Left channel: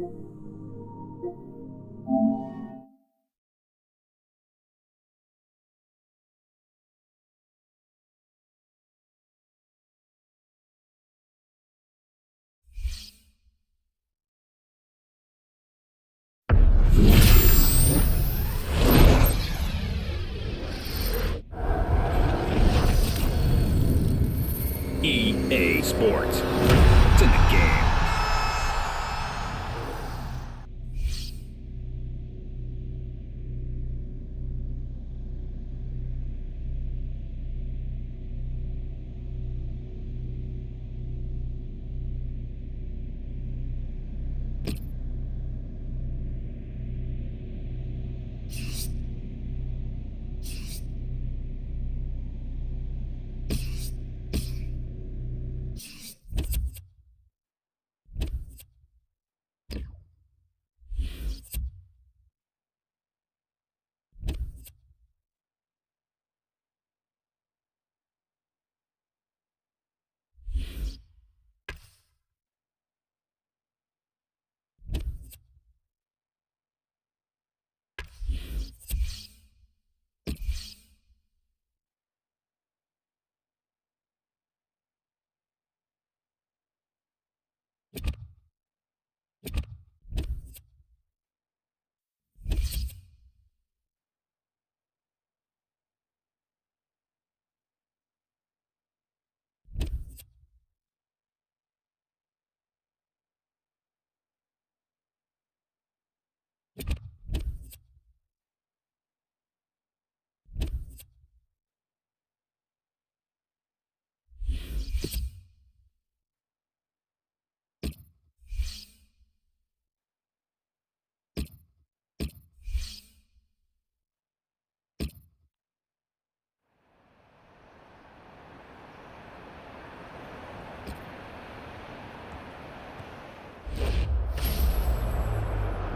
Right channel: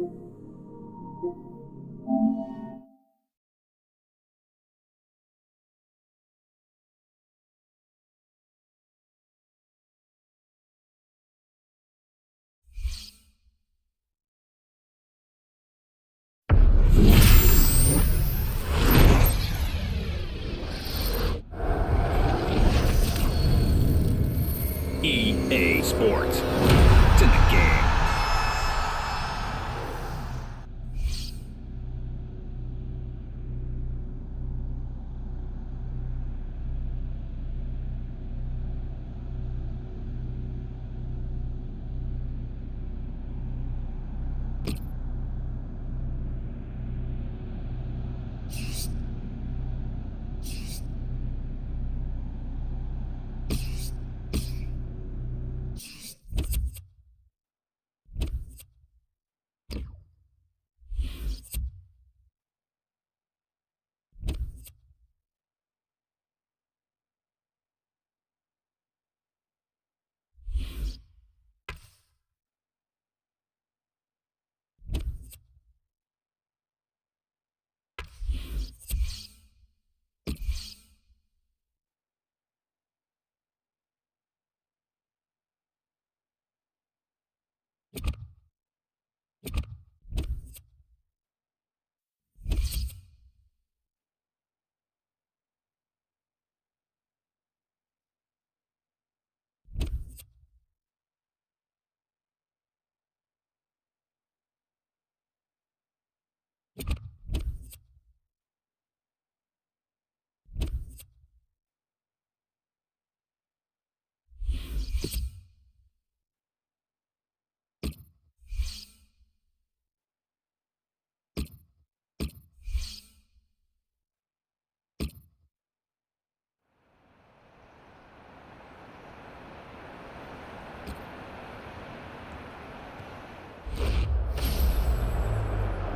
EA Sports. It's in the game.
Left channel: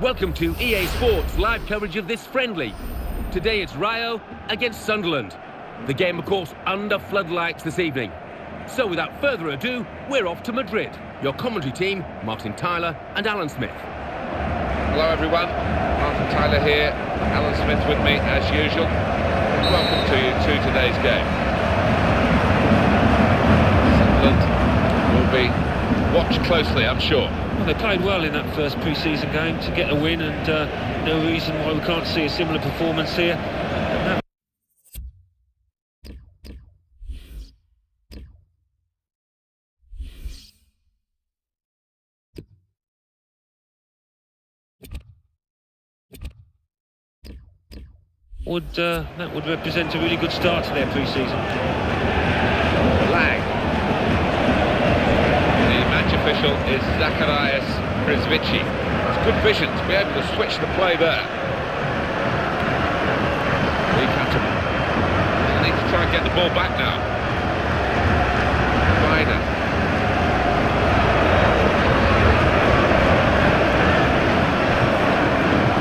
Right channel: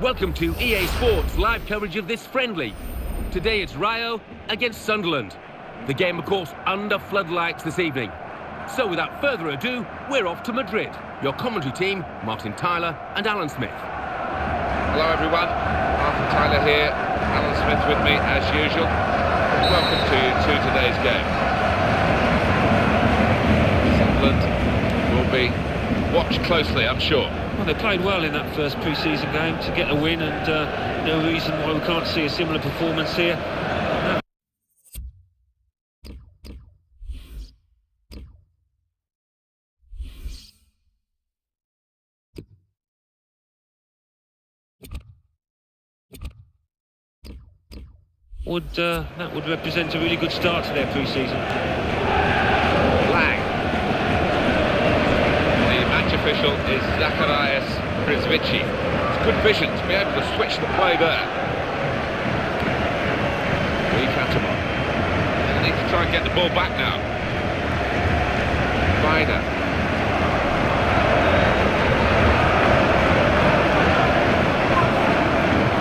Welcome to EA Sports live coverage of this friendly. Today it's Rio against Sunderland. The game, of course, under floodlights this evening. So without further ado, we're off to Madrid. Your commentary team, Martin Tyler and Alan Smith. Hello everyone, Martin Tyler here, Alan Smith with me as usual. Welcome to you to today's game. Sunderland will be watched closely, I'm sure. Well, they played well in that first pre-season game to get a win, and no reason why we can't see a similar performance here. That would represent a really good start to their pre-season. Lang. The match official is Zacharias Brizvici. It's good vision to be able to switch the play there. Lee Catamon. They'll need to try and get the ball back now. Vita.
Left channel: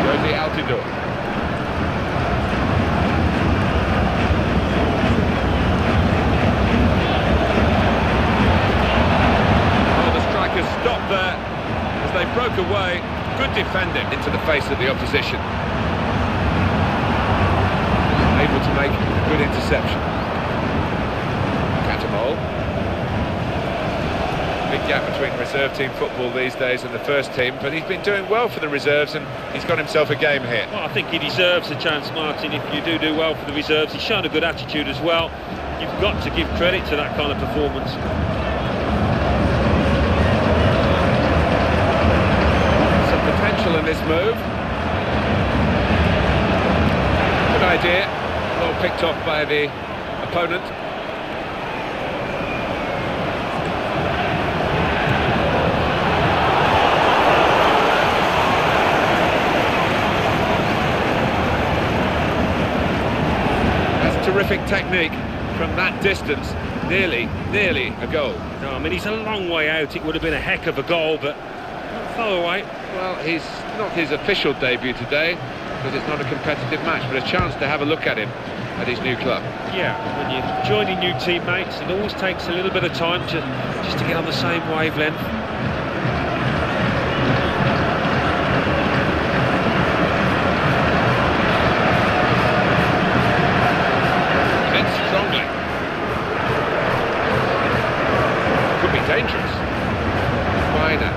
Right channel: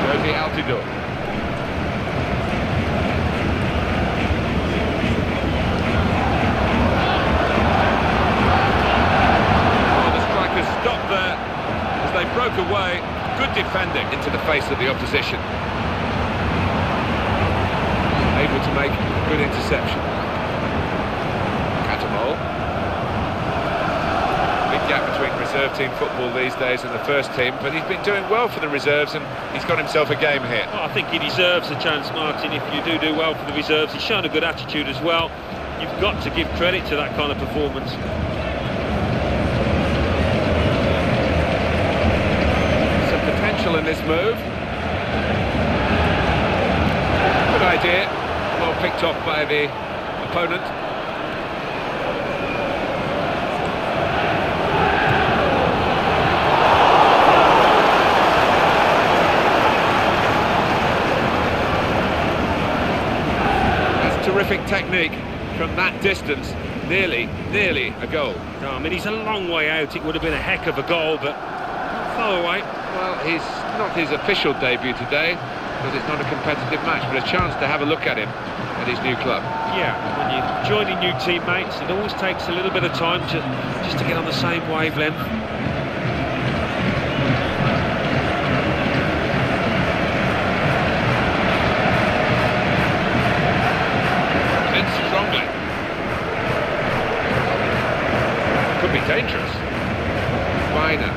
Josie Altidore. Stopped there as they broke away. Good defending into the face of the opposition. Able to make a good interception. Catamol. Big gap between reserve team football these days and the first team, but he's been doing well for the reserves and he's got himself a game here. Well, I think he deserves a chance, Martin, if you do well for the reserves. He's shown a good attitude as well. You've got to give credit to that kind of performance. Potential in this move. Good idea. Well picked off by the opponent. That's terrific technique from that distance. Nearly a goal. No, I mean, he's a long way out. It would have been a heck of a goal, but not far away. Well, he's not his official debut today because it's not a competitive match, but a chance to have a look at him at his new club. Yeah, when you're joining new teammates, it always takes a little bit of time just to get on the same wavelength. strongly. Could be dangerous. Vita.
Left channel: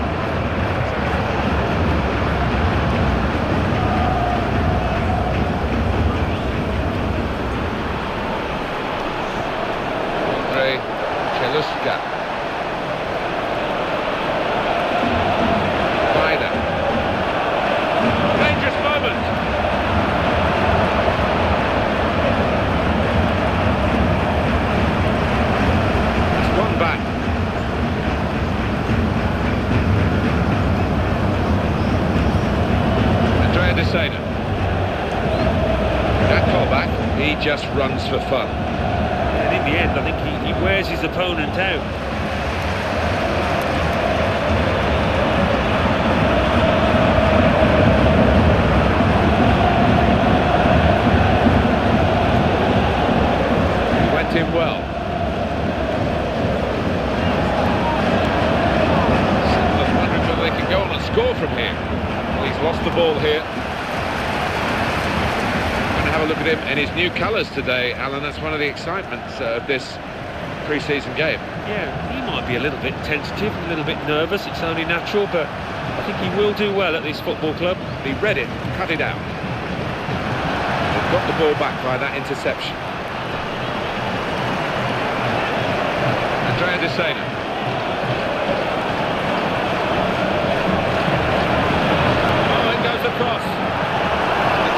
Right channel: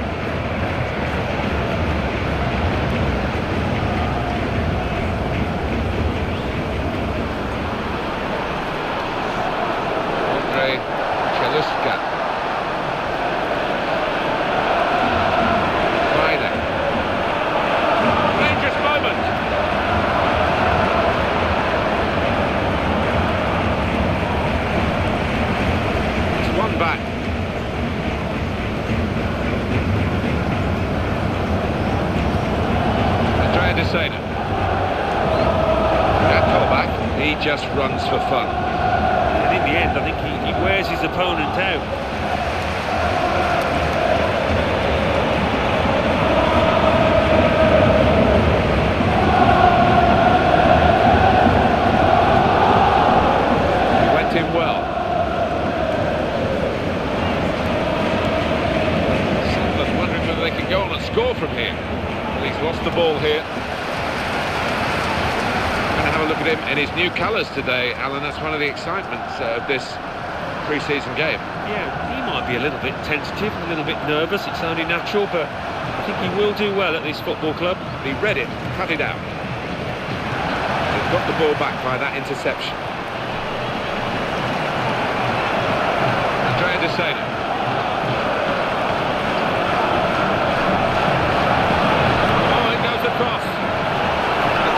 Cheluska. Vita. Dangerous moment. It's one back. Andrea De Sena. That callback, he just runs for fun. And in the end, I think he wears his opponent out. He went in well. Sunderland wondering whether they can go on and score from here. Well, he's lost the ball here. Have a look at him in his new colours today, Alan. That's one of the excitements of this pre-season game. Yeah, he might be a little bit tentative, a little bit nervous. It's only natural, but I think he will do well at this football club. He read it, cut it out. They've got the ball back by that interception. Andrea De Sena. Oh, it goes across.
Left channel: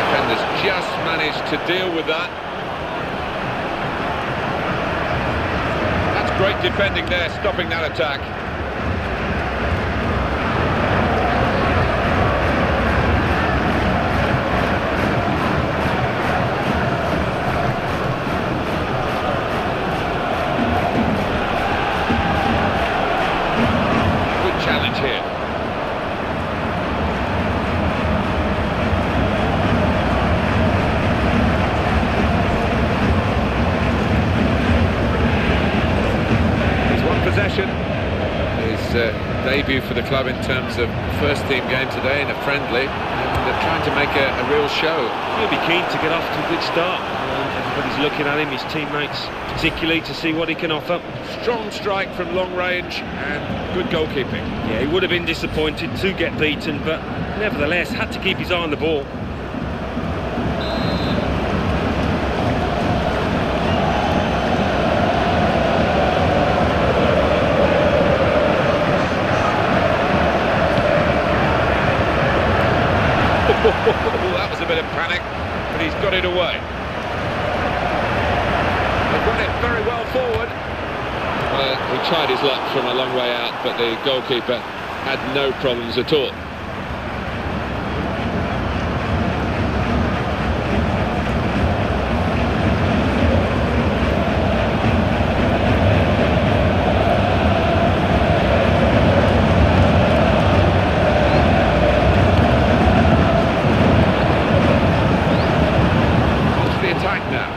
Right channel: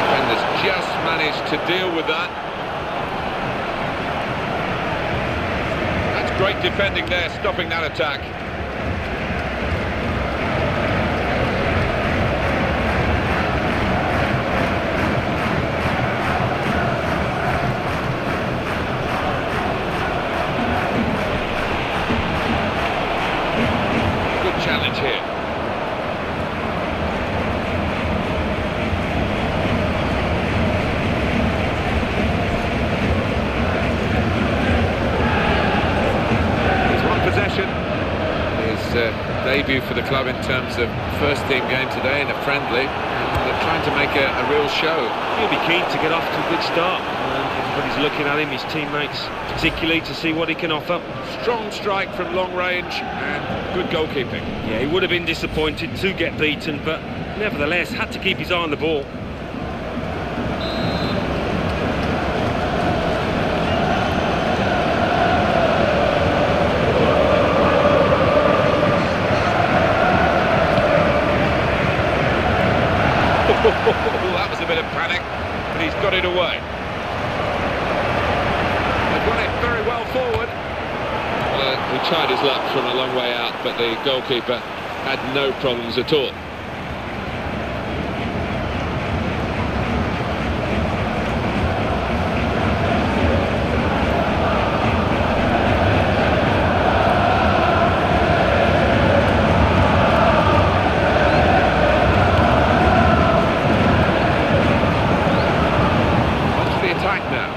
Defenders just managed to deal with that. That's great defending there, stopping that attack. Good challenge here. Possession. His debut for the club in terms of first team game today in a friendly, and they're trying to make a real show. He'll be keen to get off to a good start. Everybody's looking at him, his teammates particularly, to see what he can offer. Strong strike from long range and good goalkeeping. Yeah, he would have been disappointed to get beaten, but nevertheless had to keep his eye on the ball. That was a bit of panic, but he's got it away. They've run it very well forward. He tried his luck from a long way out, but the goalkeeper had no problems at all. Attack now.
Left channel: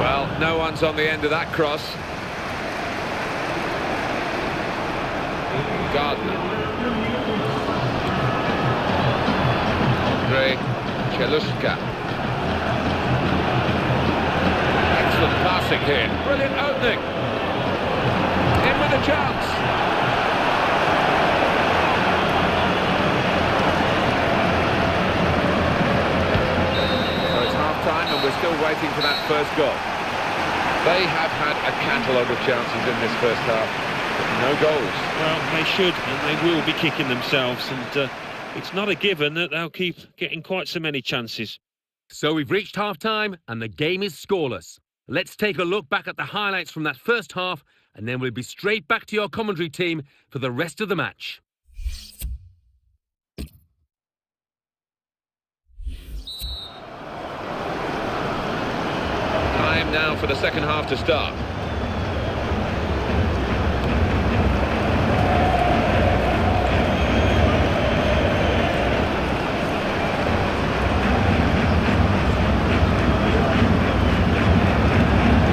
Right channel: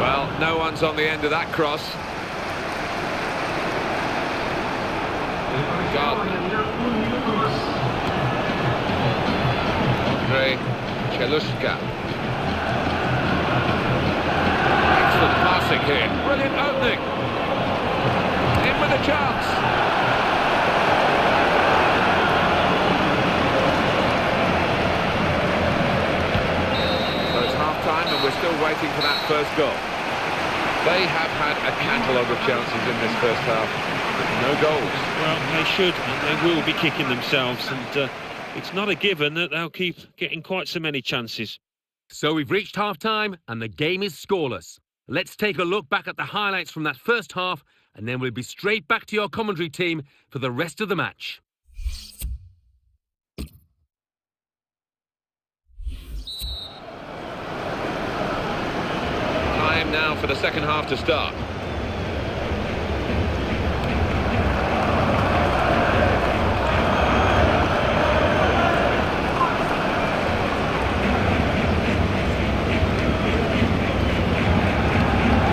Well, no one's on the end of that cross. Gardner. Cheluska. Excellent passing here. Brilliant opening. In with a chance. So it's half-time and we're still waiting for that first goal. They have had a catalogue of chances in this first half, but no goals. Well, they should and they will be kicking themselves, and it's not a given that they'll keep getting quite so many chances. So we've reached half-time and the game is scoreless. Let's take a look back at the highlights from that first half, and then we'll be straight back to your commentary team for the rest of the match. Time now for the second half to start.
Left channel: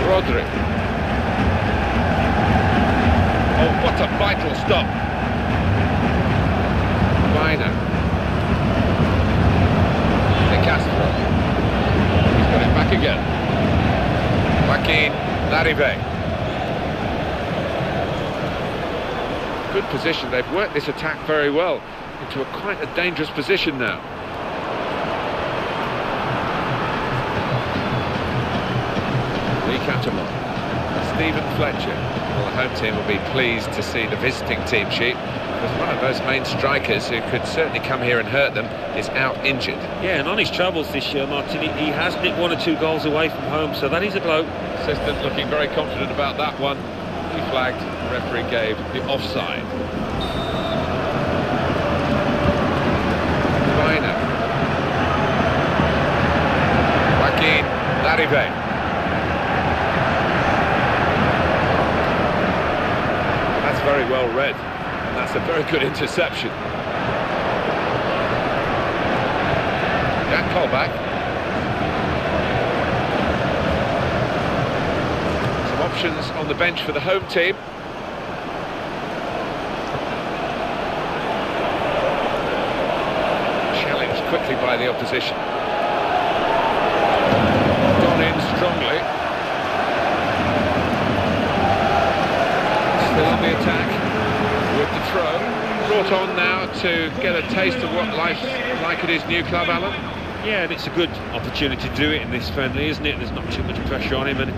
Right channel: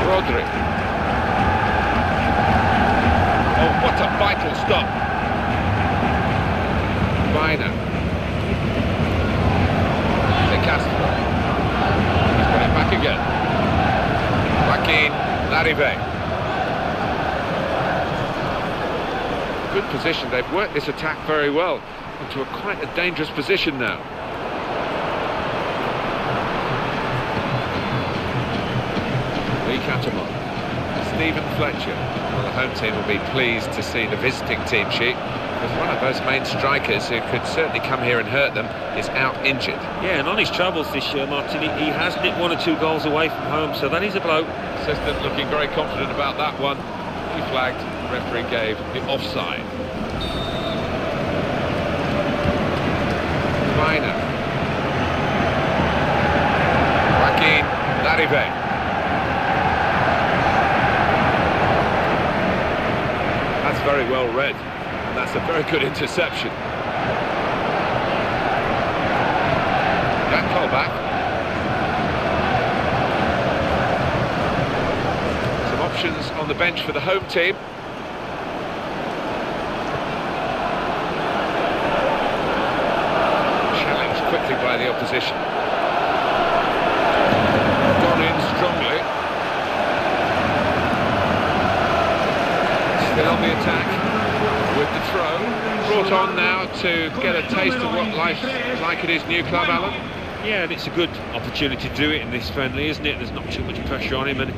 Rodri. Oh, what a vital stop. Vita. De Castro. He's got it back again. Joaquin Larive. Good position. They've worked this attack very well into quite a dangerous position now. Lee Catamon. Stephen Fletcher. Well, the home team will be pleased to see the visiting team sheet, because one of those main strikers who could certainly come here and hurt them is out injured. Yeah, and on his travels this year, Martin, he has nicked 1 or 2 goals away from home, so that is a blow. Assistant looking very confident about that one. He flagged, the referee gave the offside. Vina. Joaquin Larive. That's very well read, and that's a very good interception. Jack Colback. Some options on the bench for the home team. Challenged quickly by the opposition. Gone in strongly. Still on the attack with the throw. Brought on now to get a taste of what life's like at his new club, Alan. Yeah, and it's a good opportunity to do it in this friendly, isn't it? There's not too much pressure on him, and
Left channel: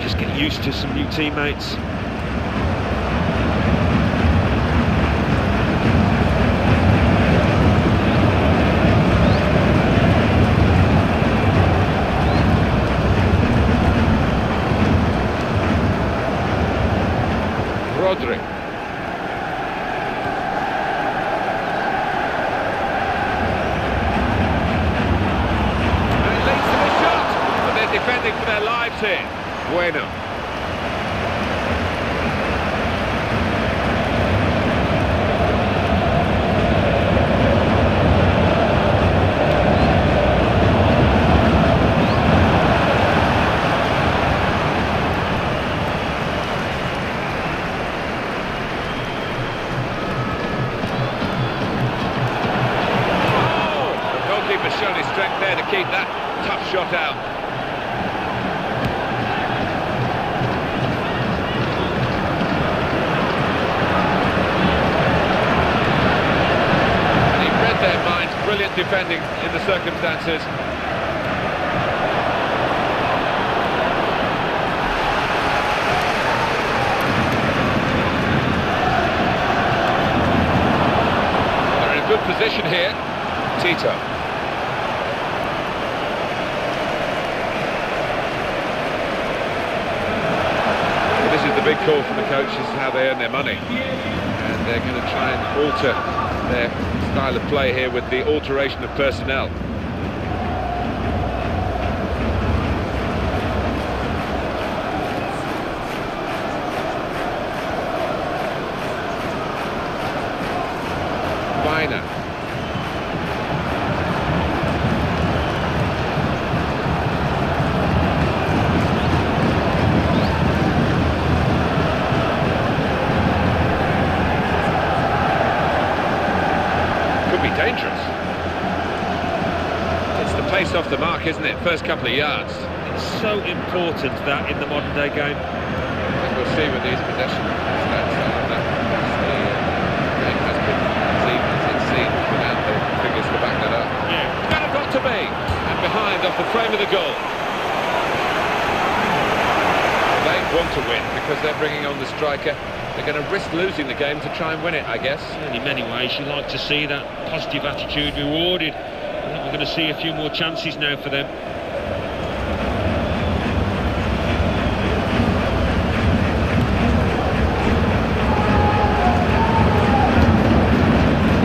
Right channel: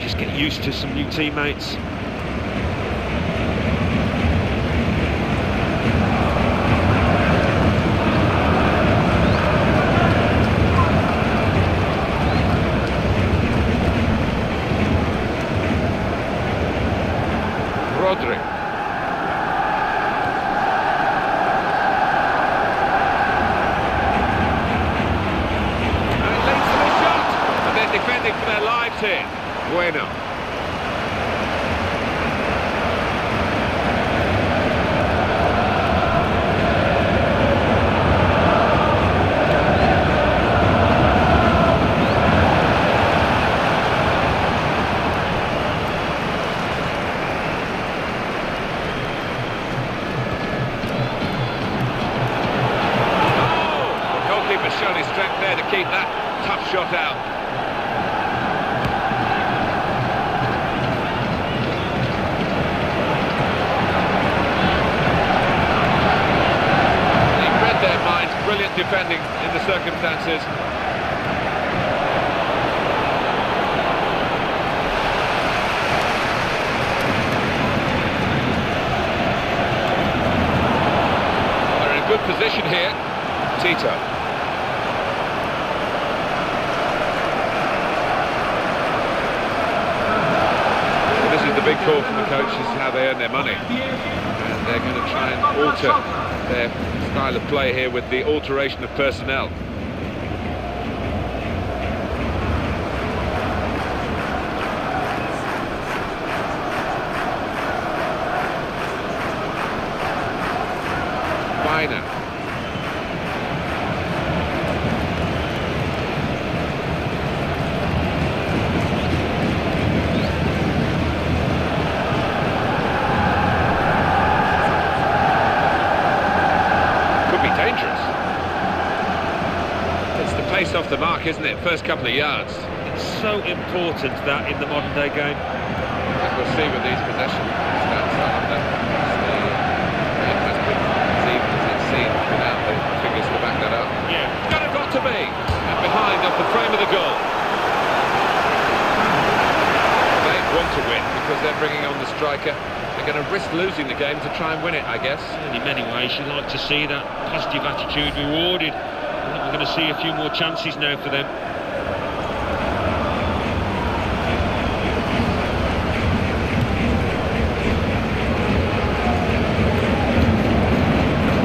just get used to some new teammates. Rodri. And it leads to the shot, but they're defending for their lives here. Bueno. Keeper's shown his strength there to keep that tough shot out. And he read their minds. Brilliant defending in the circumstances. Well, they're in a good position here. Tito. This is the big call from the coach. This is how they earn their money, and they're going to try and alter their style of play here with the alteration of personnel. Vina. Could be dangerous. It's the pace off the mark, isn't it? First couple of yards. It's so important, that, in the modern day game. I think we'll see with these possession stats, Alan, that yes, the game has been as even as it's seen without the figures to back that up. Yeah. It's going to got to be. And behind off the frame of the goal. Well, they want to win because they're bringing on the striker. They're going to risk losing the game to try and win it, I guess. And in many ways, you like to see that positive attitude rewarded. I think we're going to see a few more chances now for them.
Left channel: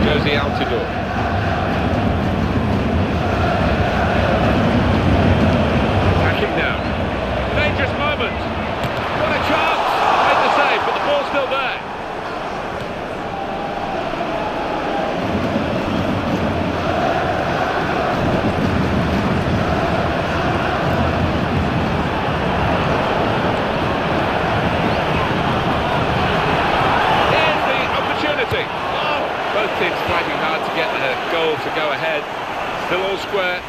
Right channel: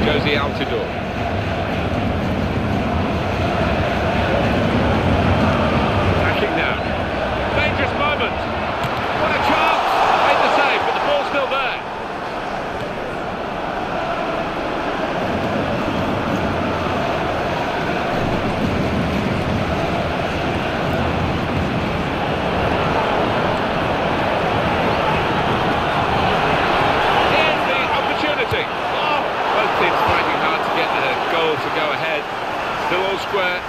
Josie Altidore. Attacking now. Dangerous moment. What a chance! Made the save, but the ball's still there. Here's the opportunity. Oh, both teams fighting hard to get a goal to go ahead. Still all square.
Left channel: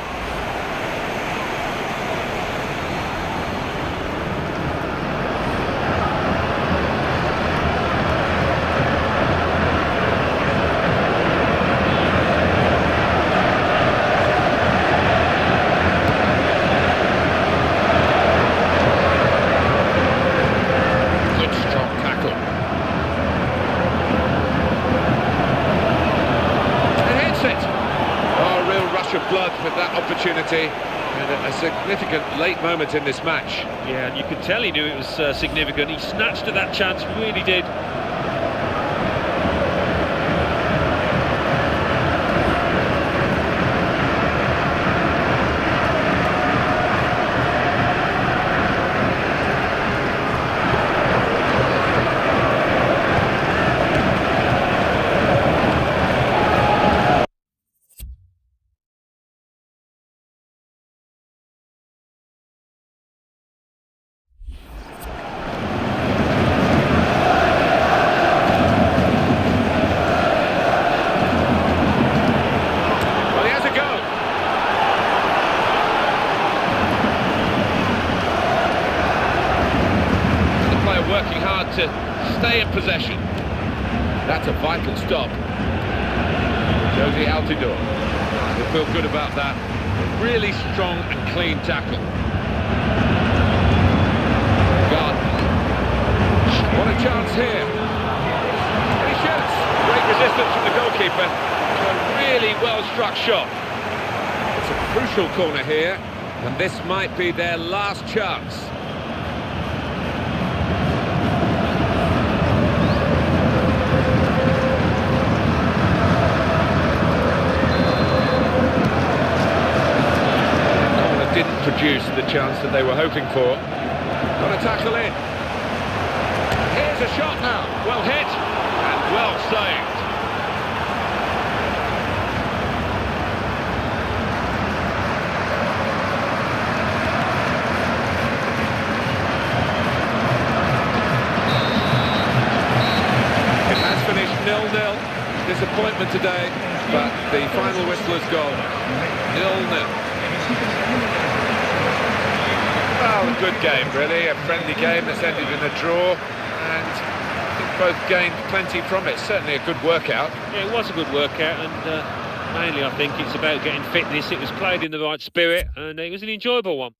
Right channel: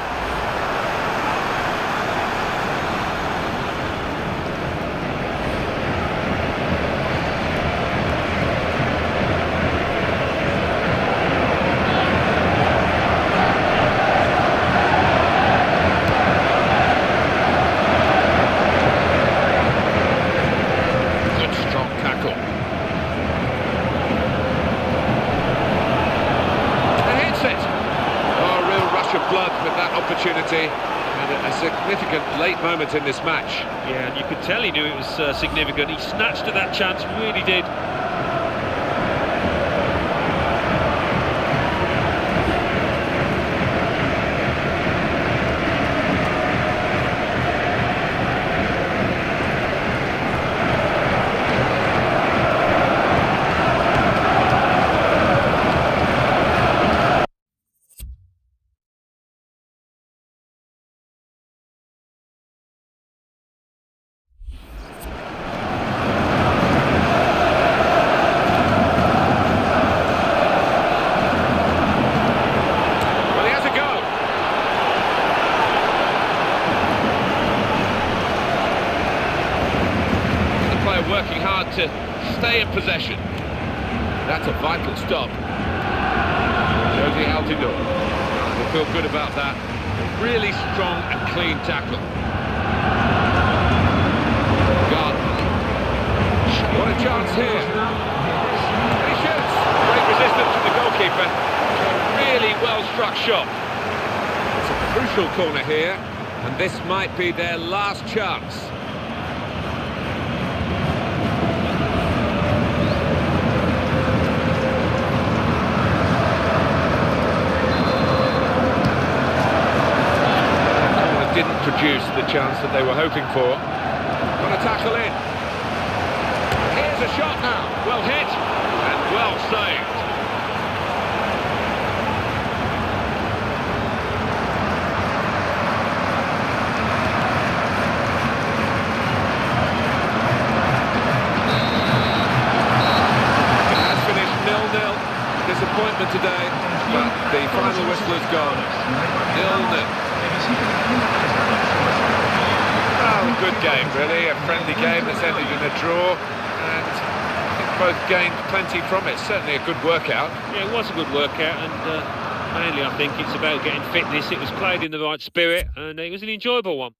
tackle. And hits it. Oh, a real rush of blood with that opportunity. And a significant late moment in this match. Yeah, and you could tell he knew it was significant. He snatched at that chance, really did. Working hard to stay in possession. That's a vital stop. Josie Altidore. He'll feel good about that. A really strong and clean tackle. Gardner. What a chance here. And he shoots. Great resistance from the goalkeeper. A really well-struck shot. It's a crucial corner here, and this might be their last chance. Didn't produce the chance that they were hoping for. Got a tackle in. Here's a shot now. Well hit and well saved. It has finished 0-0. Disappointment today, but the final whistle has gone 0-0. Well, a good game, really. A friendly game that's ended in a draw, and I think both gained plenty from it. Certainly a good workout. Yeah, it was a good workout, and mainly I think it's about getting fitness. It was played in the right spirit, and it was an enjoyable one.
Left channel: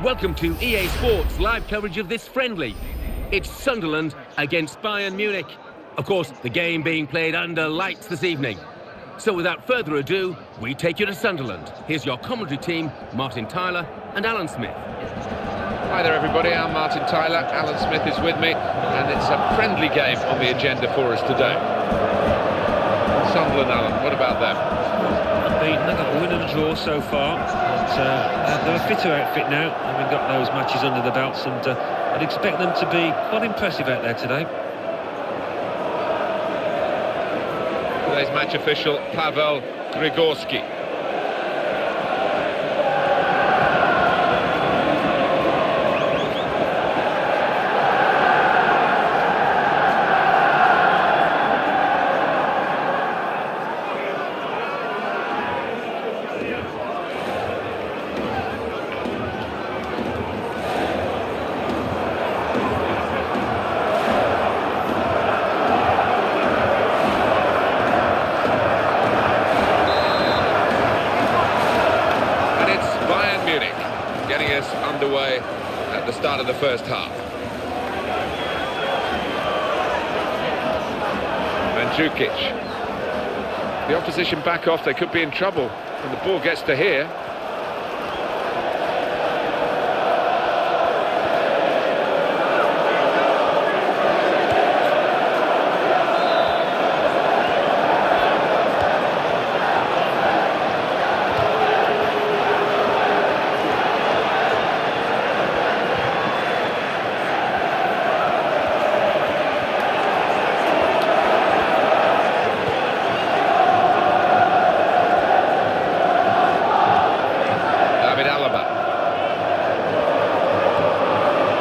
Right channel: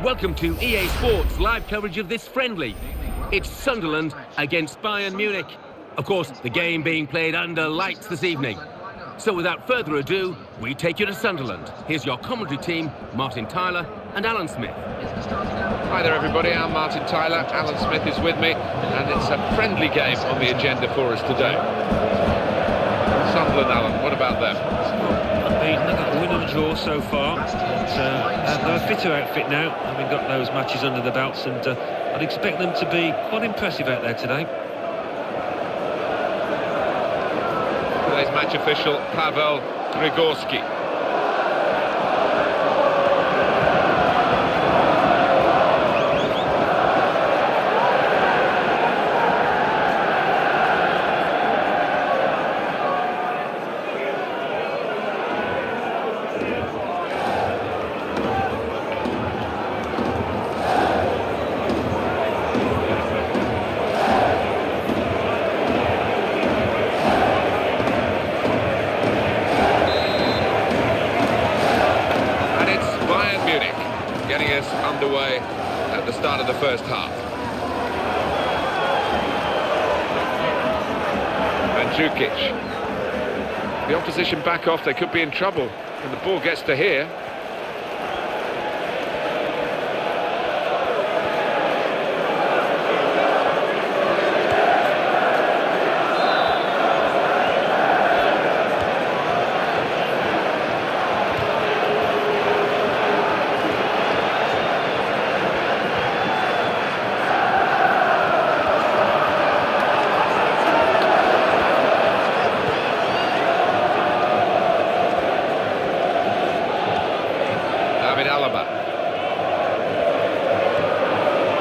Welcome to EA Sports live coverage of this friendly. It's Sunderland against Bayern Munich. Of course, the game being played under lights this evening. So without further ado, we take you to Sunderland. Here's your commentary team, Martin Tyler and Alan Smith. Hi there everybody, I'm Martin Tyler, Alan Smith is with me, and it's a friendly game on the agenda for us today. Sunderland, Alan, what about them? Unbeaten, they've got a win and a draw so far. But, they're a fitter outfit now, having got those matches under the belts, and I'd expect them to be quite impressive out there today. Today's match official, Pavel Grigorski. getting us underway at the start of the first half. Mandzukic. The opposition back off, they could be in trouble when the ball gets to here.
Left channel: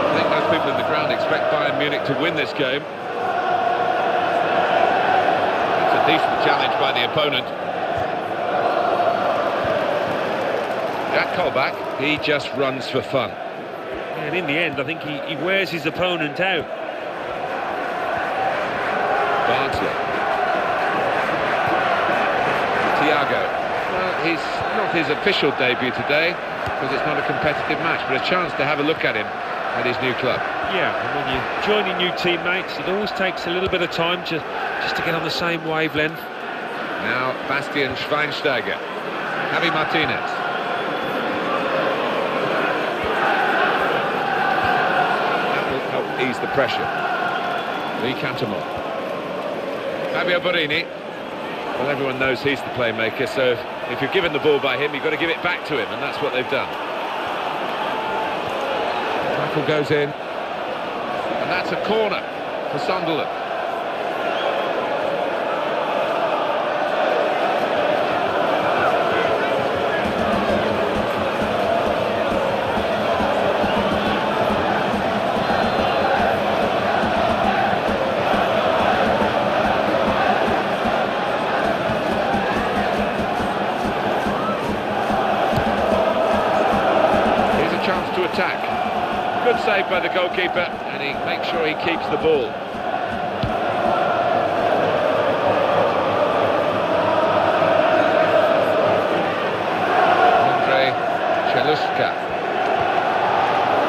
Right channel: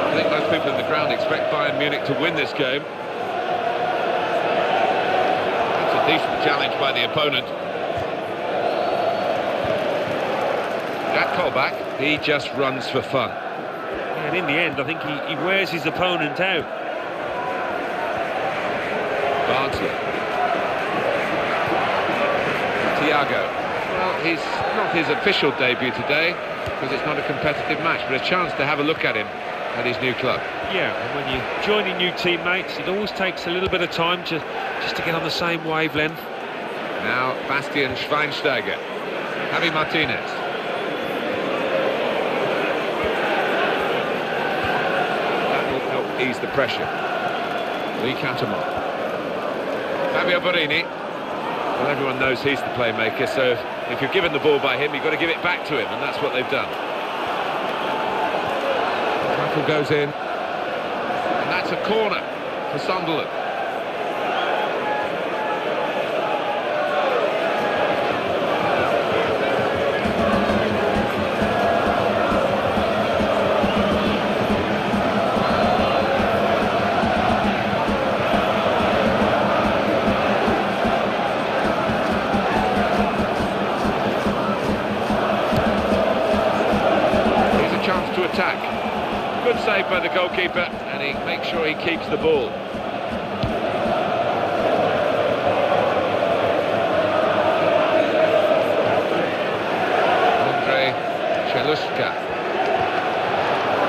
I think most people in the ground expect Bayern Munich to win this game. That's a decent challenge by the opponent. Jack Colback, he just runs for fun. And in the end, I think he wears his opponent out. Barnsley. Thiago. Well, he's not his official debut today because it's not a competitive match, but a chance to have a look at him at his new club. Yeah, and when you're joining new teammates, it always takes a little bit of time just to get on the same wavelength. Now, Bastian Schweinsteiger. Javi Martinez. That will help ease the pressure. Lee Catamon. Fabio Borini. Well, everyone knows he's the playmaker, so if you're given the ball by him, you've got to give it back to him, and that's what they've done. Tackle goes in, and that's a corner for Sunderland. Chance to attack. Good save by the goalkeeper, and he makes sure he keeps the ball. Andre Cheluska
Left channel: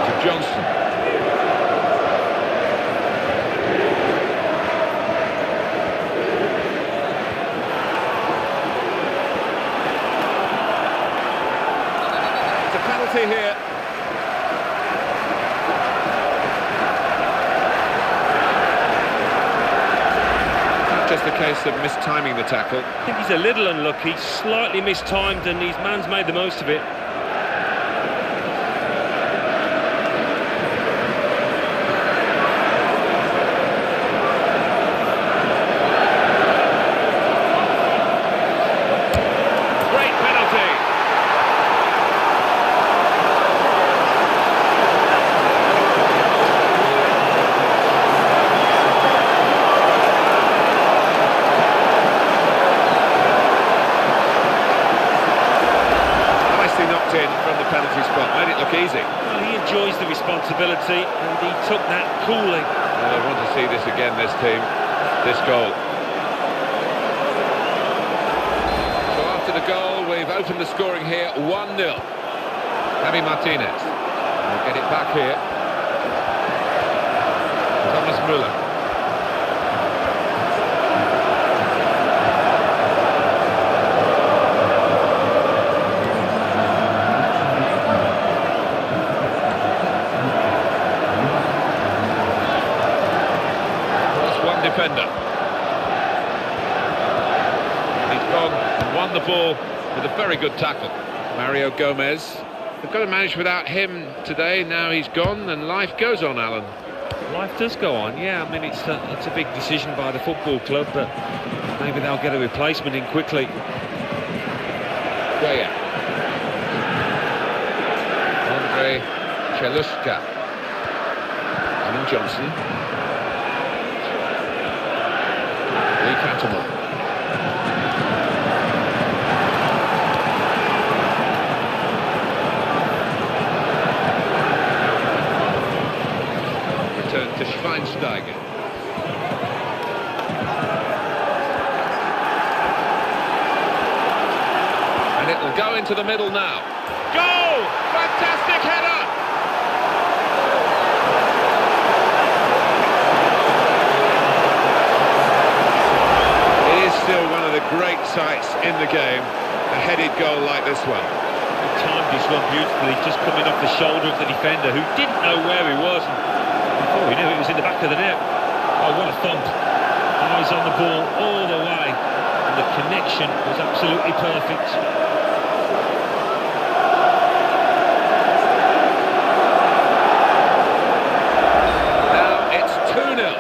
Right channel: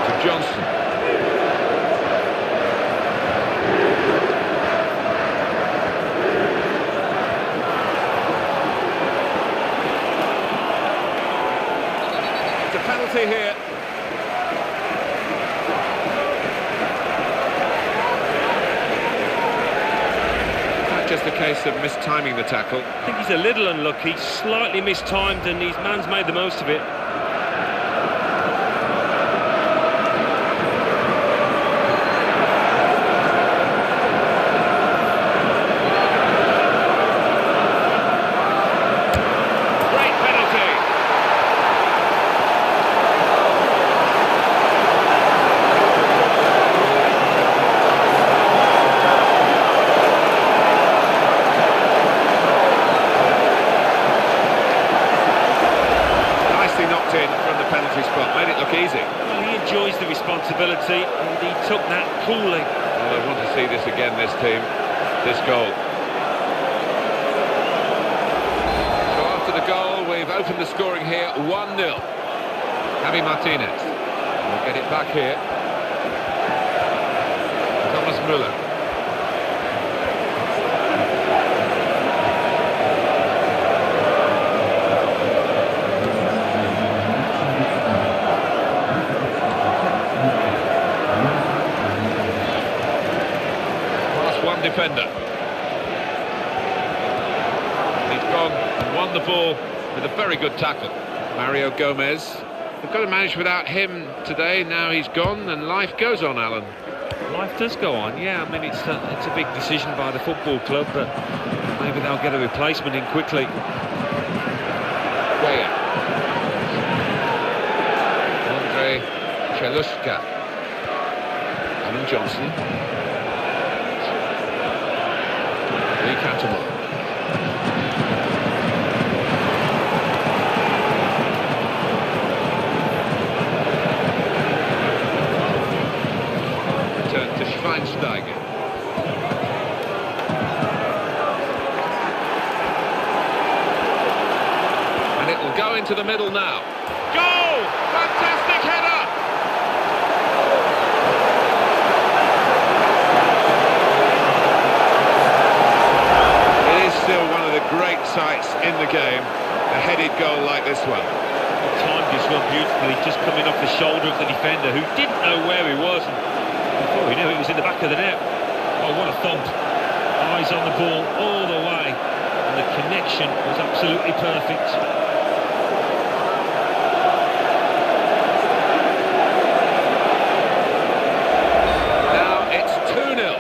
to Johnson. It's a penalty here. Just a case of mistiming the tackle. I think he's a little unlucky, slightly mistimed, and his man's made the most of it. Great penalty. Knocked in from the penalty spot, made it look easy. Well, he enjoys the responsibility, and he took that coolly. Well, I want to see this again, this team, this goal. So after the goal, we've opened the scoring here, 1-0. Javi Martinez. We'll get it back here. Thomas Müller. One defender. He's gone and won the ball with a very good tackle. Mario Gomez. They've got to manage without him today. Now he's gone and life goes on, Alan. Life does go on, yeah. I mean, it's a big decision by the football club, but maybe they'll get a replacement in quickly. Weah. Andre Cheluska. Alan Johnson. Lee Catamon. Return to Schweinsteiger. And it will go into the middle now. Goal! Fantastic header! appetites in the game, a headed goal like this one. He timed his run beautifully, just coming off the shoulder of the defender, who didn't know where he was. And before he knew it, he was in the back of the net. Oh, what a thump. Eyes on the ball all the way. And the connection was absolutely perfect. Now it's 2-0.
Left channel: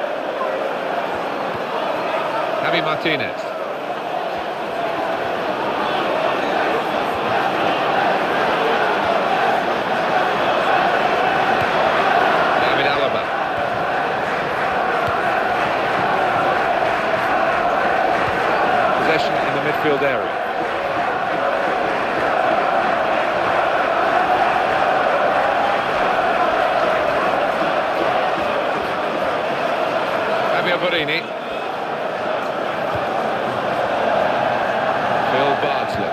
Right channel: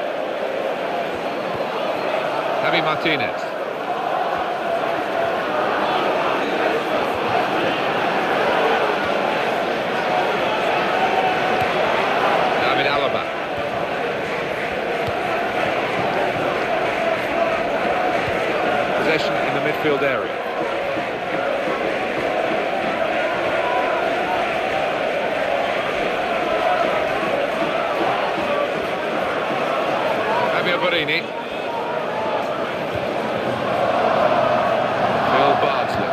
Javi Martinez. David Alaba. Possession in the midfield area. Fabio Borini. Phil Bardsley.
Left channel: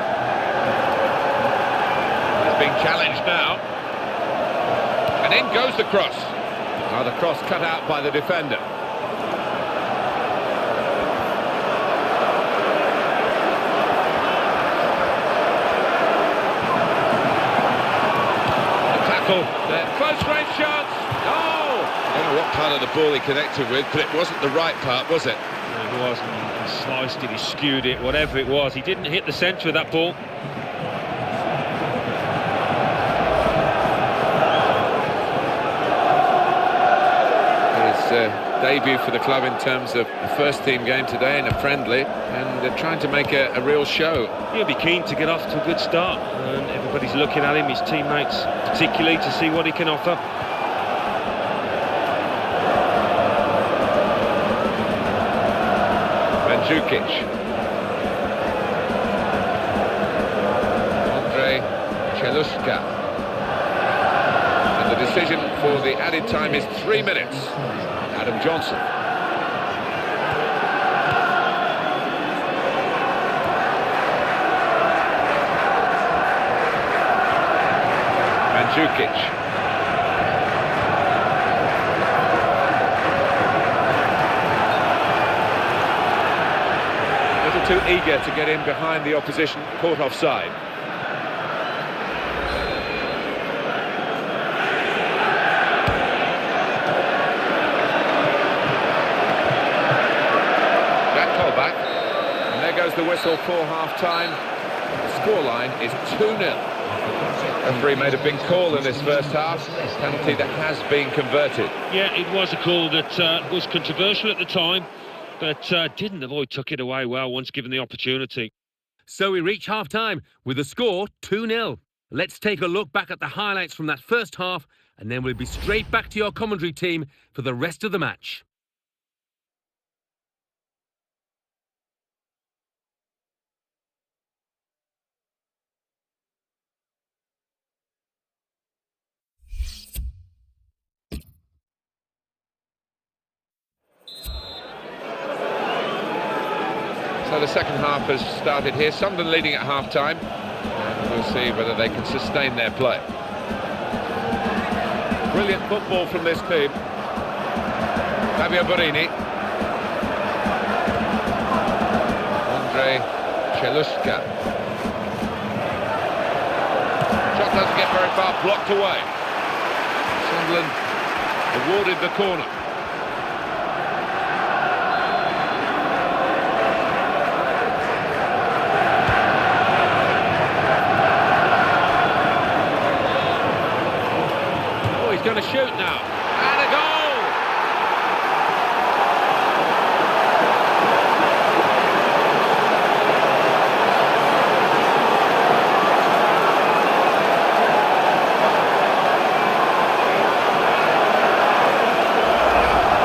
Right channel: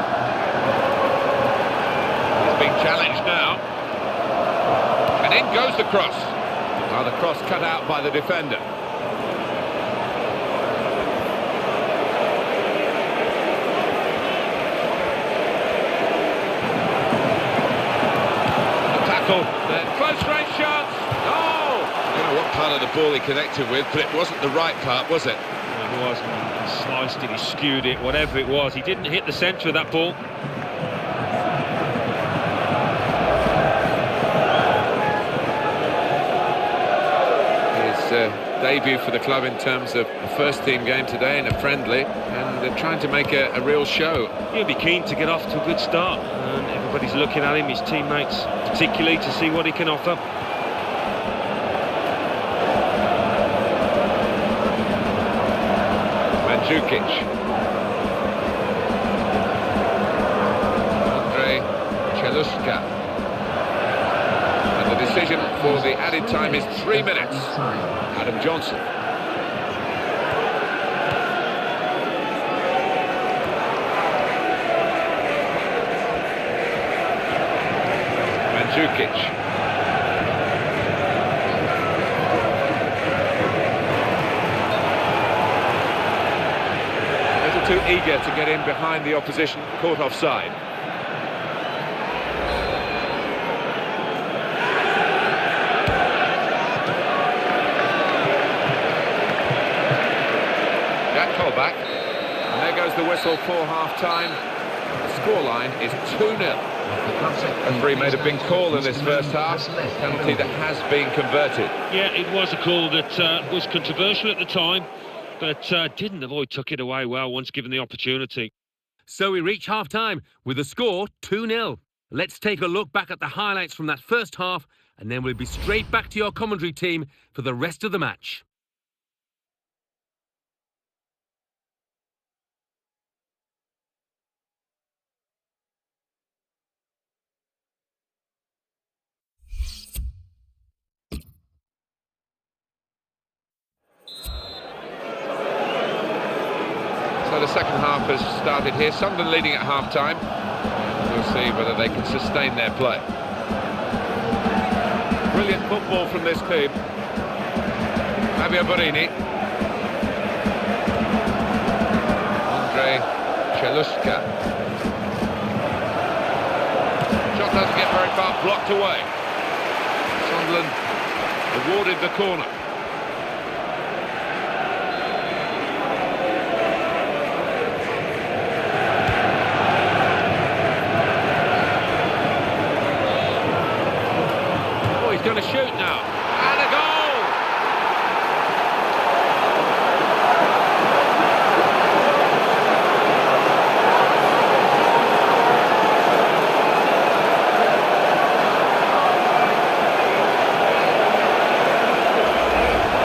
He's being challenged now. And in goes the cross. Now the cross cut out by the defender. The tackle, the close range chance. Oh! I don't know what part of the ball he connected with, but it wasn't the right part, was it? It wasn't. He sliced it, he skewed it, whatever it was. He didn't hit the centre of that ball. Debut for the club in terms of the first team game today in a friendly, and they're trying to make a real show. He'll be keen to get off to a good start, and everybody's looking at him, his teammates particularly, to see what he can offer. Mandzukic. Andre Cheluska. And the decision for the added time is 3 minutes. Adam Johnson. Mandzukic. A little too eager to get in behind the opposition, caught offside. Back, and there goes the whistle for half-time. The scoreline is 2-0. Referee made a big call in this first half, penalty that has been converted. Yeah, it was a call that was controversial at the time, but didn't avoid took it away well once given the opportunity. So we reach half-time with the score 2-0. Let's take a look back at the highlights from that first half, and then we'll be straight back to your commentary team for the rest of the match. So the second half has started here. Sunderland leading at half-time, and we'll see whether they can sustain their play. Brilliant football from this team. Fabio Borini. Andre Cheluska. Shot doesn't get very far, blocked away. Sunderland awarded the corner. Going to shoot now, and a goal!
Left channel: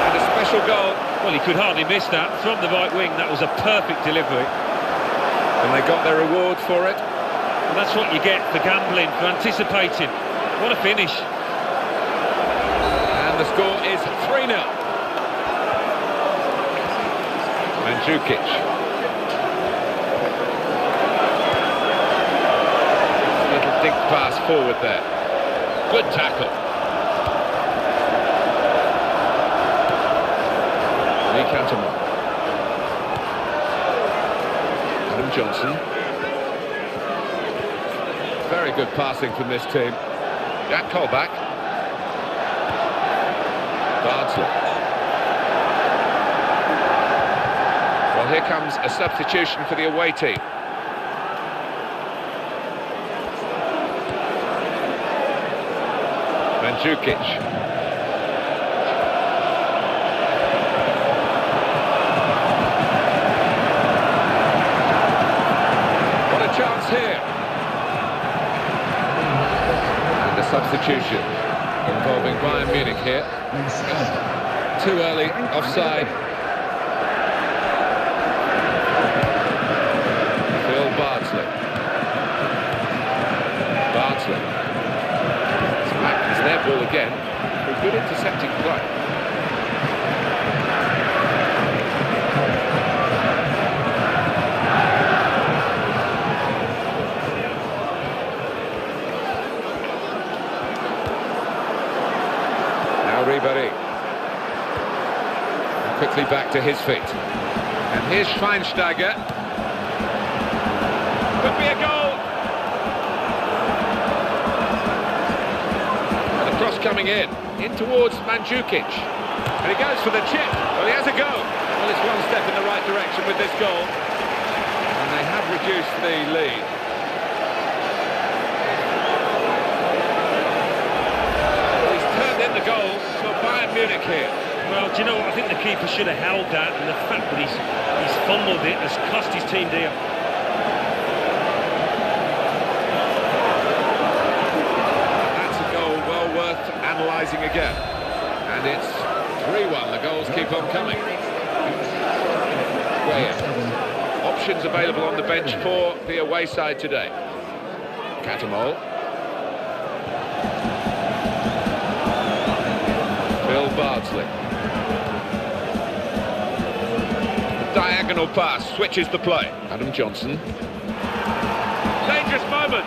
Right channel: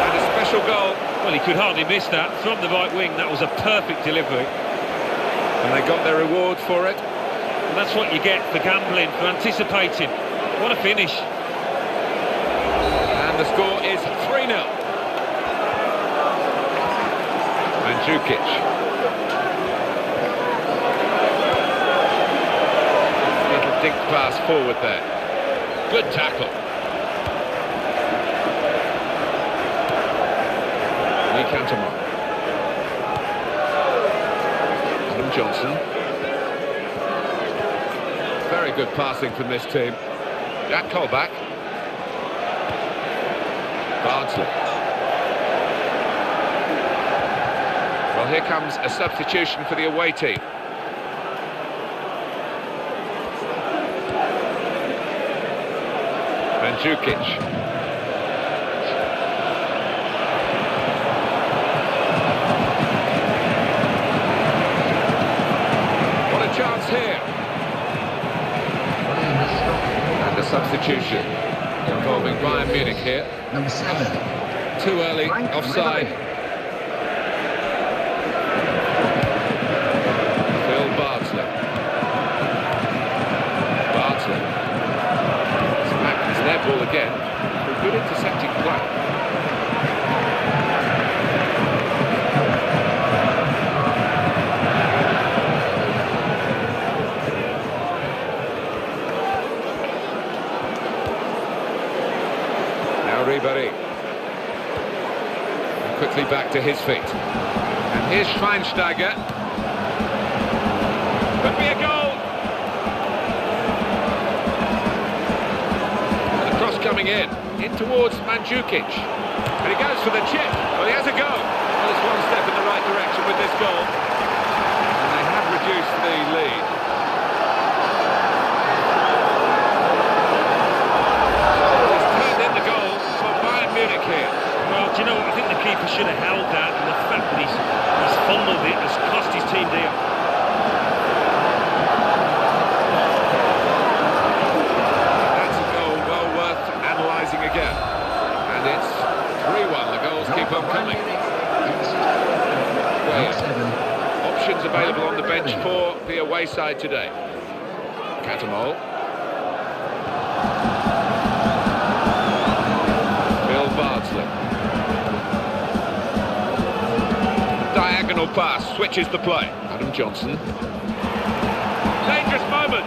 And a special goal. Well, he could hardly miss that. From the right wing, that was a perfect delivery. And they got their reward for it. And that's what you get for gambling, for anticipating. What a finish. The score is 3-0. Mandzukic. Little dink pass forward there. Good tackle. Lee Cantermont. Adam Adam Johnson. Very good passing from this team. Jack Colback. Bardsley. Well, here comes a substitution for the away team. Mandzukic. What a chance here. And a substitution involving Bayern Munich here. Too early, offside. Bardsley. It's back, it's their ball again for a good intercepting play. Now Ribéry. And quickly back to his feet. And here's Schweinsteiger. Could be a goal. And the cross coming in towards Mandzukic. And he goes for the chip. Well, he has a go. Well, it's one step in the right direction with this goal. And they have reduced the lead. Well, he's turned in the goal for Bayern Munich here. Well, do you know what? I think the keeper should have held that, and the fact that he's fumbled it has cost his team dear. Analysing again, and it's 3-1. The goals keep on coming. Options available on the bench for the away side today. Catamol. Phil Bardsley. Diagonal pass switches the play. Adam Johnson. Dangerous moment.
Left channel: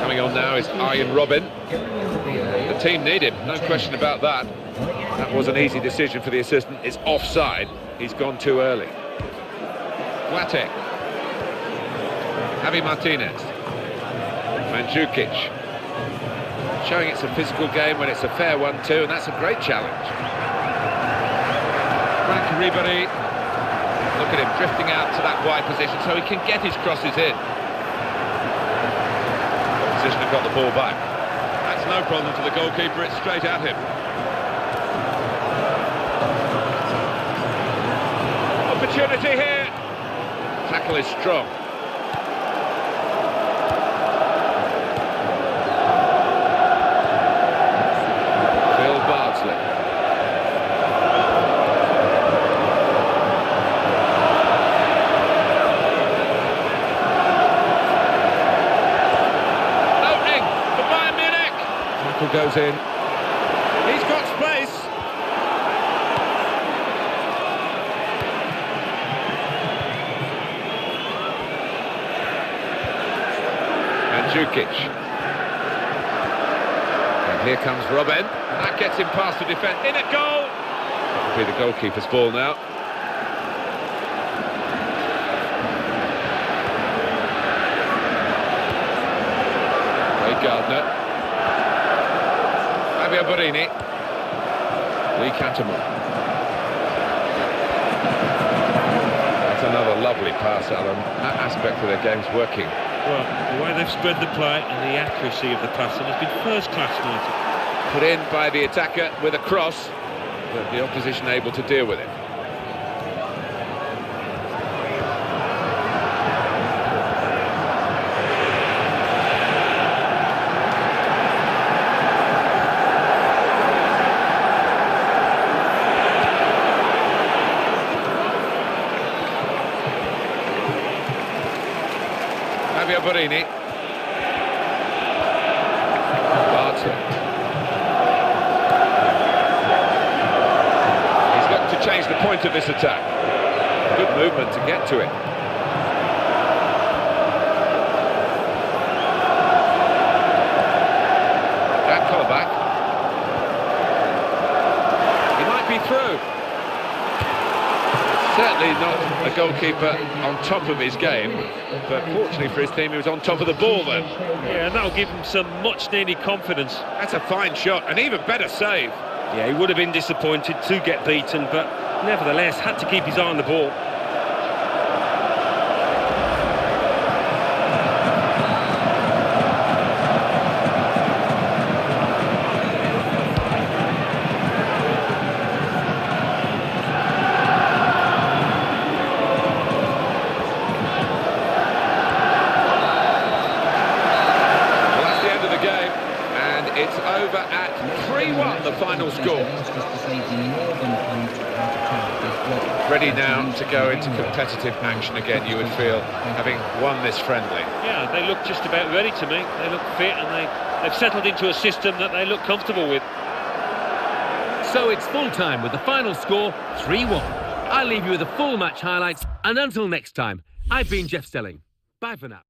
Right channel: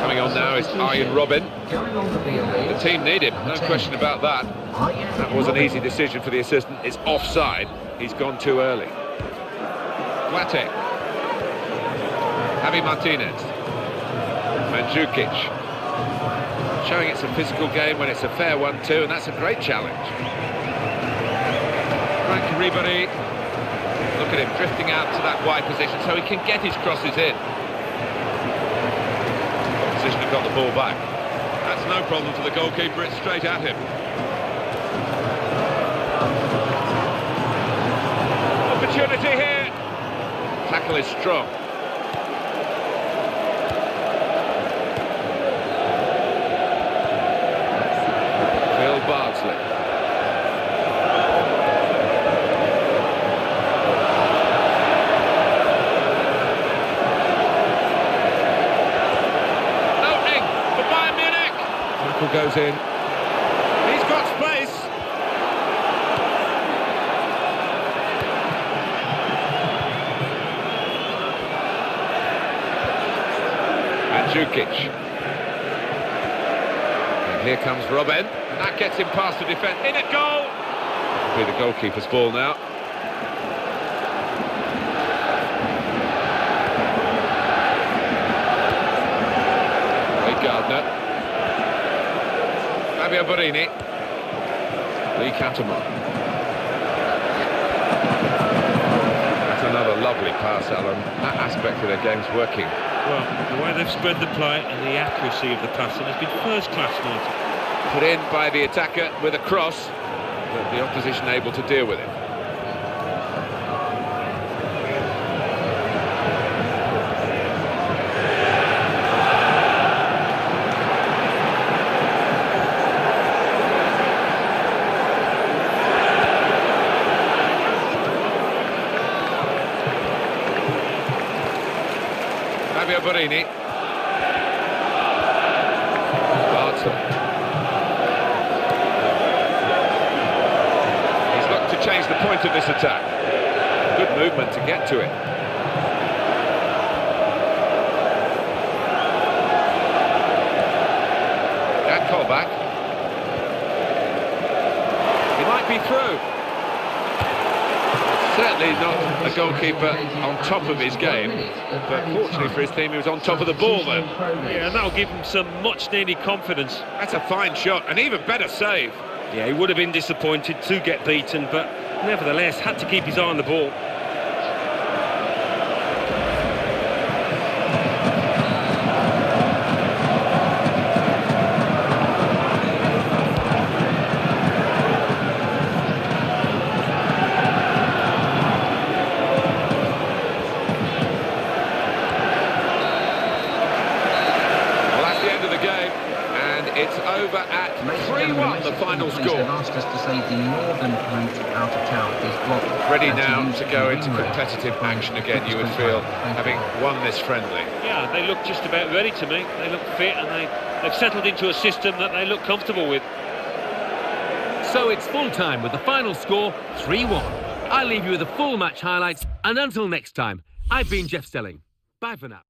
Coming on now is Arjen Robben. The team need him, no question about that. That was an easy decision for the assistant. It's offside. He's gone too early. Guate. Javi Martinez. Mandzukic. Showing it's a physical game when it's a fair one too, and that's a great challenge. Frank Ribéry. Look at him drifting out to that wide position so he can get his crosses in. Have got the ball back. That's no problem for the goalkeeper, it's straight at him. Opportunity here. Tackle is strong. Phil Bardsley. Goes in. He's got space. Mandzukic. And here comes Robben. That gets him past the defence. In at goal. It'll be the goalkeeper's ball now. Ray Gardner. Fabio Borini. Lee Catamol. That's another lovely pass, Alan. That aspect of their game's working. Well, the way they've spread the play and the accuracy of the passing has been first class, Martin. Put in by the attacker with a cross, but the opposition able to deal with it. Fabio Borini. Bardsley. He's looked to change the point of this attack. Good movement to get to it. Jack Colback. He might be through. Certainly not a goalkeeper on top of his game, but fortunately for his team, he was on top of the ball then. Yeah, and that'll give him some much-needed confidence. That's a fine shot, an even better save. Yeah, he would have been disappointed to get beaten, but nevertheless had to keep his eye on the ball. Of the game, and it's over at 3-1, the final score. Ready now to go into competitive action again, you would feel, having won this friendly. Yeah, they look just about ready to me. They look fit, and they've settled into a system that they look comfortable with. So it's full time with the final score 3-1. I'll leave you with the full match highlights, and until next time, I've been Jeff Stelling. Bye for now.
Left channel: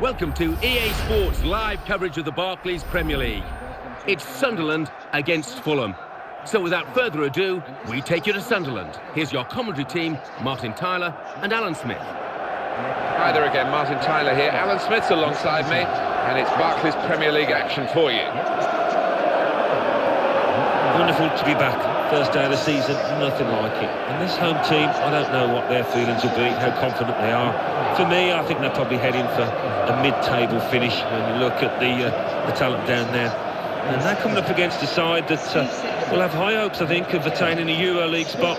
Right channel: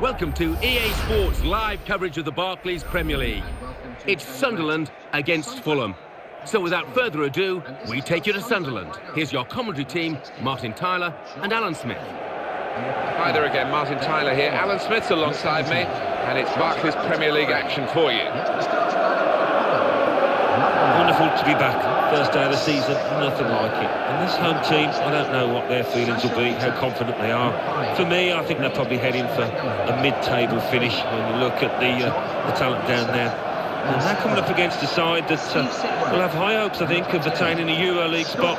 Welcome to EA Sports live coverage of the Barclays Premier League. It's Sunderland against Fulham. So without further ado, we take you to Sunderland. Here's your commentary team, Martin Tyler and Alan Smith. Hi there again, Martin Tyler here. Alan Smith's alongside me, and it's Barclays Premier League action for you. Wonderful to be back. First day of the season, nothing like it. And this home team, I don't know what their feelings will be, how confident they are. For me, I think they're probably heading for a mid-table finish when you look at the talent down there. And they're coming up against a side that will have high hopes, I think, of attaining a EuroLeague spot.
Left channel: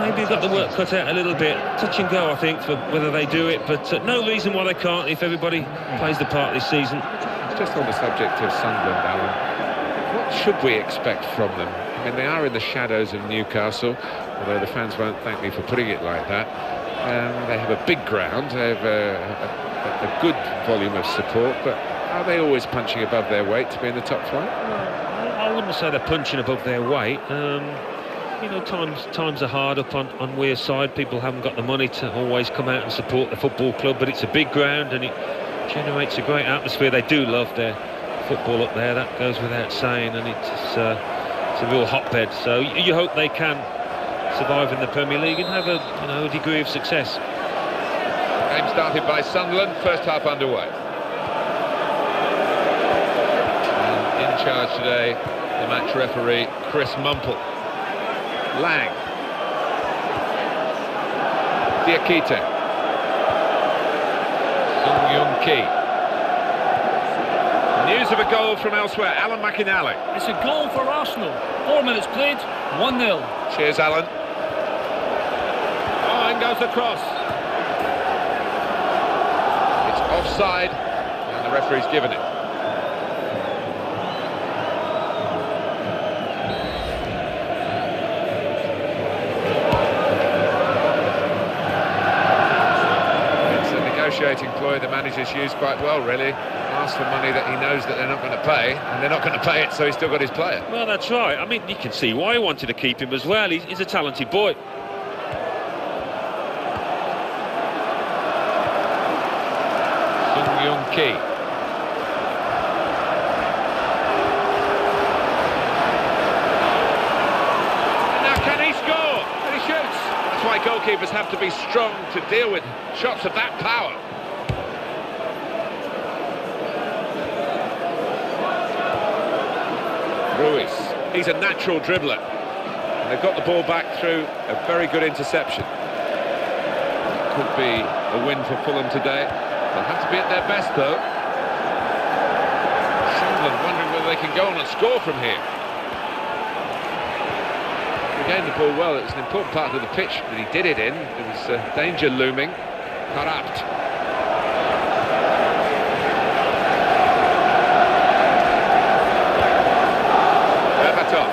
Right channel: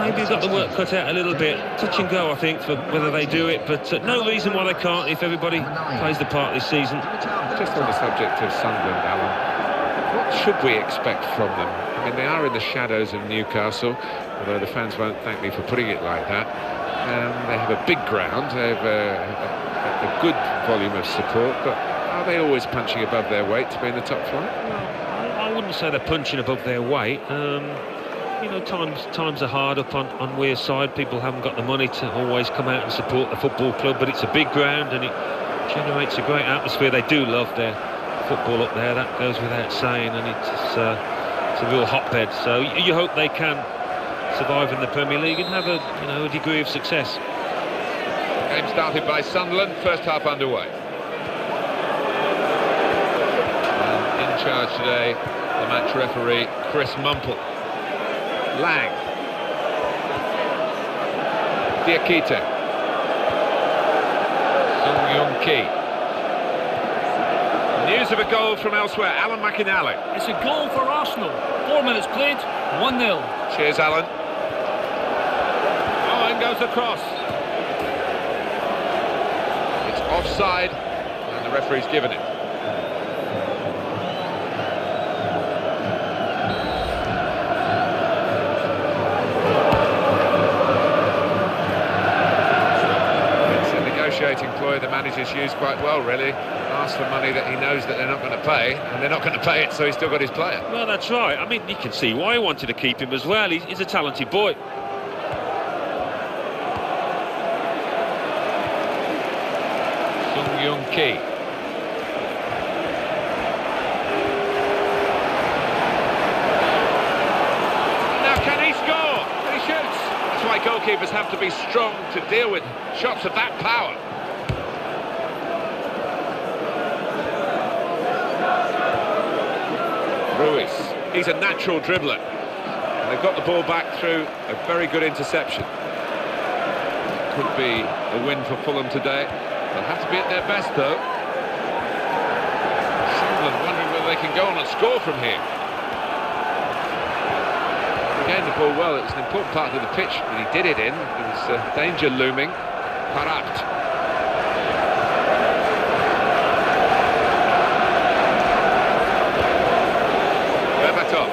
Maybe got the work cut out a little bit. Touch and go, I think, for whether they do it. But no reason why they can't if everybody plays the part this season. Just on the subject of Sunderland, Alan, what should we expect from them? I mean, they are in the shadows of Newcastle, although the fans won't thank me for putting it like that. They have a big ground, they have a good volume of support, but are they always punching above their weight to be in the top flight? Well, I wouldn't say they're punching above their weight. You know, times are hard up on Weir's side. People haven't got the money to always come out and support the football club, but it's a big ground and it generates a great atmosphere. They do love their football up there, that goes without saying, and it's a real hotbed. So you hope they can survive in the Premier League and have a degree of success. Game started by Sunderland, first half underway. And in charge today, the match referee, Chris Mumple. Lang. Diakite. Ki. News of a goal from elsewhere. Alan McInally. It's a goal for Arsenal. 4 minutes played, 1-0. Cheers, Alan. Oh, in goes the cross. It's offside, and the referee's given it. Negotiating ploy the manager's used quite well, really. Asked for money that he knows that they're not going to pay, and they're not going to pay it, so he's still got his player. Well, that's right. I mean, you can see why he wanted to keep him as well. He's a talented boy. Ki. And now can he score? And he shoots. That's why goalkeepers have to be strong to deal with shots of that power. Ruiz, he's a natural dribbler. And they've got the ball back through a very good interception. It could be a win for Fulham today. They'll have to be at their best, though. Sunderland wondering whether they can go on and score from here. Regained the ball well. It was an important part of the pitch that he did it in. There was danger looming. Parapt. Berbatov.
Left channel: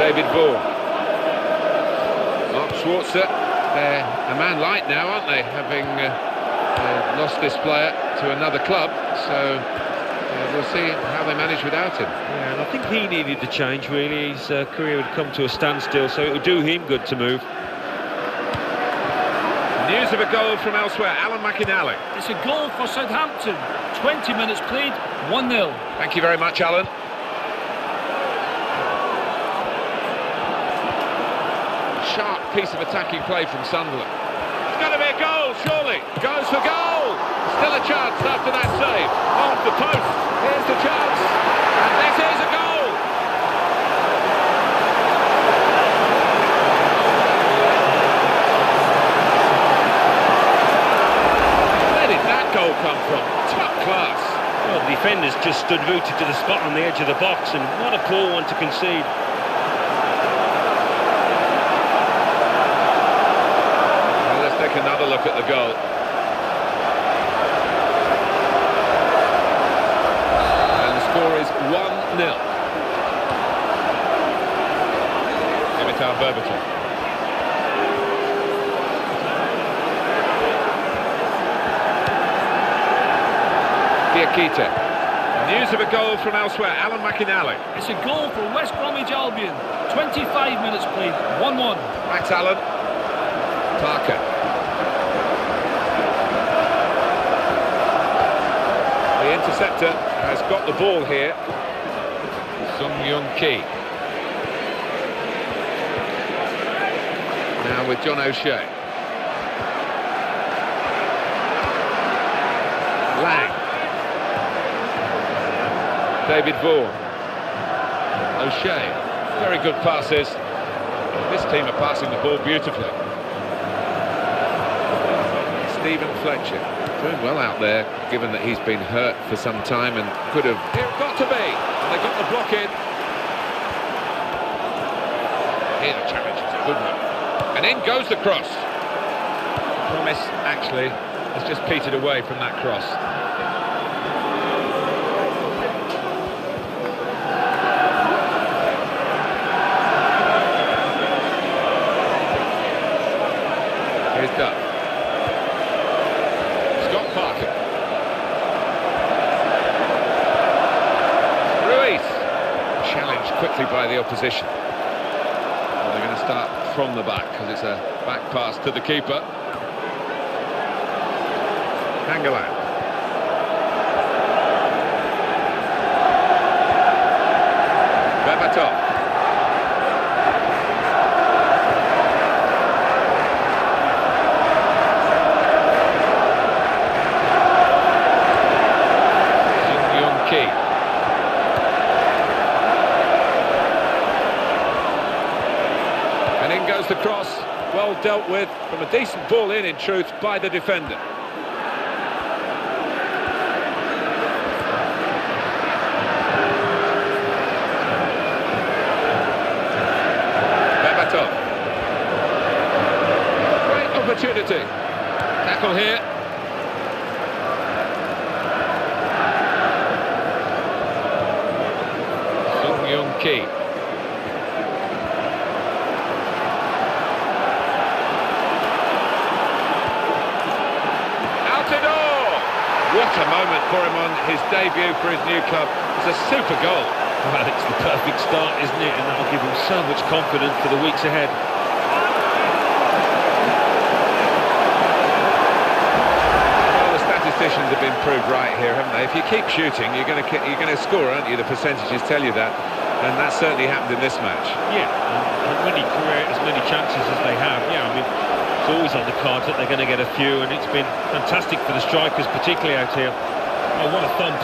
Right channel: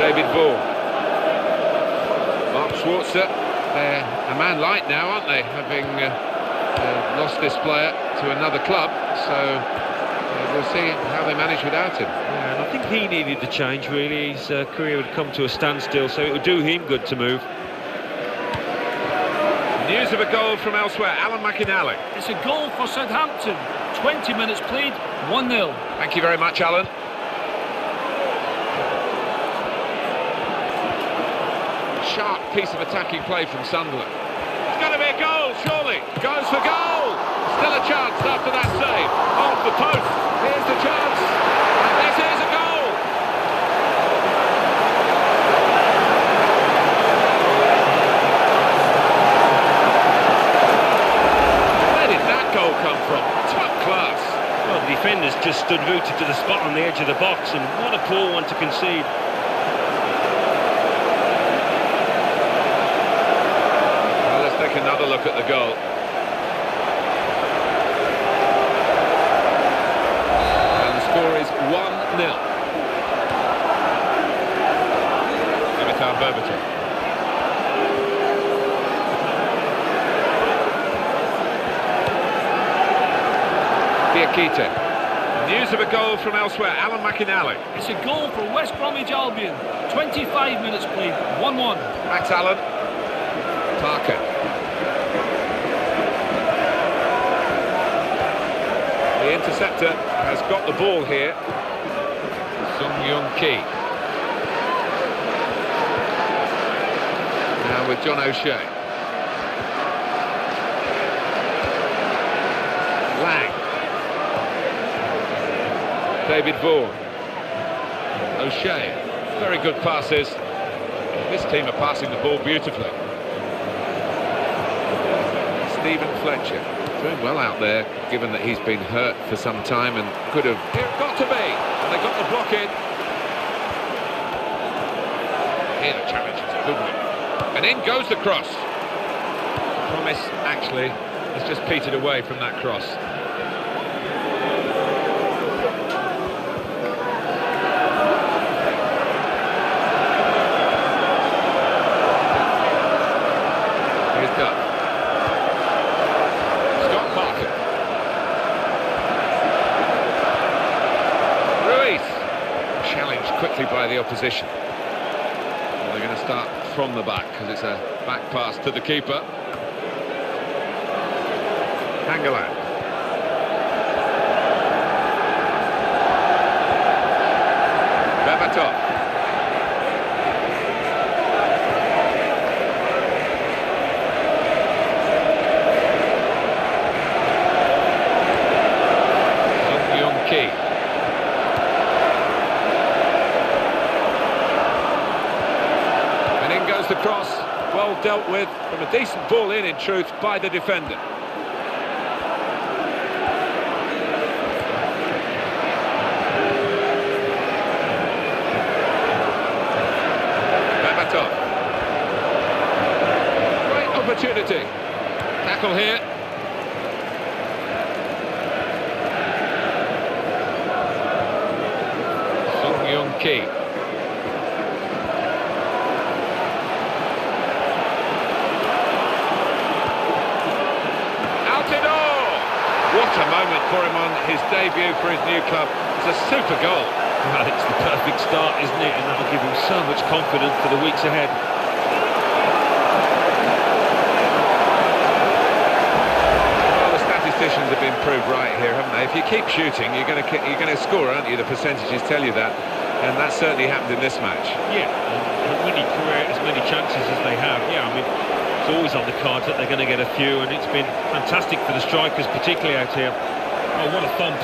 David Vaughan. Mark Schwarzer. They're a man light now, aren't they? Having lost this player to another club. So we'll see how they manage without him. Yeah, and I think he needed the change, really. His career had come to a standstill, so it would do him good to move. News of a goal from elsewhere. Alan McInally. It's a goal for Southampton. 20 minutes played, 1-0. Thank you very much, Alan. Sharp piece of attacking play from Sunderland. It's going to be a goal, surely. Goes for goal. Still a chance after that save. Off the post. Here's the chance. And this is a goal. Where did that goal come from? Top class. Well, the defenders just stood rooted to the spot on the edge of the box, and what a poor one to concede. Well, let's take another look at the goal. And the score is 1-0. Dimitar Berbatov. Diakite. News of a goal from elsewhere. Alan McInally. It's a goal for West Bromwich Albion. 25 minutes played, 1-1. Thanks, Alan. Parker. The interceptor has got the ball here. Ki. Now with John O'Shea. Lang. David Vaughan. O'Shea. Very good passes. This team are passing the ball beautifully. Stephen Fletcher. Doing well out there, given that he's been hurt for some time and could have... Here it got to be. And they got the block in. Here the challenge is a good one. And in goes the cross. The promise, actually, has just petered away from that cross. Here's Duff. Scott Parker. Ruiz. Challenged quickly by the opposition. Well, they're going to start from the back because it's a back pass to the keeper. Hangeland. Berbatov. Ki. And in goes the cross. well dealt with from a decent ball in truth, by the defender. Berbatov. Great opportunity. Tackle here. Ki. Altidore! What a moment for him on his debut for his new club. It's a super goal. Well, it's the perfect start, isn't it? And that'll give him so much confidence for the weeks ahead. Well, the statisticians have been proved right here, haven't they? If you keep shooting, you're going to score, aren't you? The percentages tell you that. And that certainly happened in this match. Yeah, and when you create as many chances as they have, yeah, I mean, it's always on the cards that they're going to get a few, and it's been fantastic for the strikers, particularly out here. Oh, what a thump.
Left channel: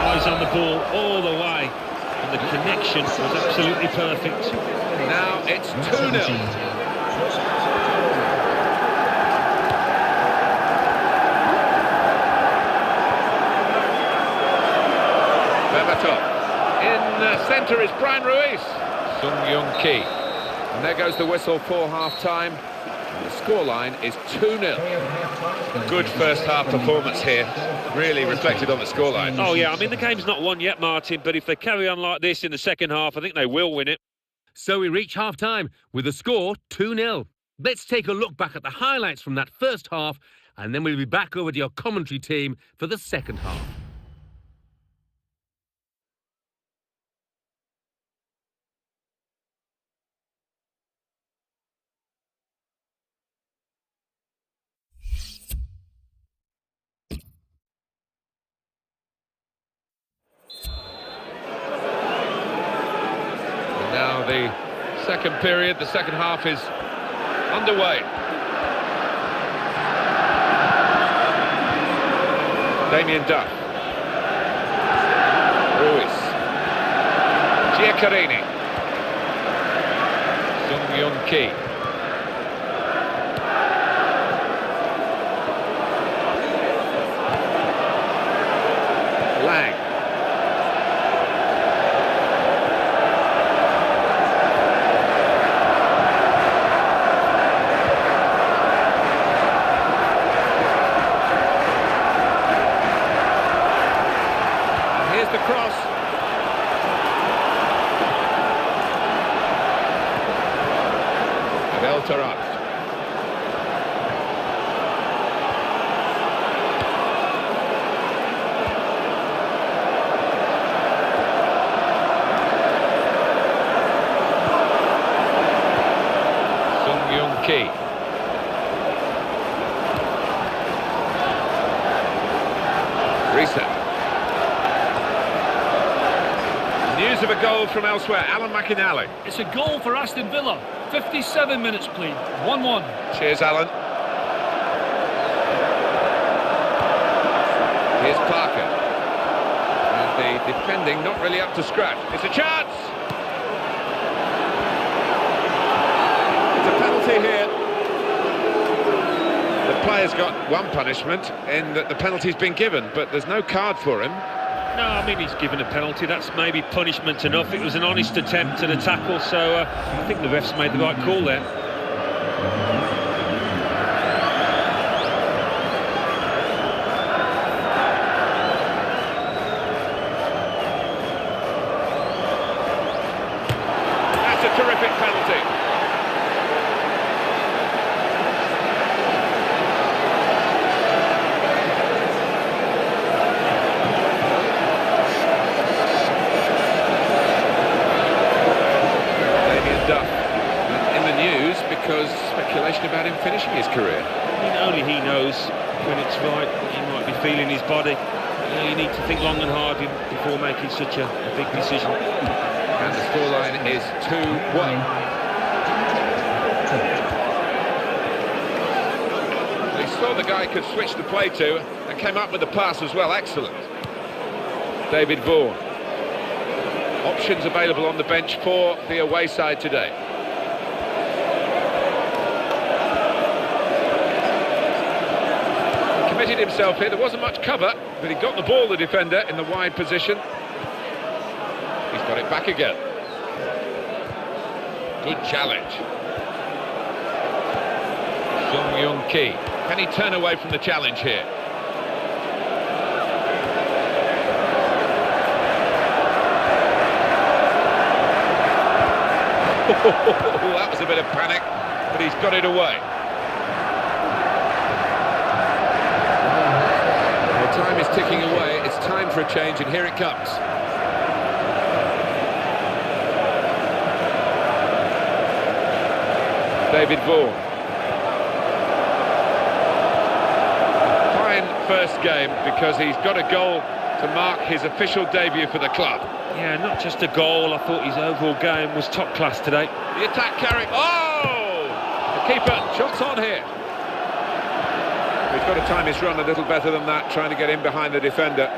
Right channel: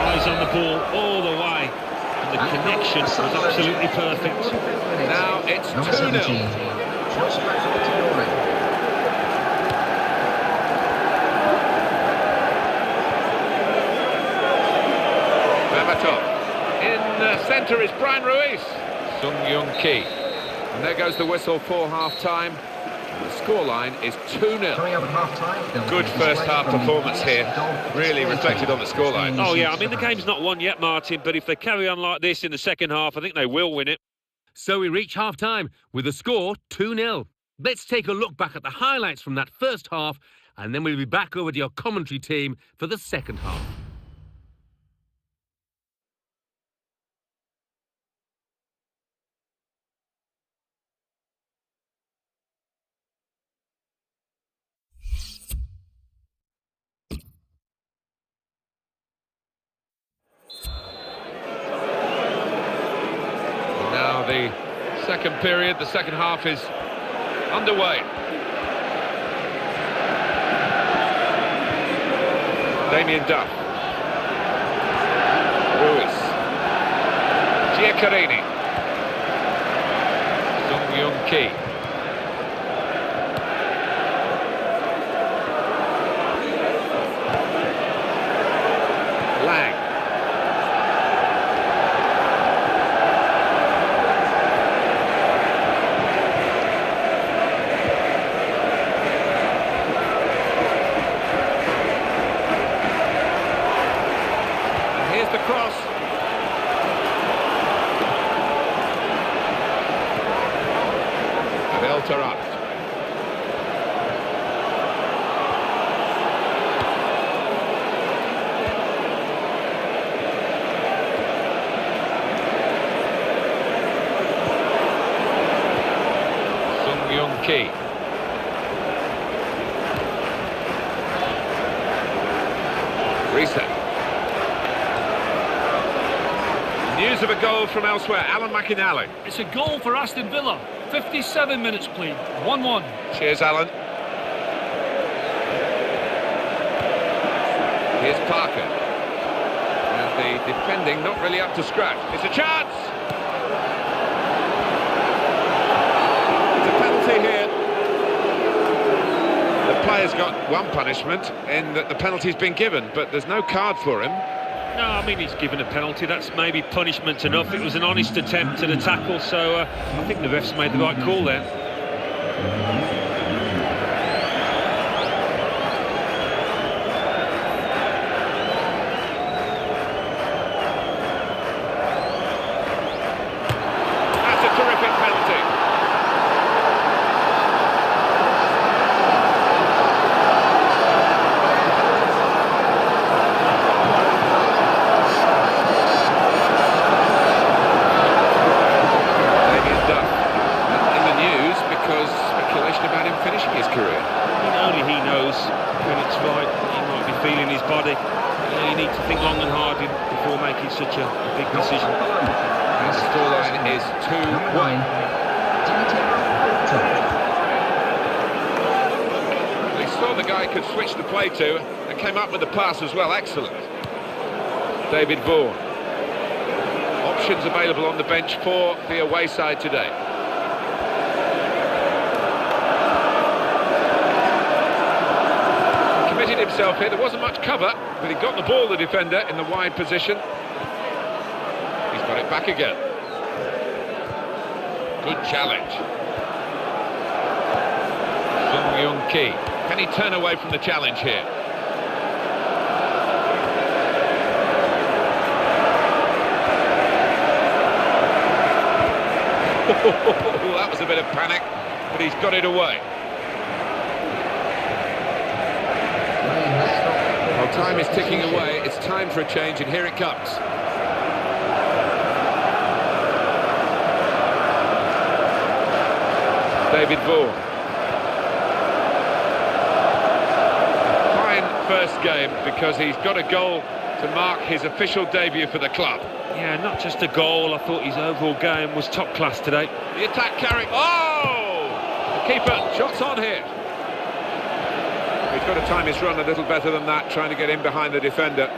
Eyes on the ball all the way, and the connection was absolutely perfect. Now it's 2-0. Berbatov. In the centre is Brian Ruiz. Ki. And there goes the whistle for half-time. And the scoreline is 2-0. Good first-half performance here. Really reflected on the scoreline. Oh, yeah, I mean, the game's not won yet, Martin, but if they carry on like this in the second half, I think they will win it. So we reach half-time with the score 2-0. Let's take a look back at the highlights from that first half, and then we'll be back over to your commentary team for the second half. Now the second period, the second half is underway. Damien Duff. Ruiz. Giaccarini. Ki. Lang. Here's the cross. Abel Tarat. Ki. Reset. News of a goal from elsewhere. Alan McInally. It's a goal for Aston Villa. 57 minutes played. 1-1. Cheers, Alan. Here's Parker. And the defending not really up to scratch. It's a chance! It's a penalty here. The player's got one punishment in that the penalty's been given, but there's no card for him. No, I mean, he's given a penalty. That's maybe punishment enough. It was an honest attempt at a tackle, so I think the refs made the right call there. That's a terrific penalty. Because speculation about him finishing his career. I mean, only he knows when it's right. He might be feeling his body. You know, you need to think long and hard before making such a big decision. And the scoreline is 2-1. He saw the guy could switch the play to and came up with the pass as well. Excellent. David Vaughan. Options available on the bench for the away side today. Fitted himself here. There wasn't much cover, but he got the ball, the defender, in the wide position. He's got it back again. Good challenge. Sung Young Ki. Can he turn away from the challenge here? That was a bit of panic, but he's got it away. Well, time is ticking away. It's time for a change, and here it comes. David Vaughan. Fine first game because he's got a goal to mark his official debut for the club. Yeah, not just a goal. I thought his overall game was top class today. The attack carrying. Oh! The keeper, shots on here. He's got to time his run a little better than that, trying to get in behind the defender.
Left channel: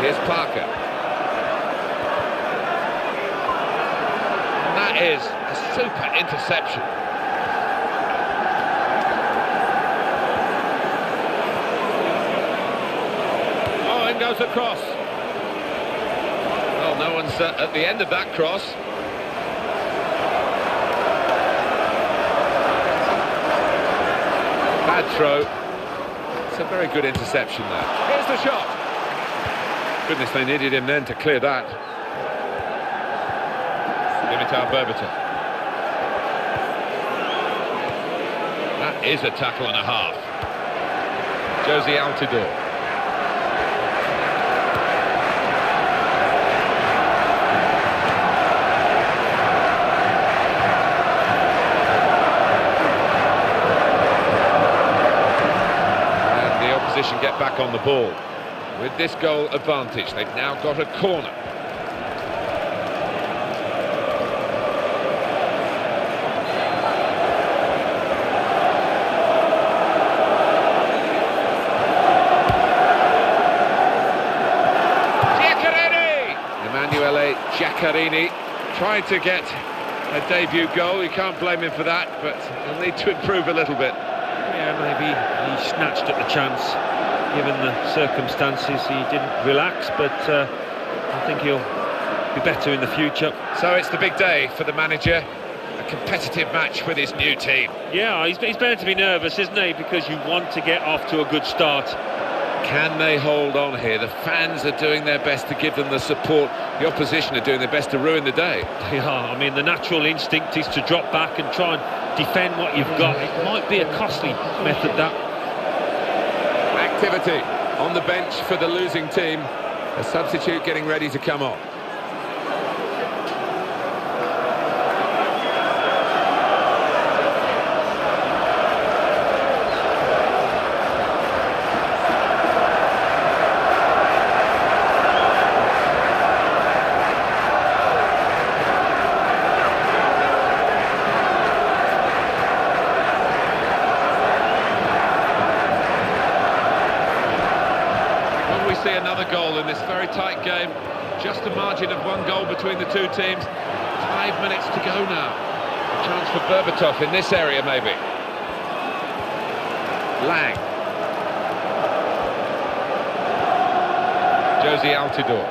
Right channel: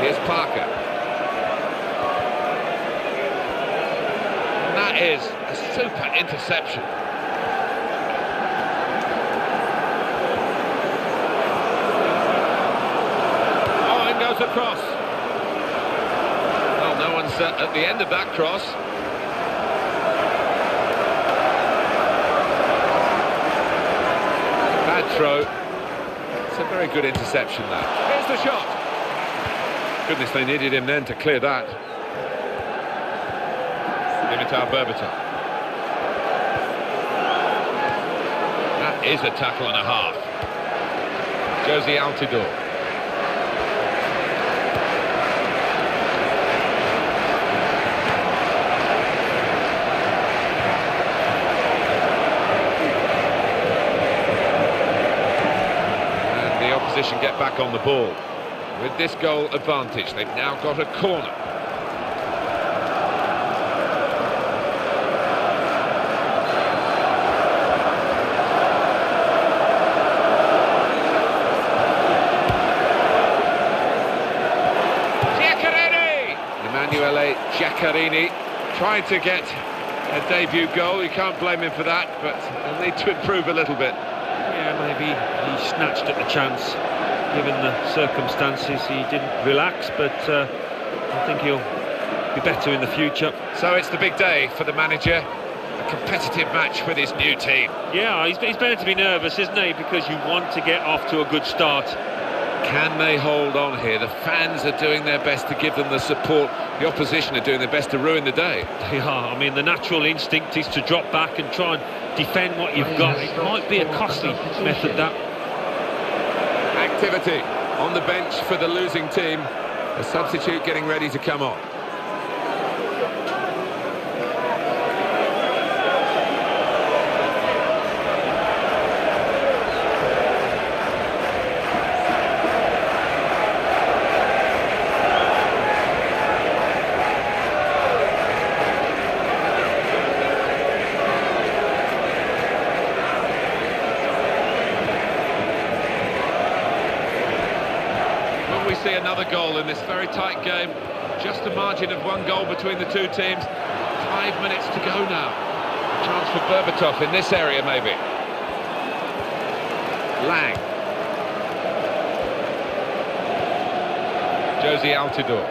Here's Parker. And that is a super interception. Oh, in goes the cross. Well, no one's at the end of that cross. Bad throw. It's a very good interception, though. Here's the shot. Goodness, they needed him then to clear that. Dimitar Berbatov. That is a tackle and a half. Josie Altidore. And the opposition get back on the ball. With this goal advantage, they've now got a corner. Giaccherini! Emanuele Giaccherini tried to get a debut goal. You can't blame him for that, but he'll need to improve a little bit. Yeah, maybe he snatched at the chance. Given the circumstances, he didn't relax, but I think he'll be better in the future. So it's the big day for the manager, a competitive match with his new team. Yeah, he's better to be nervous, isn't he? Because you want to get off to a good start. Can they hold on here? The fans are doing their best to give them the support. The opposition are doing their best to ruin the day. They are. I mean, the natural instinct is to drop back and try and defend what you've got. It might be a costly method, that. Activity on the bench for the losing team. A substitute getting ready to come on. We see another goal in this very tight game. Just a margin of one goal between the two teams. 5 minutes to go now. A chance for Berbatov in this area, maybe. Lang. Josie Altidore.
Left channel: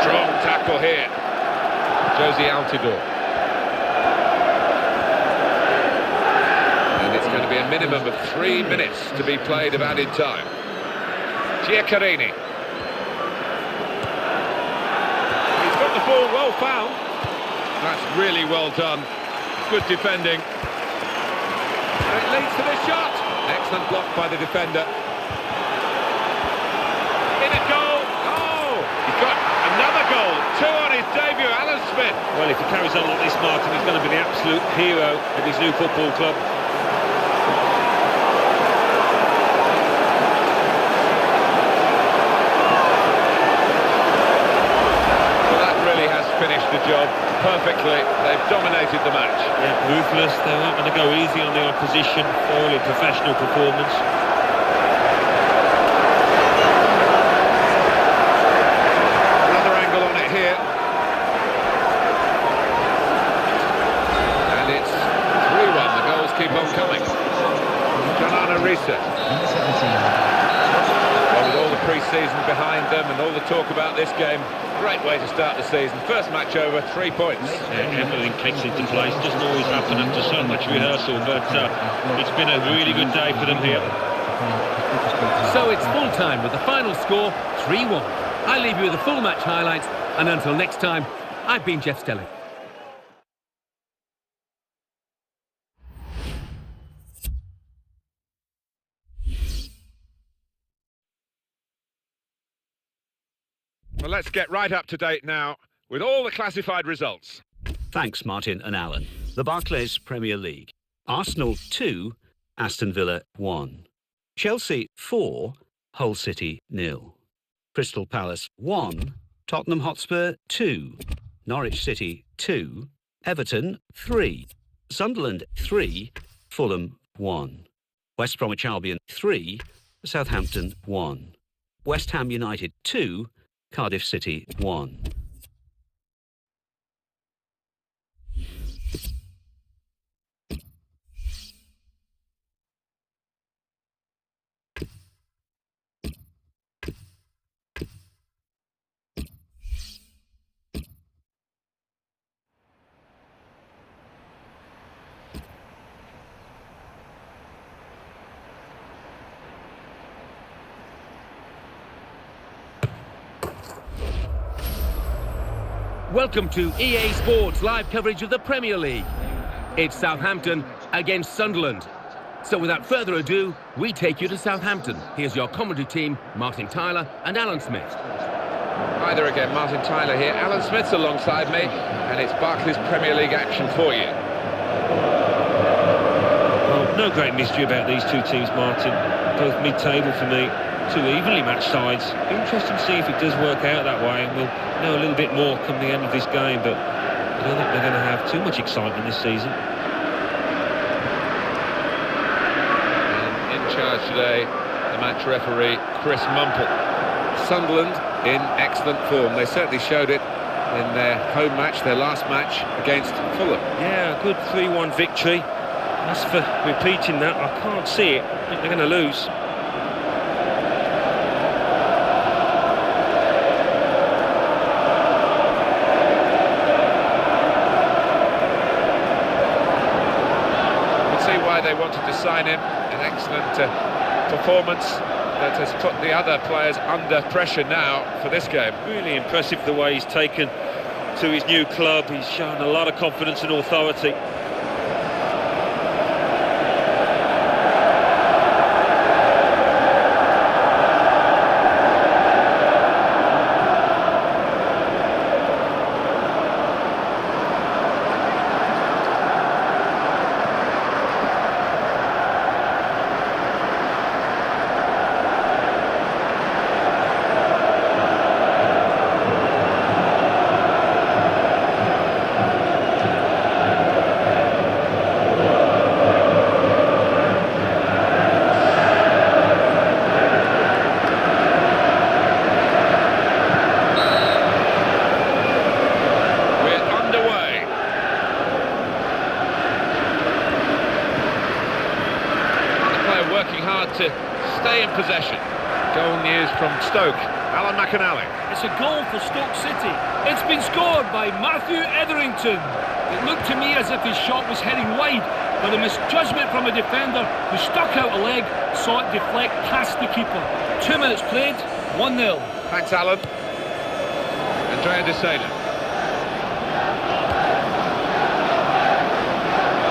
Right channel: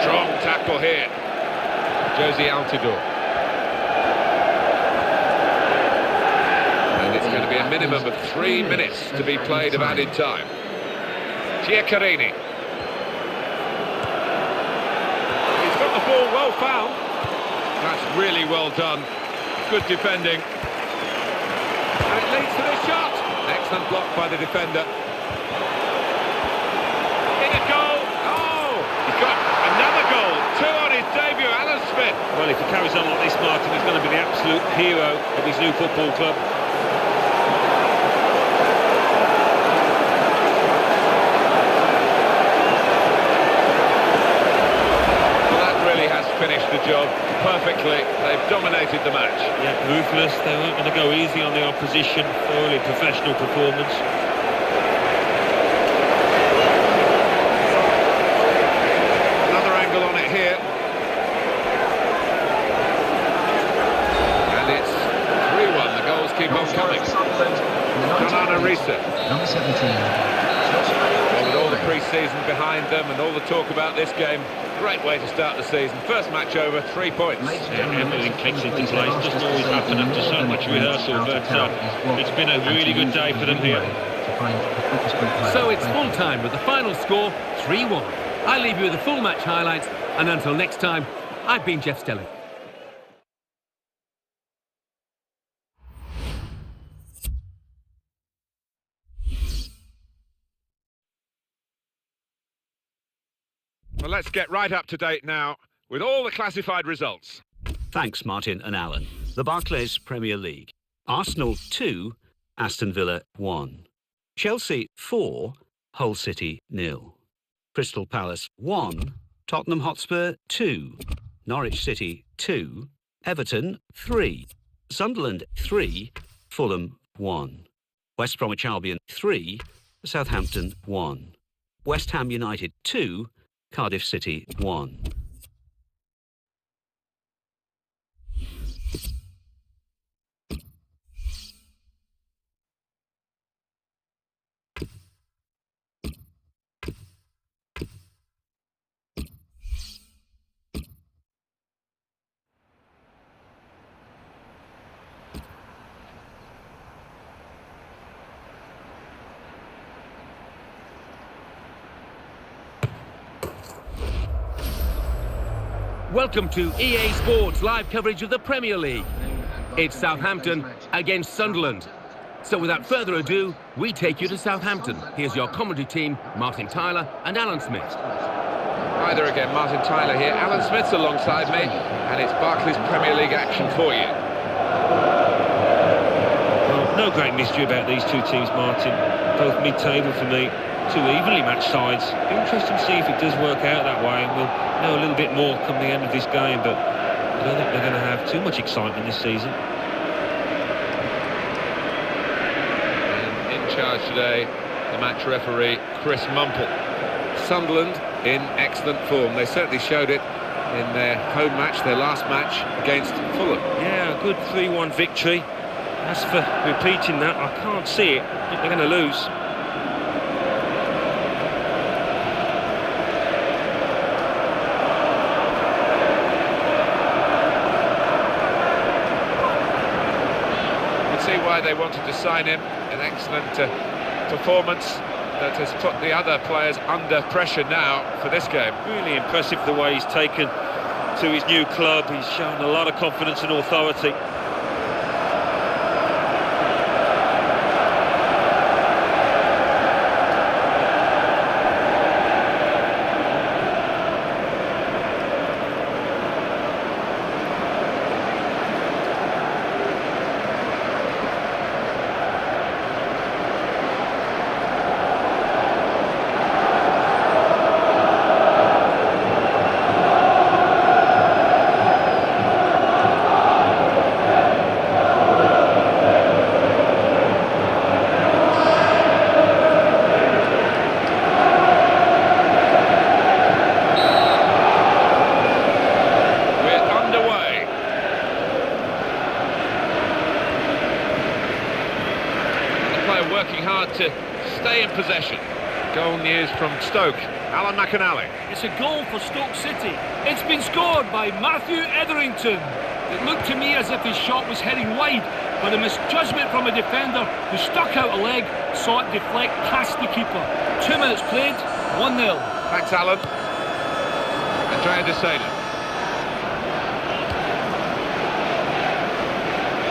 Strong tackle here. Josie Altidore. And it's going to be a minimum of 3 minutes to be played of added time. Giaccherini. He's got the ball well found. That's really well done. Good defending. And it leads to this shot. Excellent block by the defender. In a goal. Oh, he's got another goal. 2 on his debut, Alan Smith. Well, if he carries on like this, Martin, he's going to be the absolute hero at his new football club. Well, that really really has finished the job perfectly. They've dominated the match. Yeah, ruthless. They weren't going to go easy on the opposition. Thoroughly professional performance. Another angle on it here. And it's 3-1. The goals keep on coming. Jonana Risa. Well, with all the pre-season behind them and all the talk about this game, great way to start the season. First match over, 3 points. Yeah, everything clicks into place. Doesn't always happen after so much rehearsal, but it's been a really good day for them here. So it's full time with the final score 3-1. I leave you with the full match highlights, and until next time, I've been Jeff Stelling. Well, let's get right up to date now with all the classified results. Thanks, Martin and Alan. The Barclays Premier League. Arsenal 2, Aston Villa 1. Chelsea 4, Hull City 0. Crystal Palace 1, Tottenham Hotspur 2. Norwich City 2, Everton 3. Sunderland 3, Fulham 1. West Bromwich Albion 3, Southampton 1. West Ham United 2, Cardiff City 1. Welcome to EA Sports live coverage of the Premier League. It's Southampton against Sunderland. So without further ado, we take you to Southampton. Here's your commentary team, Martin Tyler and Alan Smith. Hi there again, Martin Tyler here. Alan Smith's alongside me, and it's Barclays Premier League action for you. Well, no great mystery about these two teams, Martin. Both mid-table for me. Two evenly matched sides. Be interesting to see if it does work out that way, and we'll know a little bit more come the end of this game, but I don't think they're going to have too much excitement this season. And in charge today, the match referee, Chris Mumple. Sunderland in excellent form. They certainly showed it in their home match, their last match against Fulham. Yeah, a good 3-1 victory. As for repeating that, I can't see it. I think they're going to lose. See why they wanted to sign him. An excellent performance that has put the other players under pressure now for this game. Really impressive the way he's taken to his new club. He's shown a lot of confidence and authority. Working hard to stay in possession. Goal news from Stoke. Alan McAnally. It's a goal for Stoke City. It's been scored by Matthew Etherington. It looked to me as if his shot was heading wide, but a misjudgment from a defender who stuck out a leg saw it deflect past the keeper. 2 minutes played, 1-0. Thanks, Alan. Andrea De Sena.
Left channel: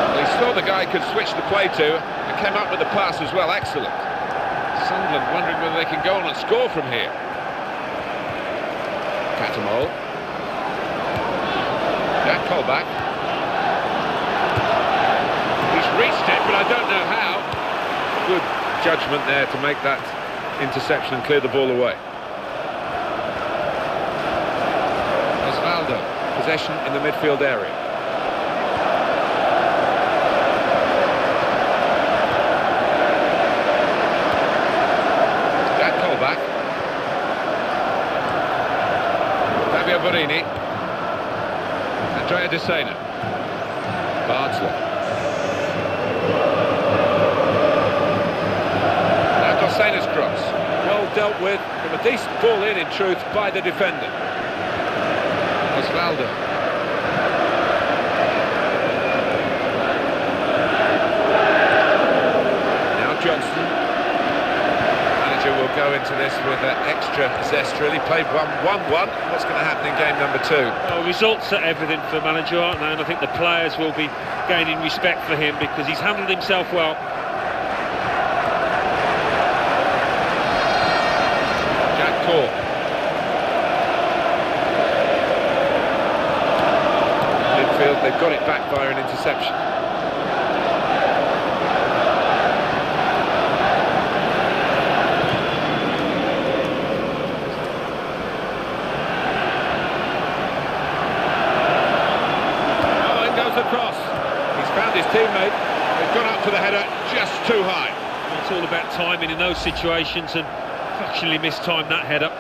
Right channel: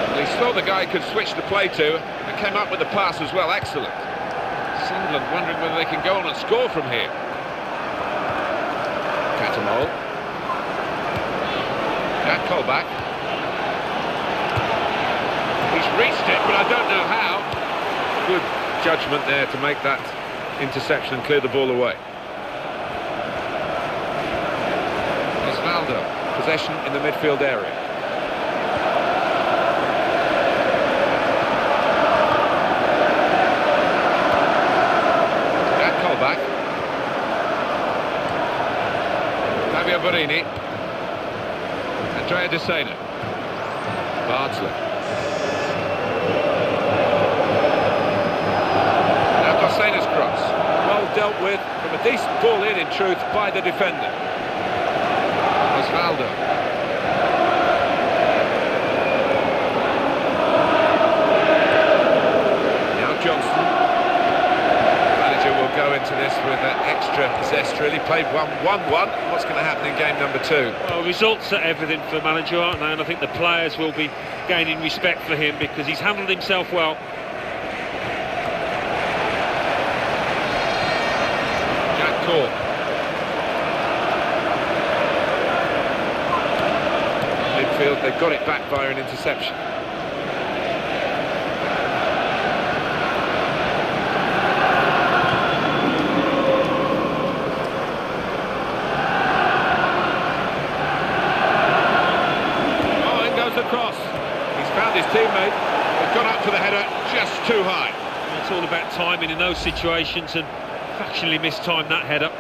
Well, he saw the guy could switch the play to and came up with the pass as well. Excellent. Sunderland wondering whether they can go on and score from here. Catamol. Jack Colback. He's reached it, but I don't know how. Good judgment there to make that interception and clear the ball away. Osvaldo Osvaldo, possession in the midfield area. That callback. Fabio Borini. Andrea De Sena. Bardsley. Now Dosena's cross. Well dealt with from a decent ball in truth, by the defender. Osvaldo. Now Johnson. Manager will go into this with extra zest, really. Played 1-1-1. What's going to happen in game number 2? Well, results are everything for manager, aren't they? And I think the players will be gaining respect for him because he's handled himself well. Jack Cork. Midfield, they've got it back via an interception. Across. He's found his teammate. He's gone up for the header just too high. It's all about timing in those situations, and fractionally mistimed that header.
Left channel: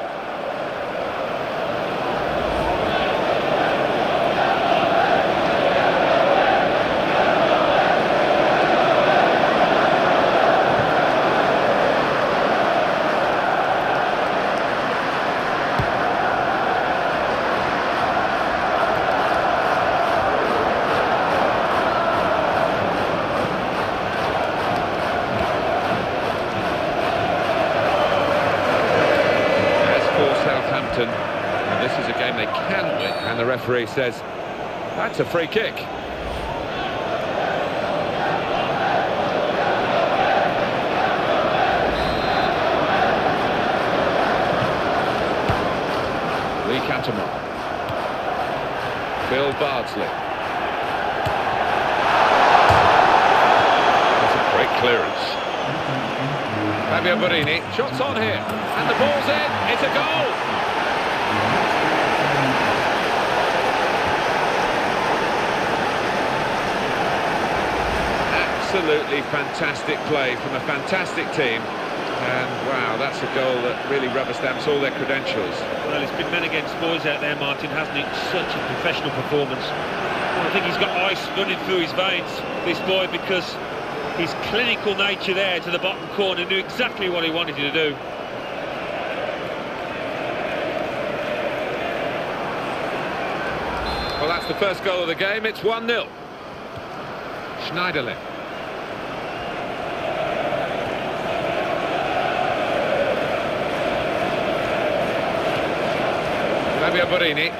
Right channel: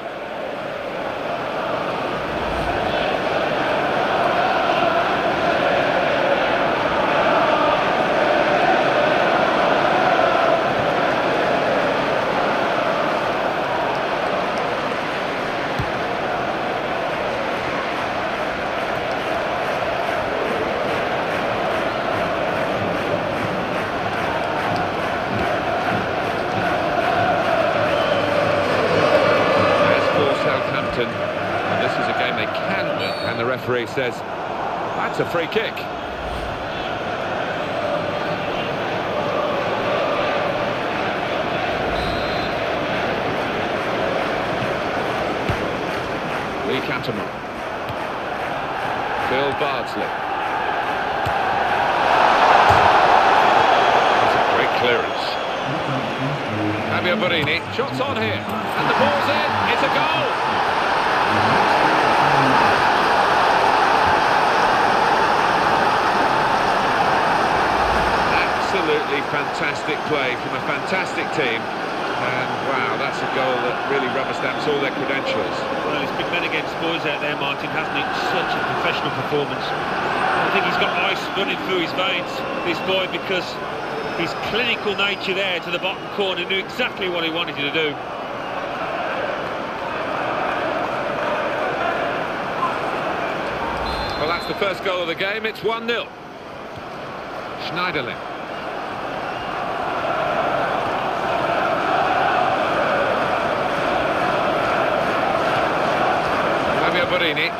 Southampton, well, this is a game they can win, and the referee says that's a free kick. Lee Catamon. Phil Bardsley. That's a great clearance. Fabio Borini, shots on here, and the ball's in, it's a goal! Absolutely fantastic play from a fantastic team, and wow, that's a goal that really rubber stamps all their credentials. Well, it's been men against boys out there, Martin, hasn't it? Such a professional performance. I think he's got ice running through his veins, this boy, because his clinical nature there to the bottom corner, knew exactly what he wanted to do. Well, that's the first goal of the game. It's 1-0. Schneiderlin. Fabio Borini.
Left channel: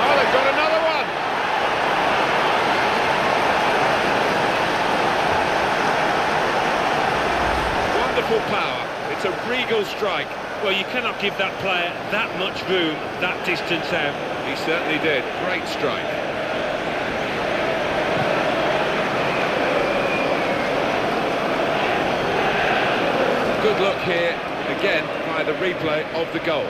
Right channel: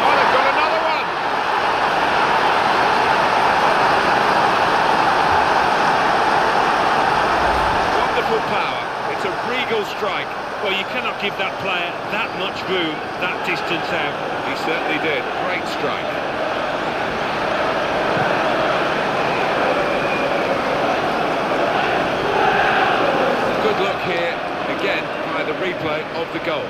Oh, they've got another one! Wonderful power. It's a regal strike. Well, you cannot give that player that much room, that distance out. He certainly did. Great strike. Good look here, again, by the replay of the goal.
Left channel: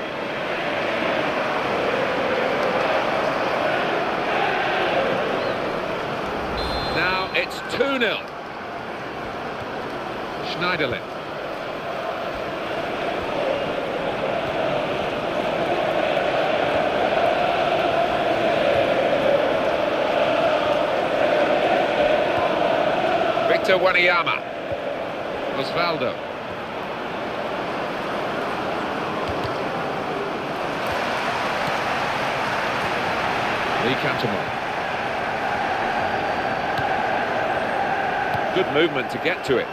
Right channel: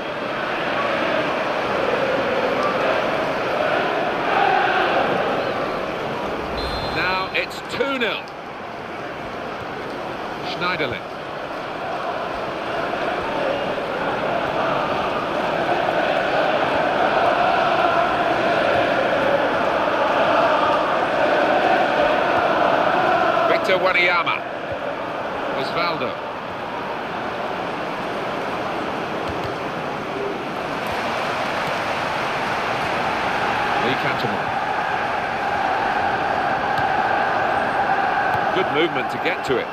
Now it's 2-0. Schneiderlin. Victor Wanyama. Osvaldo. Lee Catamon. Good movement to get to it.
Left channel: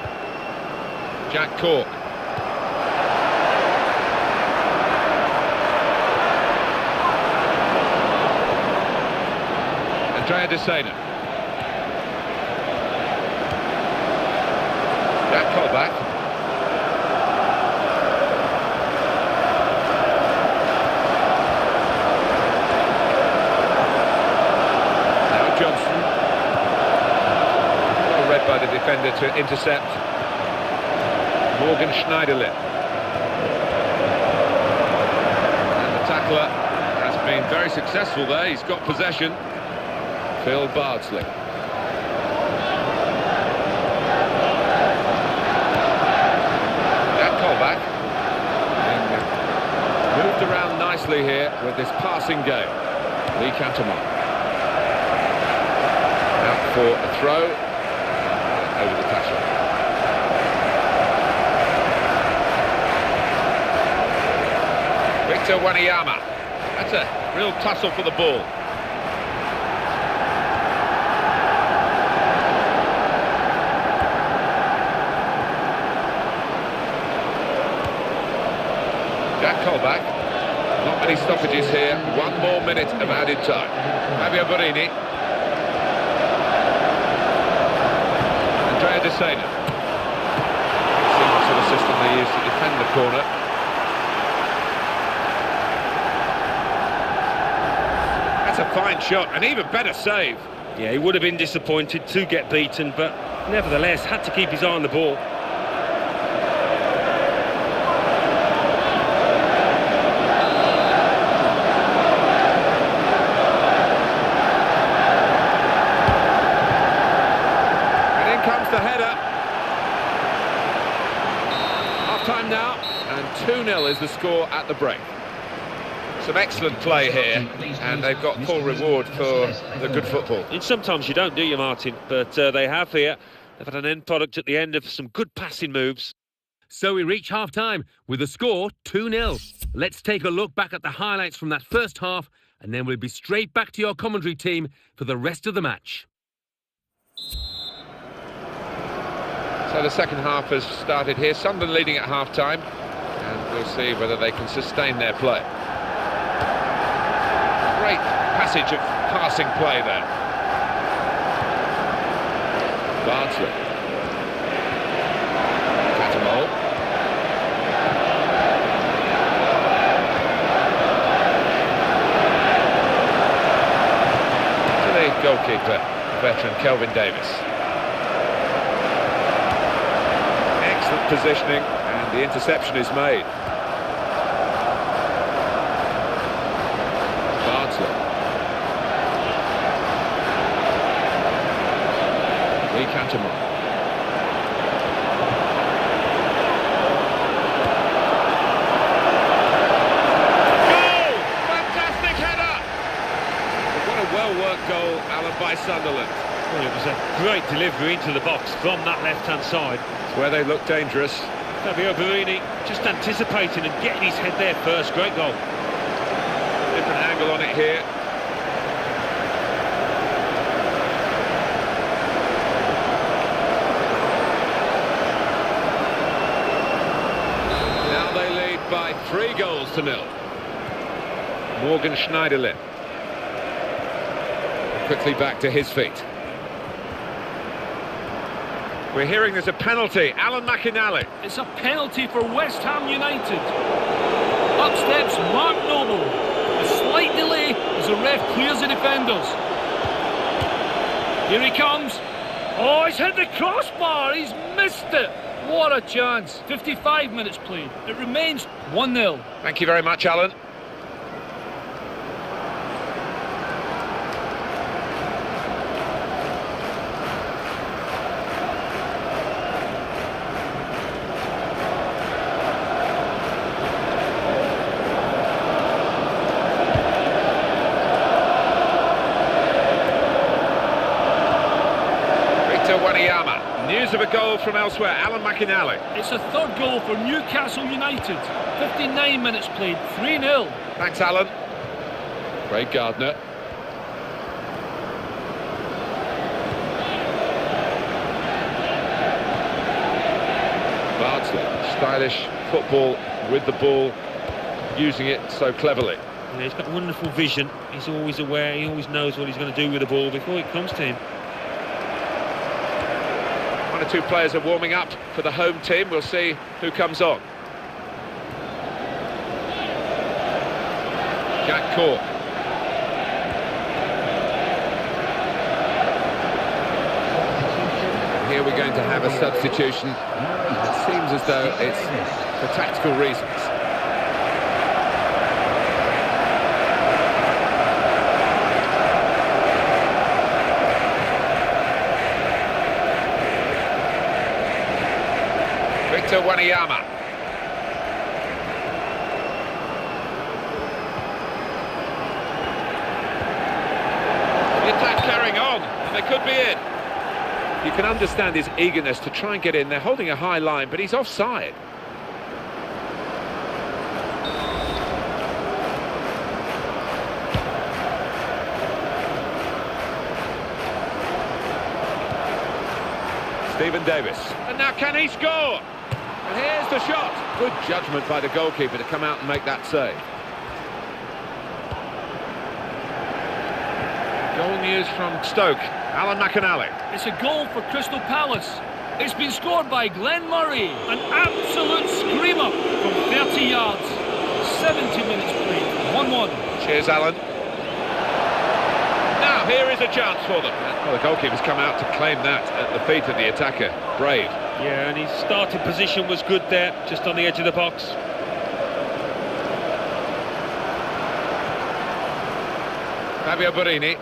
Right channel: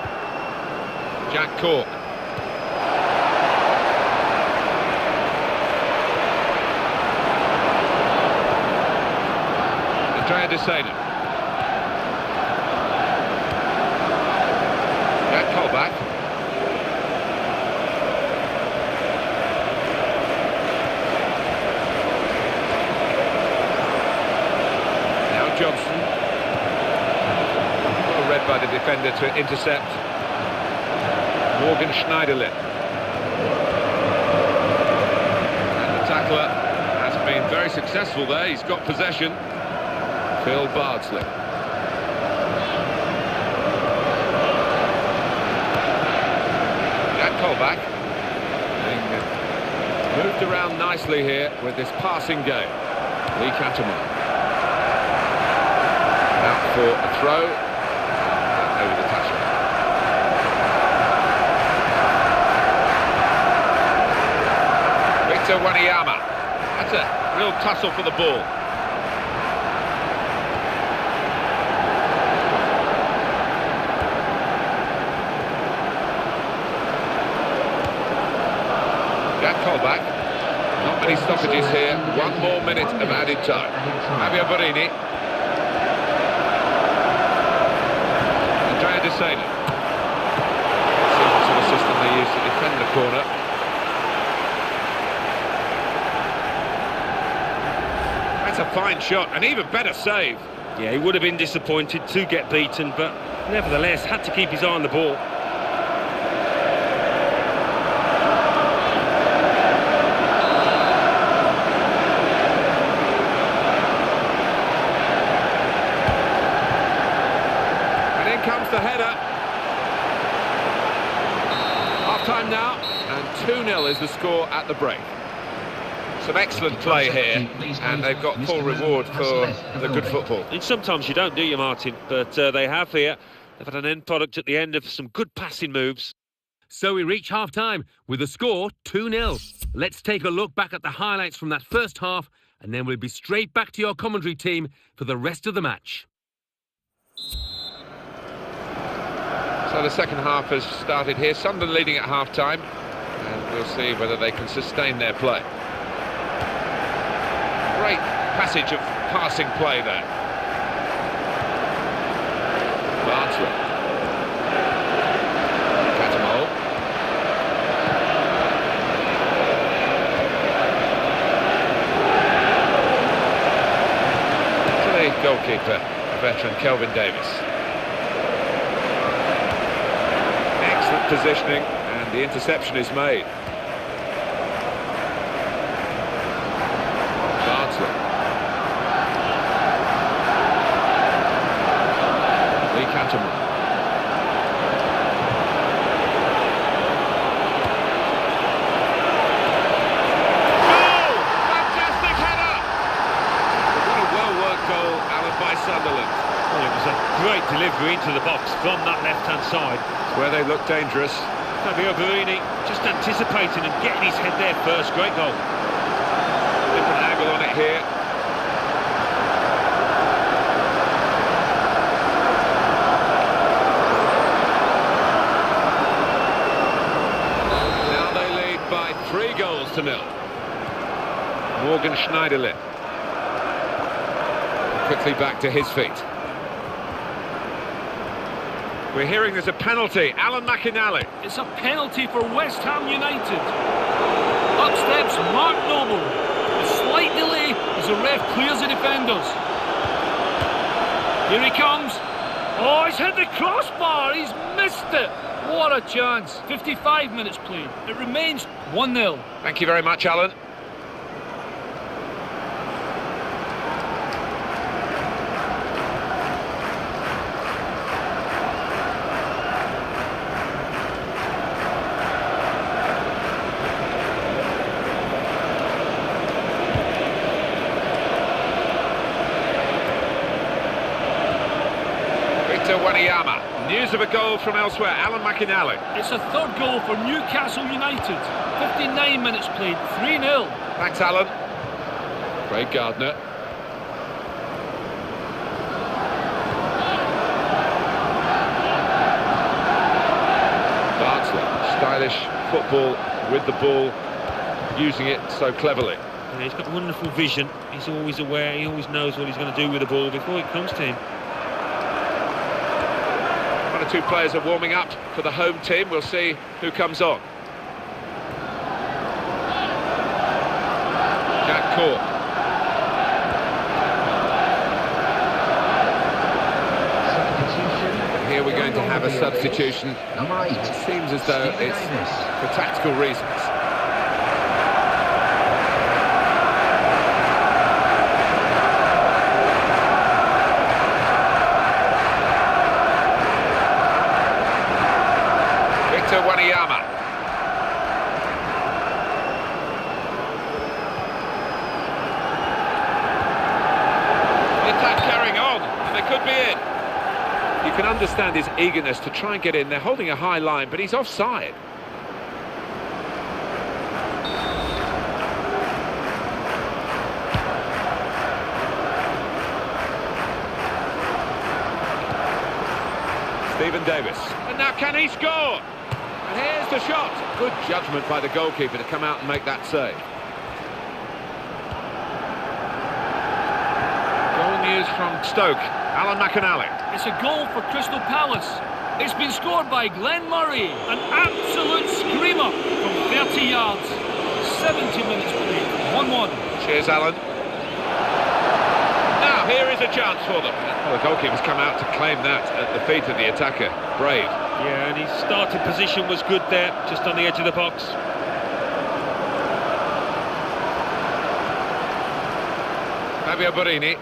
Jack Cork. Andrea De Sena. Jack Colback. Now Johnson. Well read by the defender to intercept. Morgan Schneiderlin. tackler has been very successful there. He's got possession. Phil Bardsley. Jack Colback being moved around nicely here with this passing game. Lee Catamon out for a throw and over the touchline. Victor Wanyama. That's a real tussle for the ball. Jack Colback. Not many stoppages here. 1 more minute of added time. Fabio Borini. Andrea De Sena. See what sort of system they use to defend the corner. That's a fine shot, an even better save. Yeah, he would have been disappointed to get beaten, but nevertheless had to keep his eye on the ball. And in comes the header. Half-time now, and 2-0 is the score at the break. Some excellent play here, and they've got full reward for the good football. And sometimes you don't, do you, Martin? But they have here. They've had an end product at the end of some good passing moves. So we reach half-time with the score 2-0. Let's take a look back at the highlights from that first half, and then we'll be straight back to your commentary team for the rest of the match. So the second half has started here. Sunderland leading at half-time, and we'll see whether they can sustain their play. Great passage of passing play there. Bardsley. Catamol. To the goalkeeper, the veteran Kelvin Davis. Excellent positioning, and the interception is made. Bardsley. Lee Catamon. Goal! Fantastic header! What a well-worked goal, Alan, by Sunderland. Well, it was a great delivery into the box from that left-hand side. It's where they look dangerous. Fabio Borini just anticipating and getting his head there first. Great goal. Different angle on it here. Now they lead by 3-0. Morgan Schneiderlin. Quickly back to his feet. We're hearing there's a penalty. Alan McInally. It's a penalty for West Ham United. Up steps Mark Noble. A slight delay as the ref clears the defenders. Here he comes. Oh, he's hit the crossbar. He's missed it. What a chance. 55 minutes played. It remains 1-0. Thank you very much, Alan. Victor Wanyama. News of a goal from elsewhere. Alan McInally. It's a third goal for Newcastle United. 59 minutes played. 3-0. Thanks, Alan. Craig Gardner. Bardsley. Stylish football with the ball, using it so cleverly. Yeah, he's got wonderful vision. He's always aware. He always knows what he's going to do with the ball before it comes to him. One or two players are warming up for the home team. We'll see who comes on. Jack Cork. And here we're going to have a substitution. It seems as though it's for tactical reasons. Victor Wanyama. The attack carrying on, and they could be in. You can understand his eagerness to try and get in. They're holding a high line, but he's offside. Stephen Davis. And now can he score? And here's the shot. Good judgment by the goalkeeper to come out and make that save. Goal news from Stoke. Alan McInally. It's a goal for Crystal Palace. It's been scored by Glenn Murray. An absolute screamer from 30 yards. 70 minutes played. 1-1. Cheers, Alan. Now, here is a chance for them. Well, the goalkeeper's come out to claim that at the feet of the attacker. Brave. Yeah, and his starting position was good there, just on the edge of the box. Fabio Borini.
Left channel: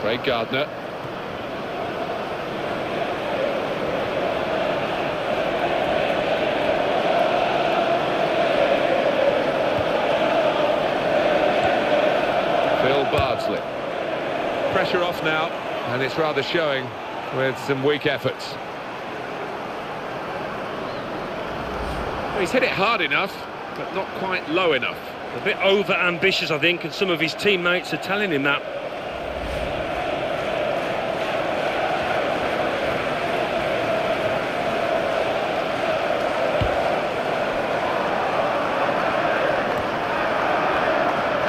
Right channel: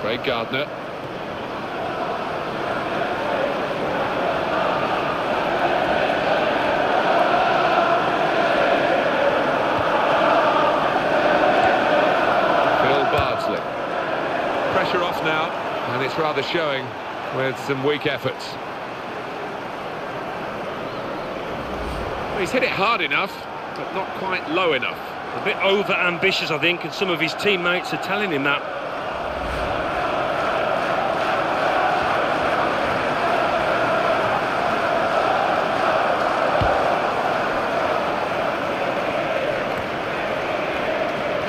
Craig Gardner. Phil Bardsley. Pressure off now, and it's rather showing with some weak efforts. Well, he's hit it hard enough, but not quite low enough. A bit over-ambitious, I think, and some of his teammates are telling him that.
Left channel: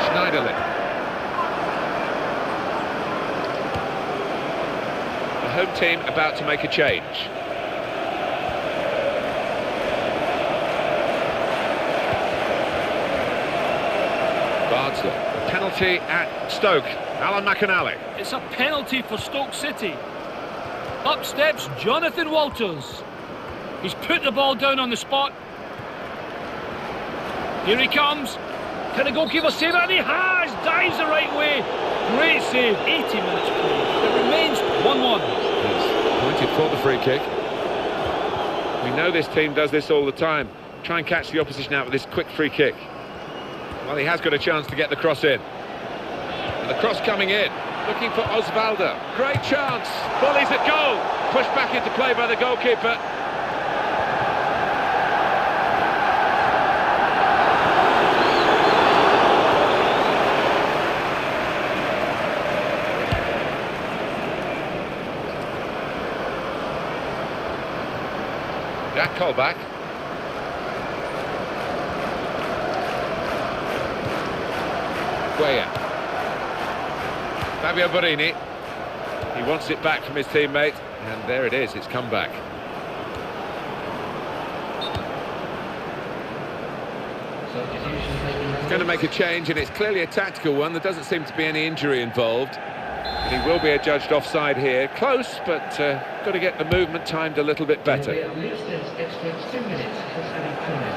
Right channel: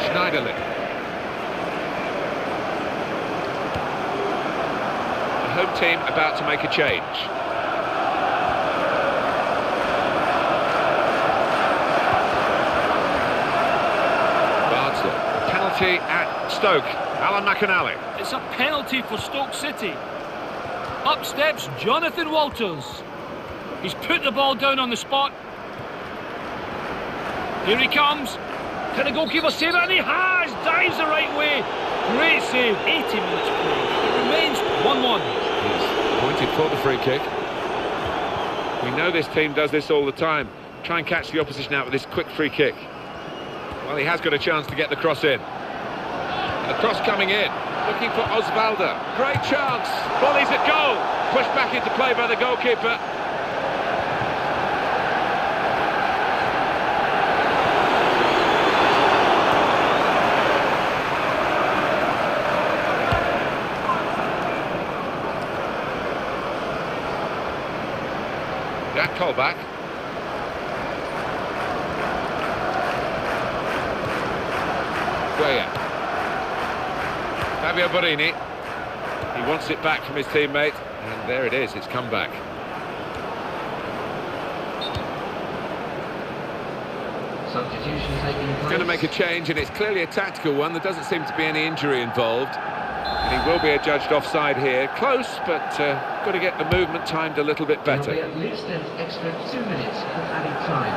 Schneiderlin. The home team about to make a change. Bardsley. A penalty at Stoke. Alan McInally. It's a penalty for Stoke City. Up steps Jonathan Walters. He's put the ball down on the spot. Here he comes. Can the goalkeeper save it? And he has! Dives the right way. Great save. 80 minutes played. It remains 1-1. He's pointed for the free kick. We know this team does this all the time. Try and catch the opposition out with this quick free kick. Well, he has got a chance to get the cross in. And the cross coming in. Looking for Osvaldo. Great chance. Volleys at goal. Pushed back into play by the goalkeeper. Jack Colback. Cuellar. Fabio Borini. He wants it back from his teammate, and there it is, it's come back. He's going to make a change, and it's clearly a tactical one. There doesn't seem to be any injury involved. And he will be adjudged offside here. Close, but got to get the movement timed a little bit better. At least an extra 2 minutes for added time.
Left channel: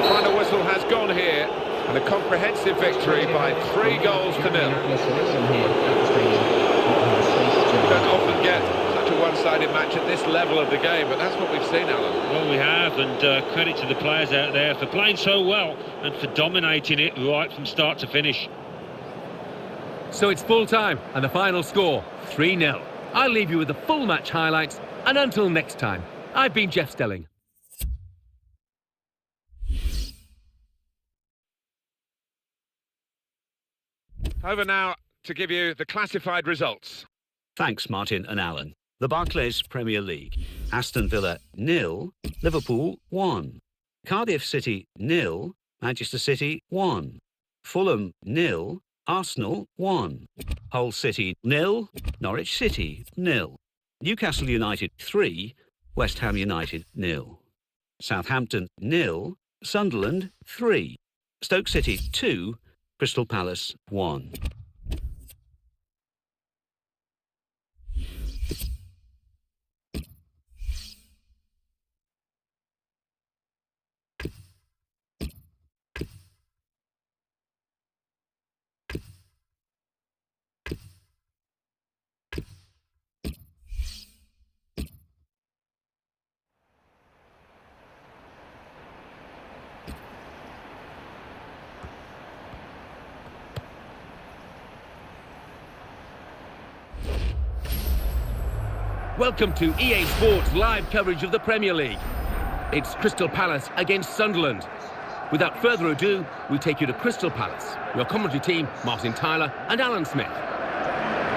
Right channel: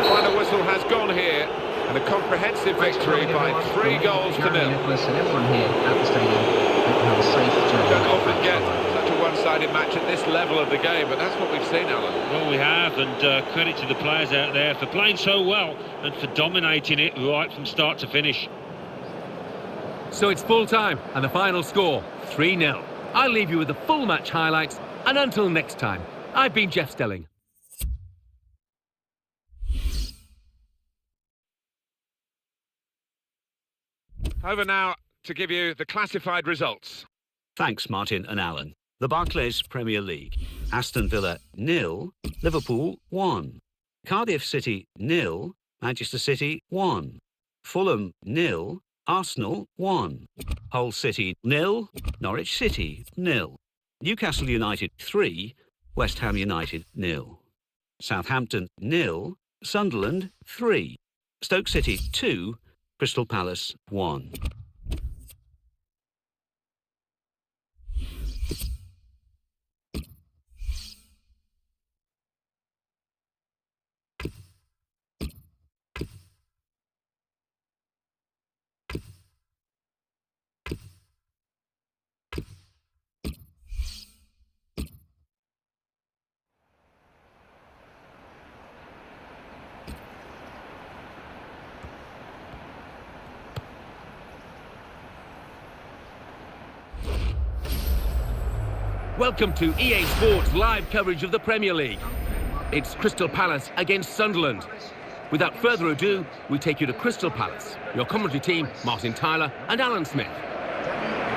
The final whistle has gone here. And a comprehensive victory by 3 goals to 0. You don't often get such a one-sided match at this level of the game, but that's what we've seen, Alan. Well, we have, and credit to the players out there for playing so well and for dominating it right from start to finish. So it's full time, and the final score, 3-0. I'll leave you with the full match highlights, and until next time, I've been Jeff Stelling. Over now to give you the classified results. Thanks, Martin and Alan. The Barclays Premier League. Aston Villa 0, Liverpool 1. Cardiff City 0, Manchester City 1. Fulham 0, Arsenal 1. Hull City 0, Norwich City 0. Newcastle United 3, West Ham United 0. Southampton 0, Sunderland 3. Stoke City 2, Crystal Palace 1. Welcome to EA Sports live coverage of the Premier League. It's Crystal Palace against Sunderland. Without further ado, we take you to Crystal Palace. Your commentary team, Martin Tyler and Alan Smith.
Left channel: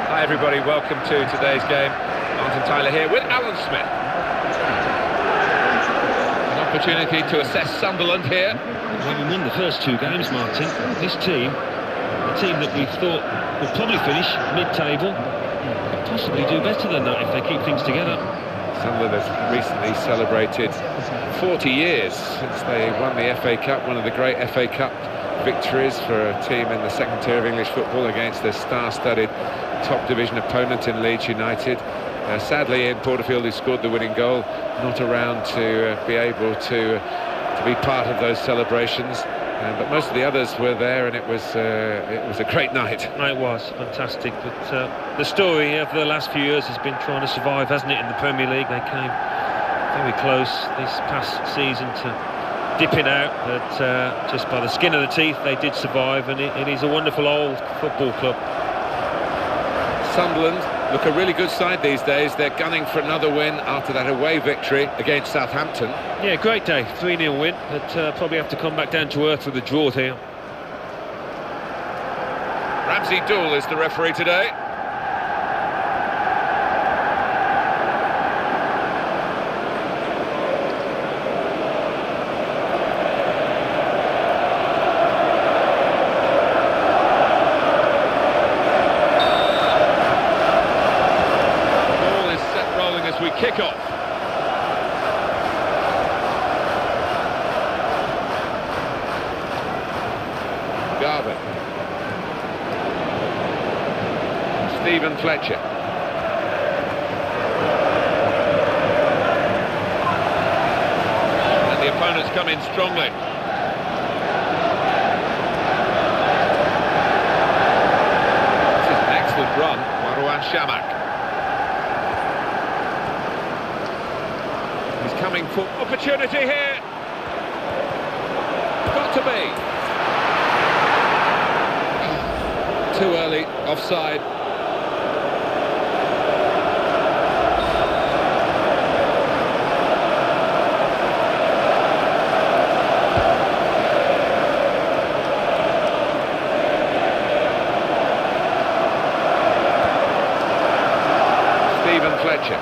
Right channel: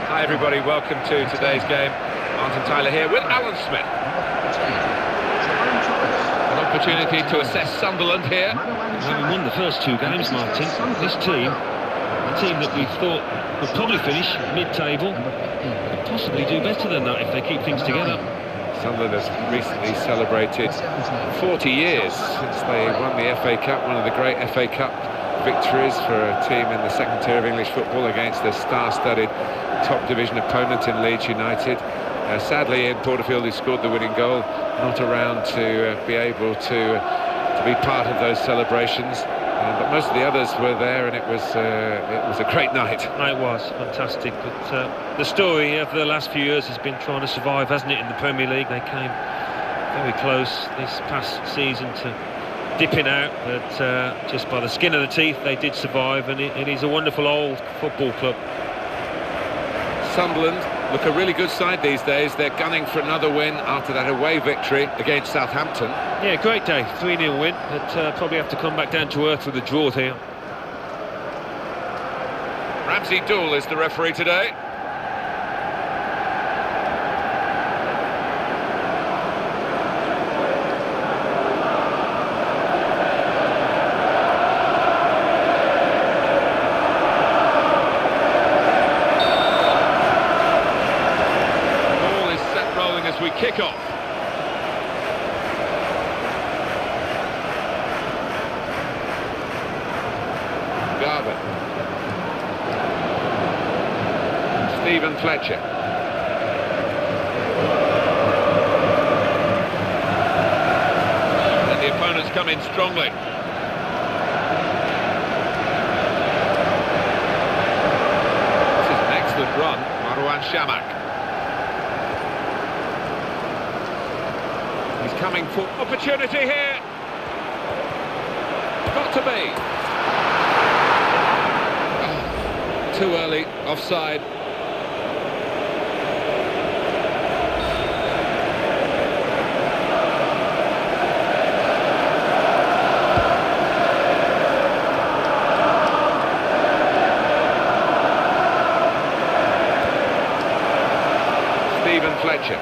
Hi everybody, welcome to today's game. Martin Tyler here with Alan Smith. An opportunity to assess Sunderland here. Having won the first two games, Martin, this team, a team that we thought would probably finish mid-table, could possibly do better than that if they keep things together. Sunderland has recently celebrated 40 years since they won the FA Cup, one of the great FA Cup victories for a team in the second tier of English football against their star-studded top division opponent in Leeds United. Sadly, Ian Porterfield, who scored the winning goal, not around to be able to be part of those celebrations. But most of the others were there, and it was a great night. It was fantastic, but the story of the last few years has been trying to survive, hasn't it, in the Premier League? They came very close this past season to dipping out, but just by the skin of the teeth they did survive, and it is a wonderful old football club. Sunderland look a really good side these days. They're gunning for another win after that away victory against Southampton. Yeah, great day, 3-0 win, but probably have to come back down to earth with a draw here. Ramsey Dool is the referee today. As we kick off. Garvin. Stephen Fletcher. And the opponents come in strongly. This is an excellent run, Marouane Chamakh. He's coming for opportunity here. Got to be. Oh, too early, offside. Stephen Fletcher.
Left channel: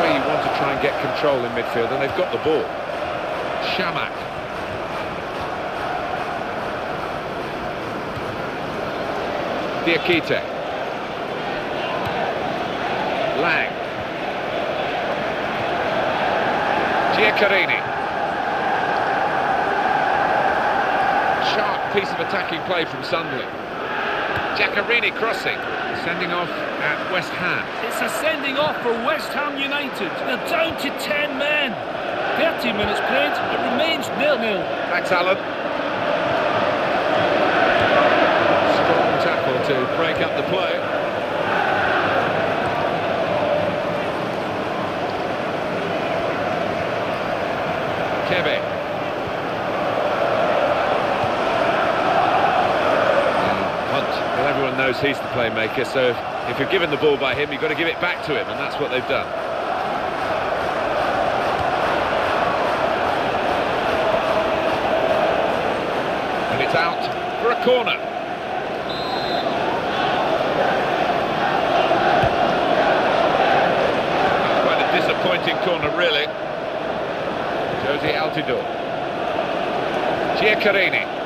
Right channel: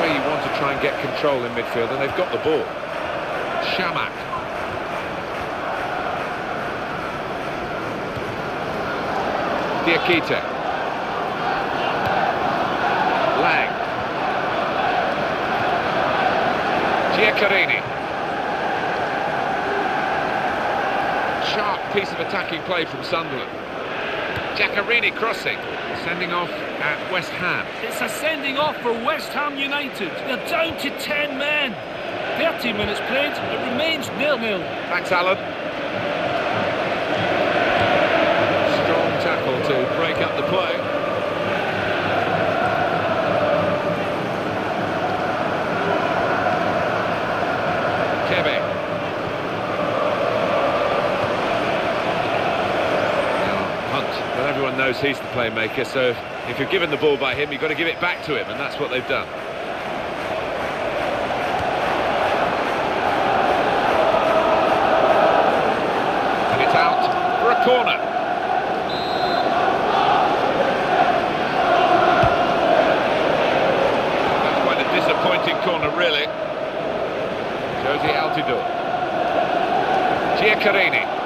Where you want to try and get control in midfield, and they've got the ball. Chamakh. Diakite. Lang. Giaccherini. Sharp piece of attacking play from Sunderland. Giaccherini crossing. Sending off at West Ham. It's a sending off for West Ham United. They're down to 10 men. 30 minutes played, it remains 0-0. Thanks, Alan. Strong tackle to break up the play. Kebe. Well, everyone knows he's the playmaker, so if you're given the ball by him, you've got to give it back to him, and that's what they've done. And it's out for a corner. That's quite a disappointing corner, really. Josie Altidore. Giaccherini.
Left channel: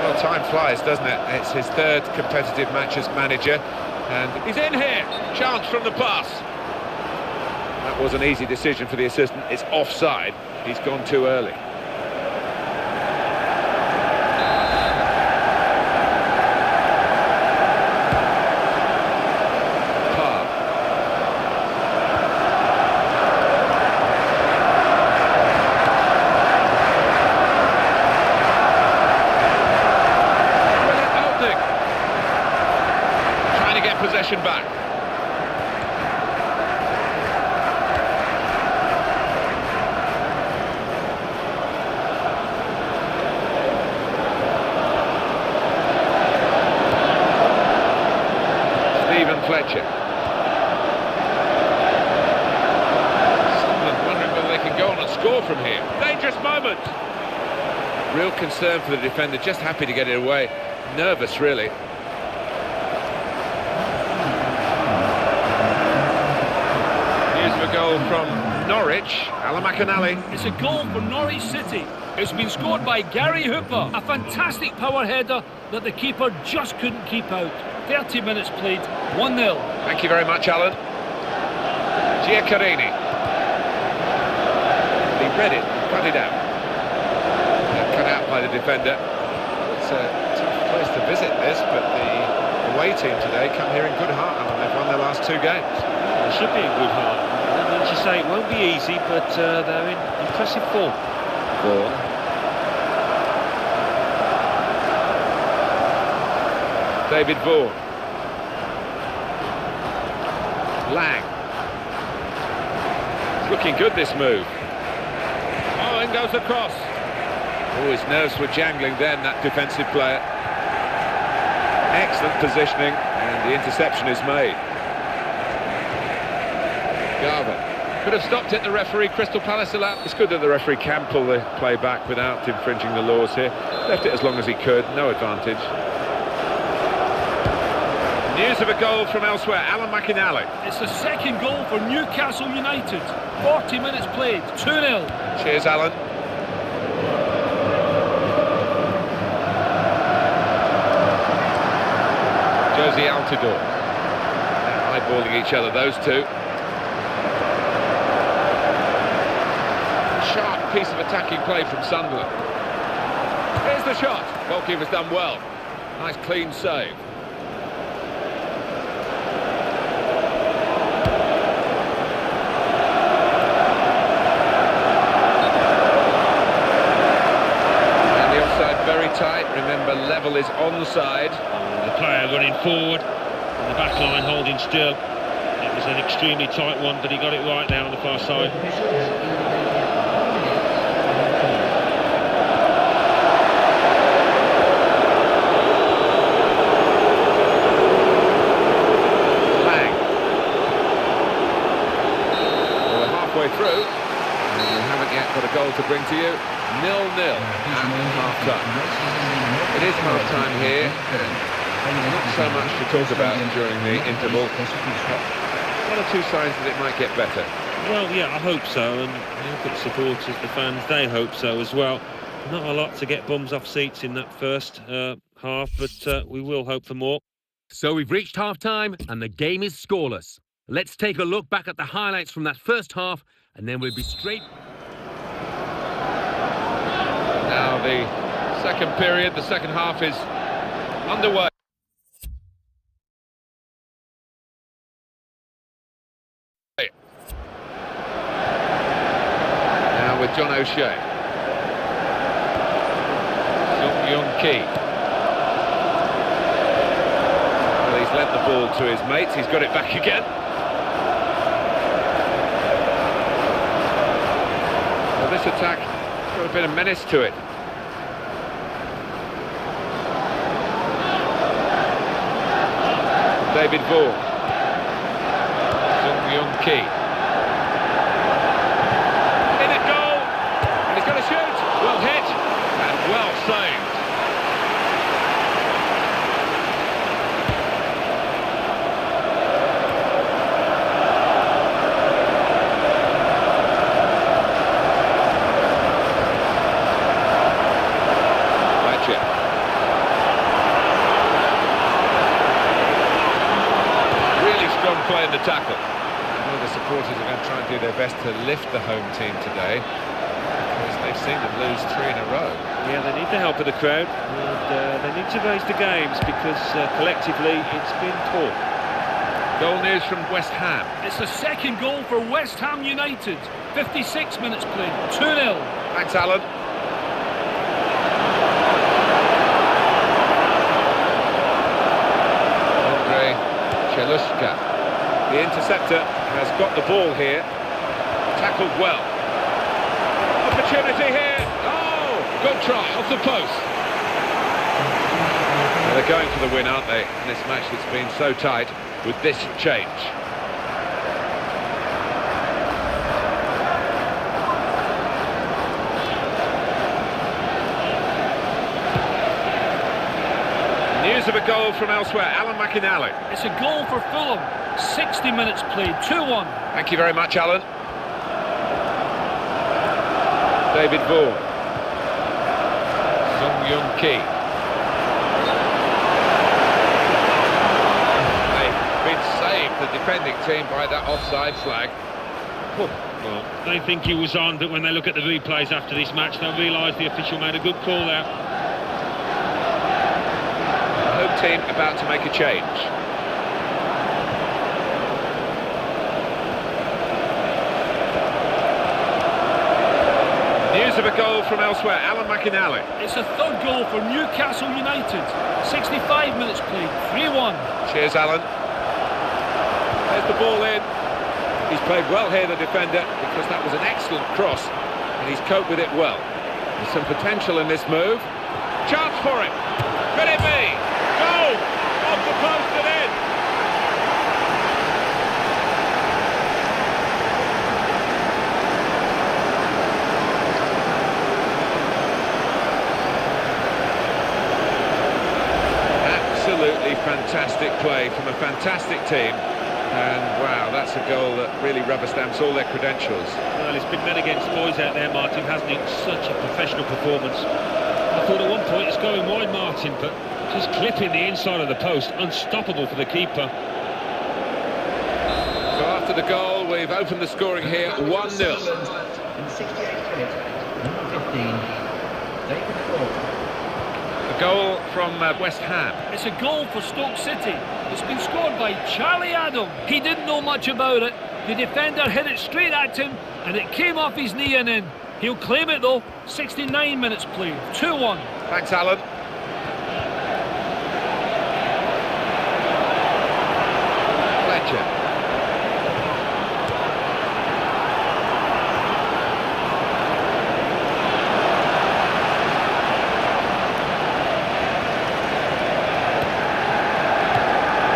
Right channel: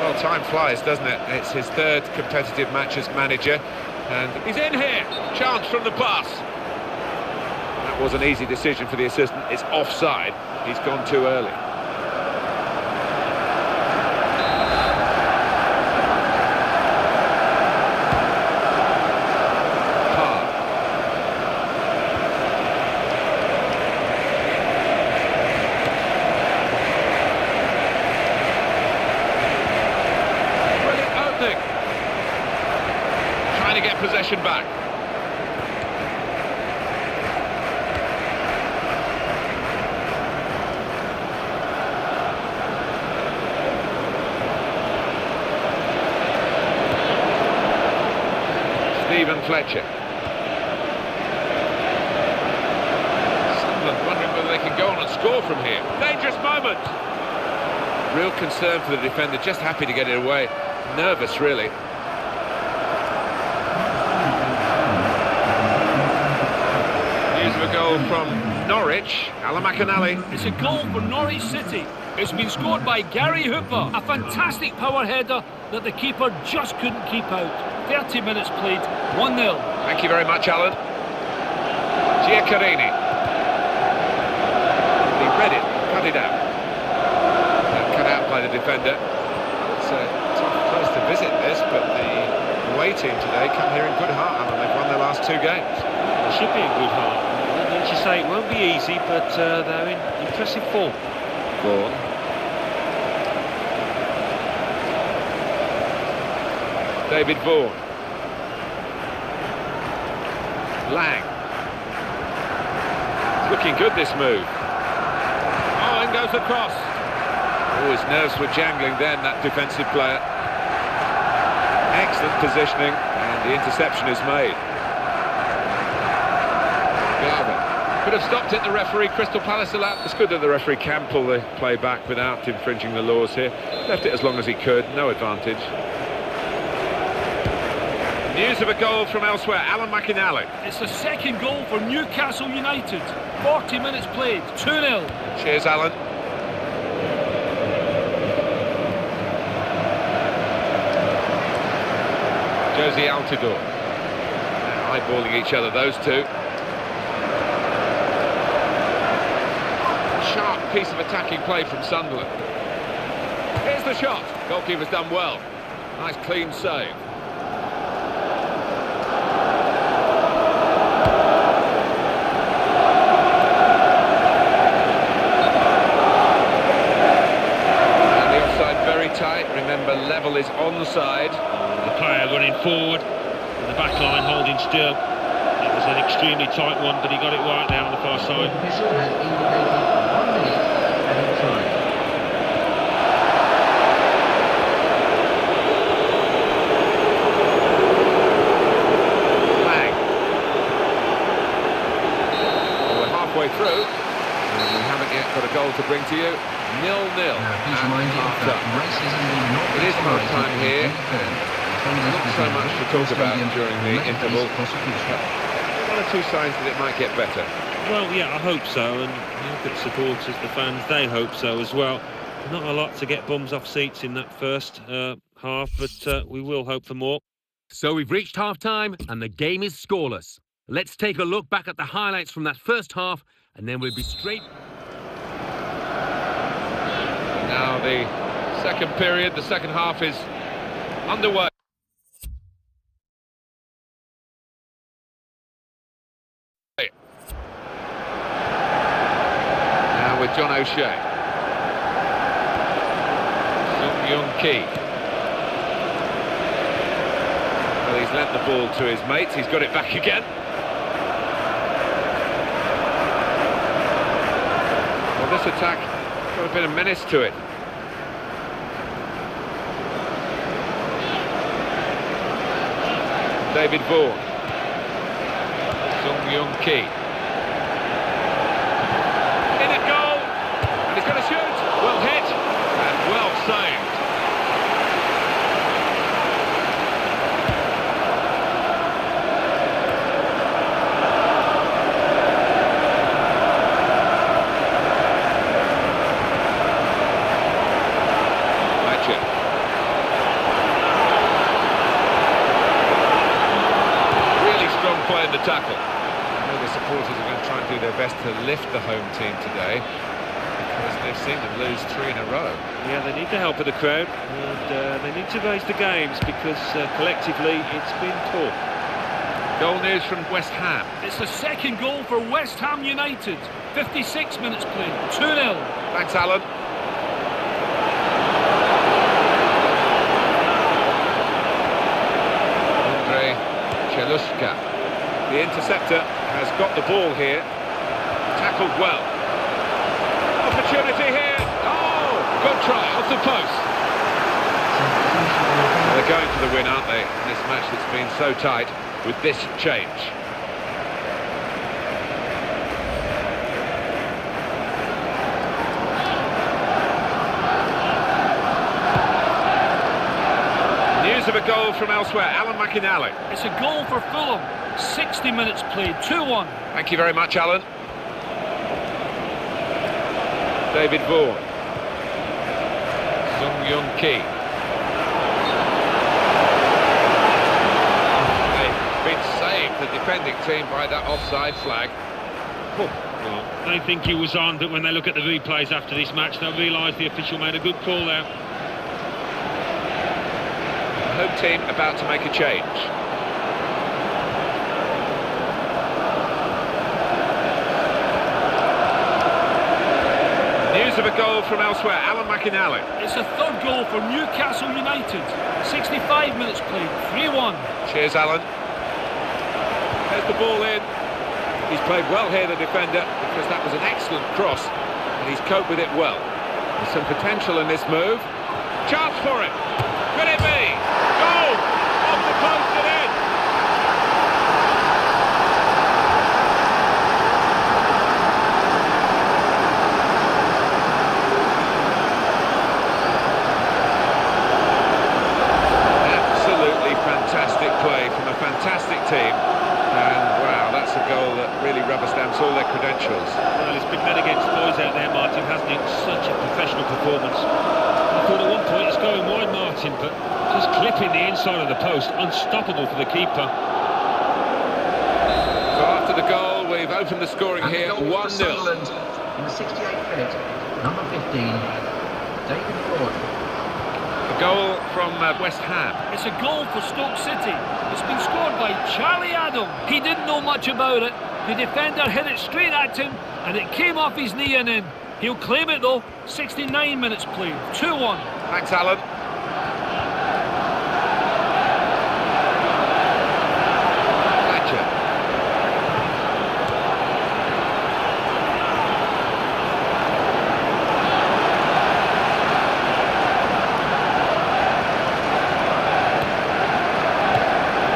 Well, time flies, doesn't it? It's his third competitive match as manager, and he's in here. Chance from the pass. That was an easy decision for the assistant. It's offside. He's gone too early. To get possession back. Stephen Fletcher. Sunderland wondering whether they can go on and score from here. Dangerous moment. Real concern for the defender, just happy to get it away. Nervous, really. News of a goal from Norwich. Alan McInally. It's a goal for Norwich City. It's been scored by Gary Hooper. A fantastic power header that the keeper just couldn't keep out. 30 minutes played, 1-0. Thank you very much, Alan. Giaccherini. He read it, cut it out. Cut out by the defender. Well, it's a tough place to visit, this, but the away team today come here in good heart, Alan. They've won their last 2 games. They should be in good heart. And as you say, it won't be easy, but they're in impressive form. Vaughan. David Vaughan. Lang. It's looking good, this move. Oh, in goes the cross. Oh, his nerves were jangling then, that defensive player. Excellent positioning, and the interception is made. Garvin. Could have stopped it, the referee. Crystal Palace allowed. It's good that the referee can pull the play back without infringing the laws here. Left it as long as he could, no advantage. News of a goal from elsewhere, Alan McInally. It's the second goal for Newcastle United. 40 minutes played, 2-0. Cheers, Alan. Josie Altidore. Now eyeballing each other, those two. Sharp piece of attacking play from Sunderland. Here's the shot. Goalkeeper's done well. Nice clean save. And the offside very tight. Remember, level is onside. The player running forward and the back line holding still. It was an extremely tight one, but he got it right now on the far side. The official has indicated 1 minute added time. Lang. Well, we're halfway through, and we haven't yet got a goal to bring to you. 0-0 at half-time. It is half-time here, and there's not so much to talk about during the interval. One or two signs that it might get better. Well, yeah, I hope so, and you look at the supporters, the fans, they hope so as well. Not a lot to get bums off seats in that first half, but we will hope for more. So we've reached half-time and the game is scoreless. Let's take a look back at the highlights from that first half, and then we'll be straight... Now the second period, the second half is underway. Now with John O'Shea. Sung Young Ki. Well, he's lent the ball to his mates, he's got it back again. Well, this attack has got a bit of menace to it. David Vaughan. Sung Young Ki. In at goal, and he's going to shoot. Well hit, and well saved. Fletcher. Really strong play in the tackle. I know the supporters are going to try and do their best to lift the home team today, because they've seen them lose 3 in a row. Yeah, they need the help of the crowd, and they need to raise the games, because collectively it's been poor. Goal news from West Ham. It's the second goal for West Ham United. 56 minutes played, 2-0. Thanks, Alan. Andre Cheluska. The interceptor has got the ball here. Tackled well. Opportunity here. Oh, good try off the post. Well, they're going for the win, aren't they? In this match that's been so tight. with this change. News of a goal from elsewhere. Alan McInally. It's a goal for Fulham. 60 minutes played, 2-1. Thank you very much, Alan. David Vaughan. Sung Young Ki. They've been saved, the defending team, by that offside flag. Well, they think he was on, but when they look at the replays after this match, they'll realise the official made a good call there. The home team about to make a change. News of a goal from elsewhere. Alan McInally. It's a third goal for Newcastle United. 65 minutes played, 3-1. Cheers, Alan. There's the ball in. He's played well here, the defender, because that was an excellent cross, and he's coped with it well. There's some potential in this move. Chance for him. Could it be? Goal! Off the post and in. Absolutely fantastic play from a fantastic team. And wow, that's a goal that really rubber stamps all their credentials. Well, it's been men against boys out there, Martin, hasn't it? Such a professional performance. I thought at one point it's going wide, Martin, but just clipping the inside of the post, unstoppable for the keeper. So after the goal, we've opened the scoring here, 1-0. In the 68th minute, number 15, David Vaughan. A goal from West Ham. It's a goal for Stoke City. It's been scored by Charlie Adam. He didn't know much about it. The defender hit it straight at him, and it came off his knee and in. He'll claim it though. 69 minutes played, 2-1. Thanks, Alan. Fletcher.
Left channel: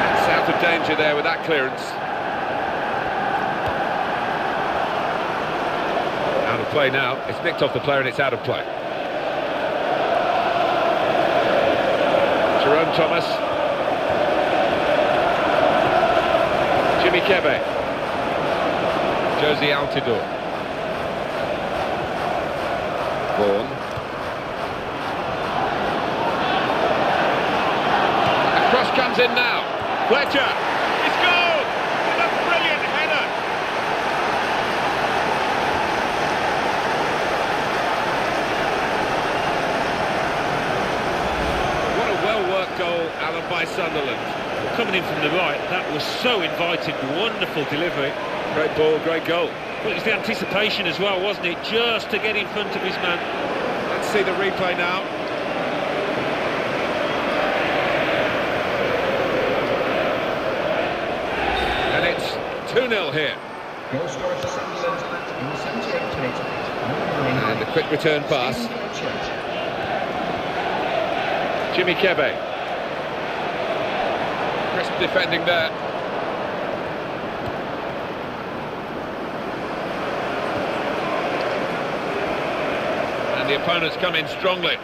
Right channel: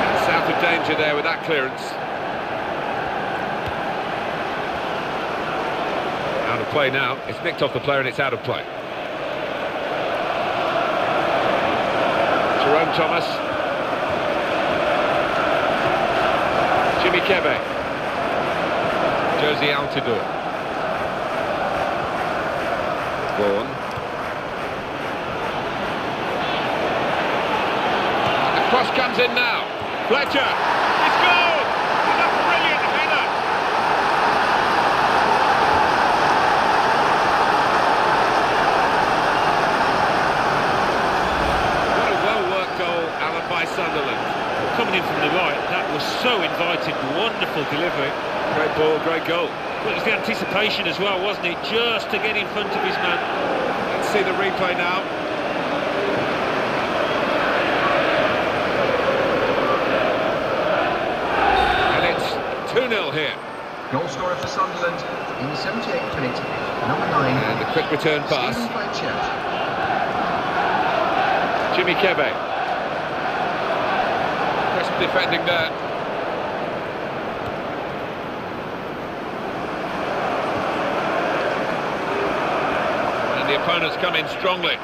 That's out of danger there with that clearance. Out of play now. It's nicked off the player and it's out of play. Jerome Thomas. Jimmy Kebe. Josie Altidore. Vaughan. The cross comes in now. Fletcher. He scored with a brilliant header. Well-worked goal, Alan, by Sunderland. Coming in from the right, that was so inviting, wonderful delivery. Great ball, great goal. Well, it was the anticipation as well, wasn't it? Just to get in front of his man. Let's see the replay now. And it's 2-0 here. Goal scorer for Sunderland in the 78th minute, number 9. And a quick return pass. Stephen Fletcher. Jimmy Kebe. Crisp defending there. And the opponents come in strongly.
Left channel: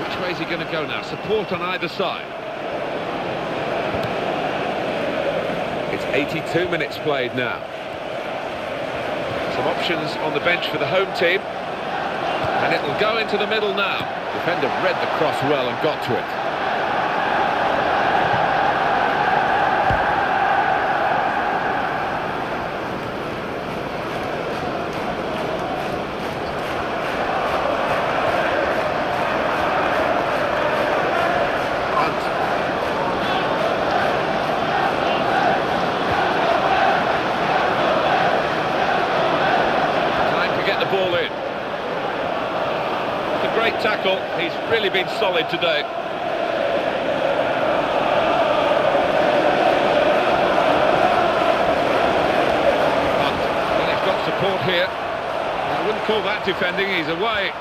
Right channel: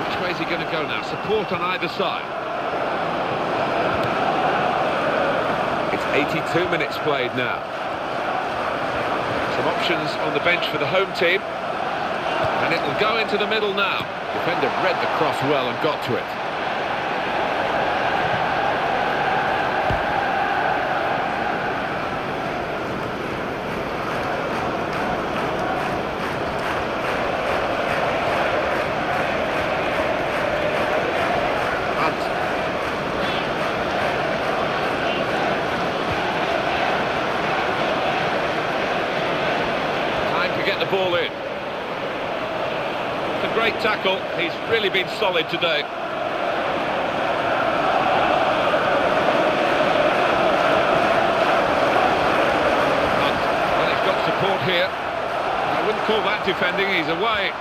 Which way is he going to go now? Support on either side. It's 82 minutes played now. Some options on the bench for the home team. And it'll go into the middle now. Defender read the cross well and got to it. Hunt. Get the ball in. It's a great tackle. He's really been solid today. Hunt. Well, he's got support here. I wouldn't call that defending. He's away.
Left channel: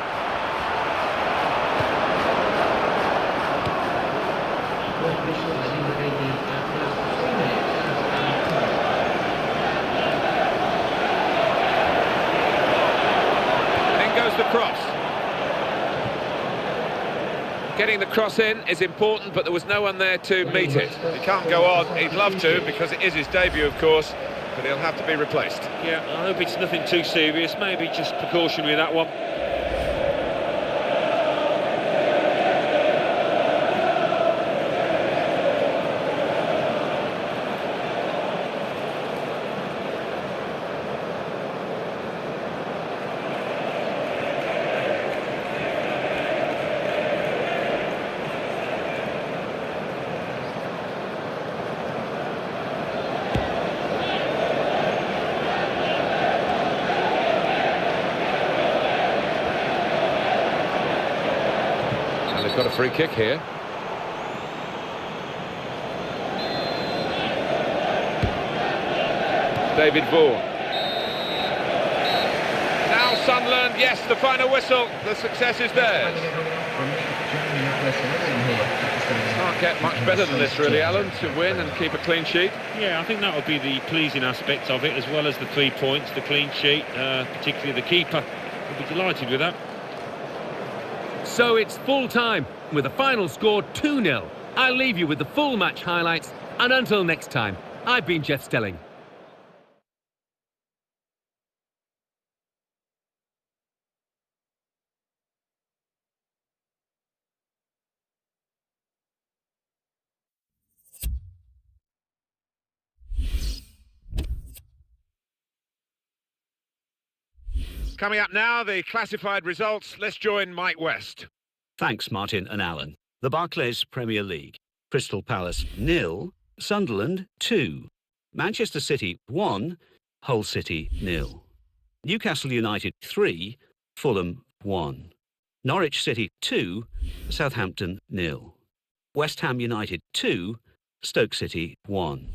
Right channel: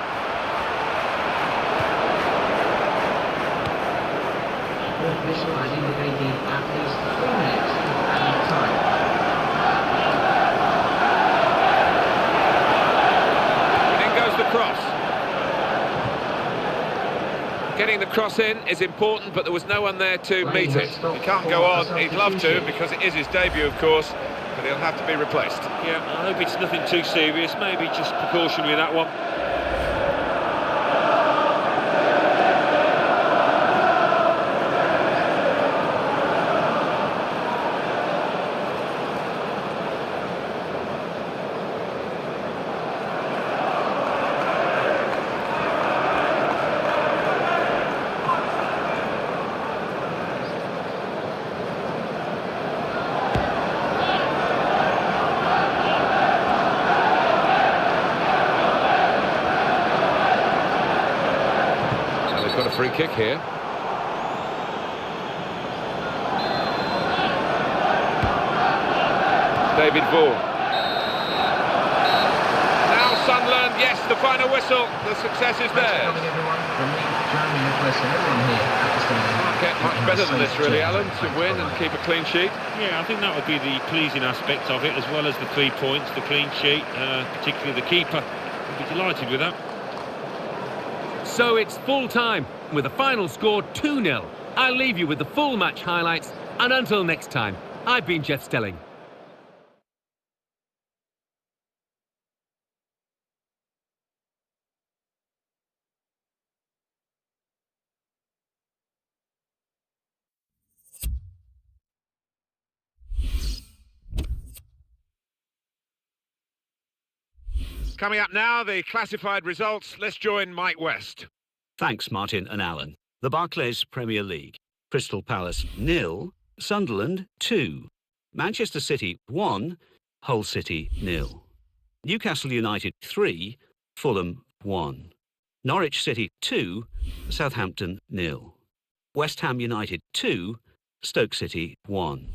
Fourth whistle has indicated at least 3 minutes added time. And in goes the cross. Getting the cross in is important, but there was no one there to meet it. He can't go on. He'd love to, because it is his debut, of course, but he'll have to be replaced. Yeah, I hope it's nothing too serious. Maybe just precautionary, that one. They've got a free kick here. David Vaughan. Now Sunderland, yes, the final whistle. The success is theirs. Can't get much better than this, really, Alan, to win and keep a clean sheet. Yeah, I think that would be the pleasing aspect of it, as well as the 3 points, the clean sheet, particularly the keeper. Would be delighted with that. So it's full time, with a final score 2-0. I'll leave you with the full match highlights, and until next time, I've been Jeff Stelling. Coming up now, the classified results. Let's join Mike West. Thanks, Martin and Alan. The Barclays Premier League. Crystal Palace 0, Sunderland 2, Manchester City 1, Hull City 0, Newcastle United 3, Fulham 1, Norwich City 2, Southampton 0, West Ham United 2, Stoke City 1.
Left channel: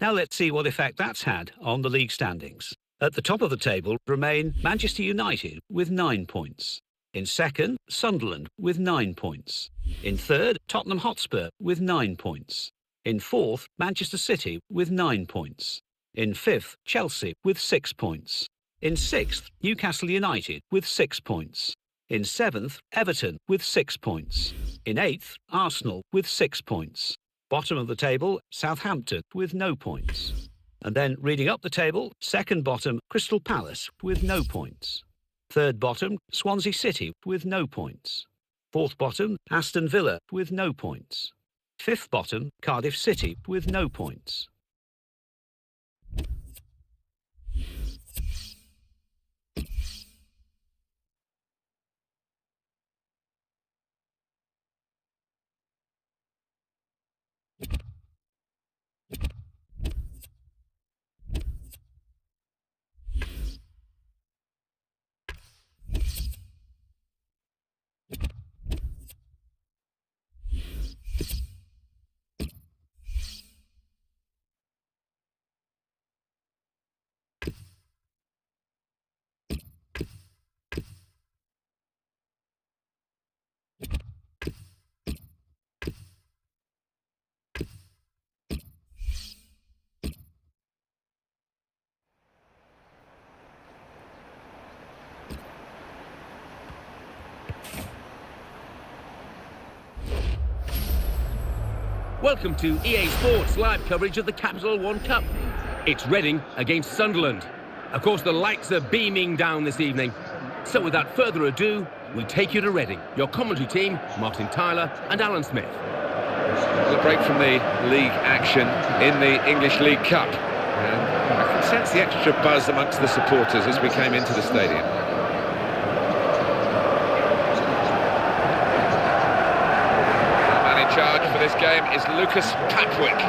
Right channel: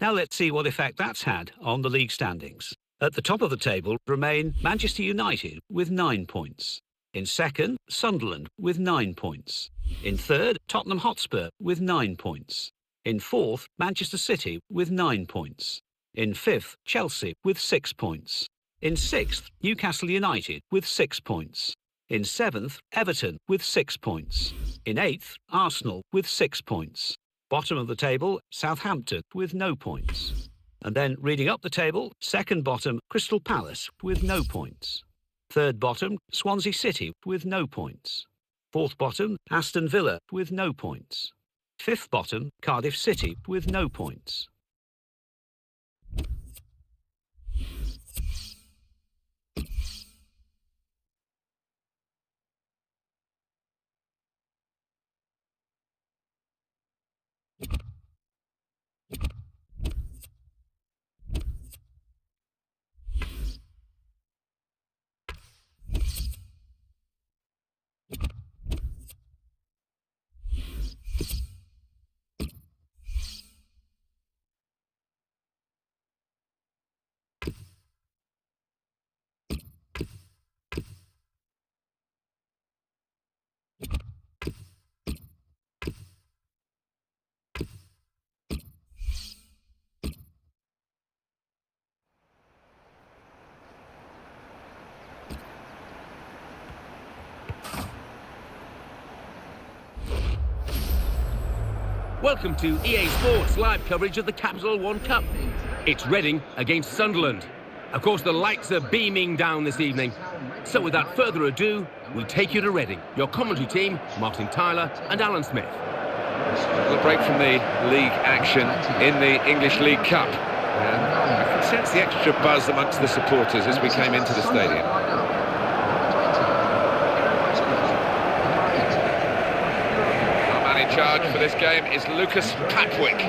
Now let's see what effect that's had on the league standings. At the top of the table remain Manchester United with 9 points. In second, Sunderland with 9 points. In third, Tottenham Hotspur with 9 points. In fourth, Manchester City with 9 points. In fifth, Chelsea with 6 points. In sixth, Newcastle United with 6 points. In seventh, Everton with 6 points. In eighth, Arsenal with 6 points. Bottom of the table, Southampton with no points. And then reading up the table, second bottom, Crystal Palace with no points. Third bottom, Swansea City with no points. Fourth bottom, Aston Villa with no points. Fifth bottom, Cardiff City with no points. Welcome to EA Sports live coverage of the Capital One Cup. It's Reading against Sunderland. Of course, the lights are beaming down this evening. So without further ado, we take you to Reading. Your commentary team, Martin Tyler and Alan Smith. Well, a break from the league action in the English League Cup. And I can sense the extra buzz amongst the supporters as we came into the stadium. Our man in charge for this game is Lucas Papwick.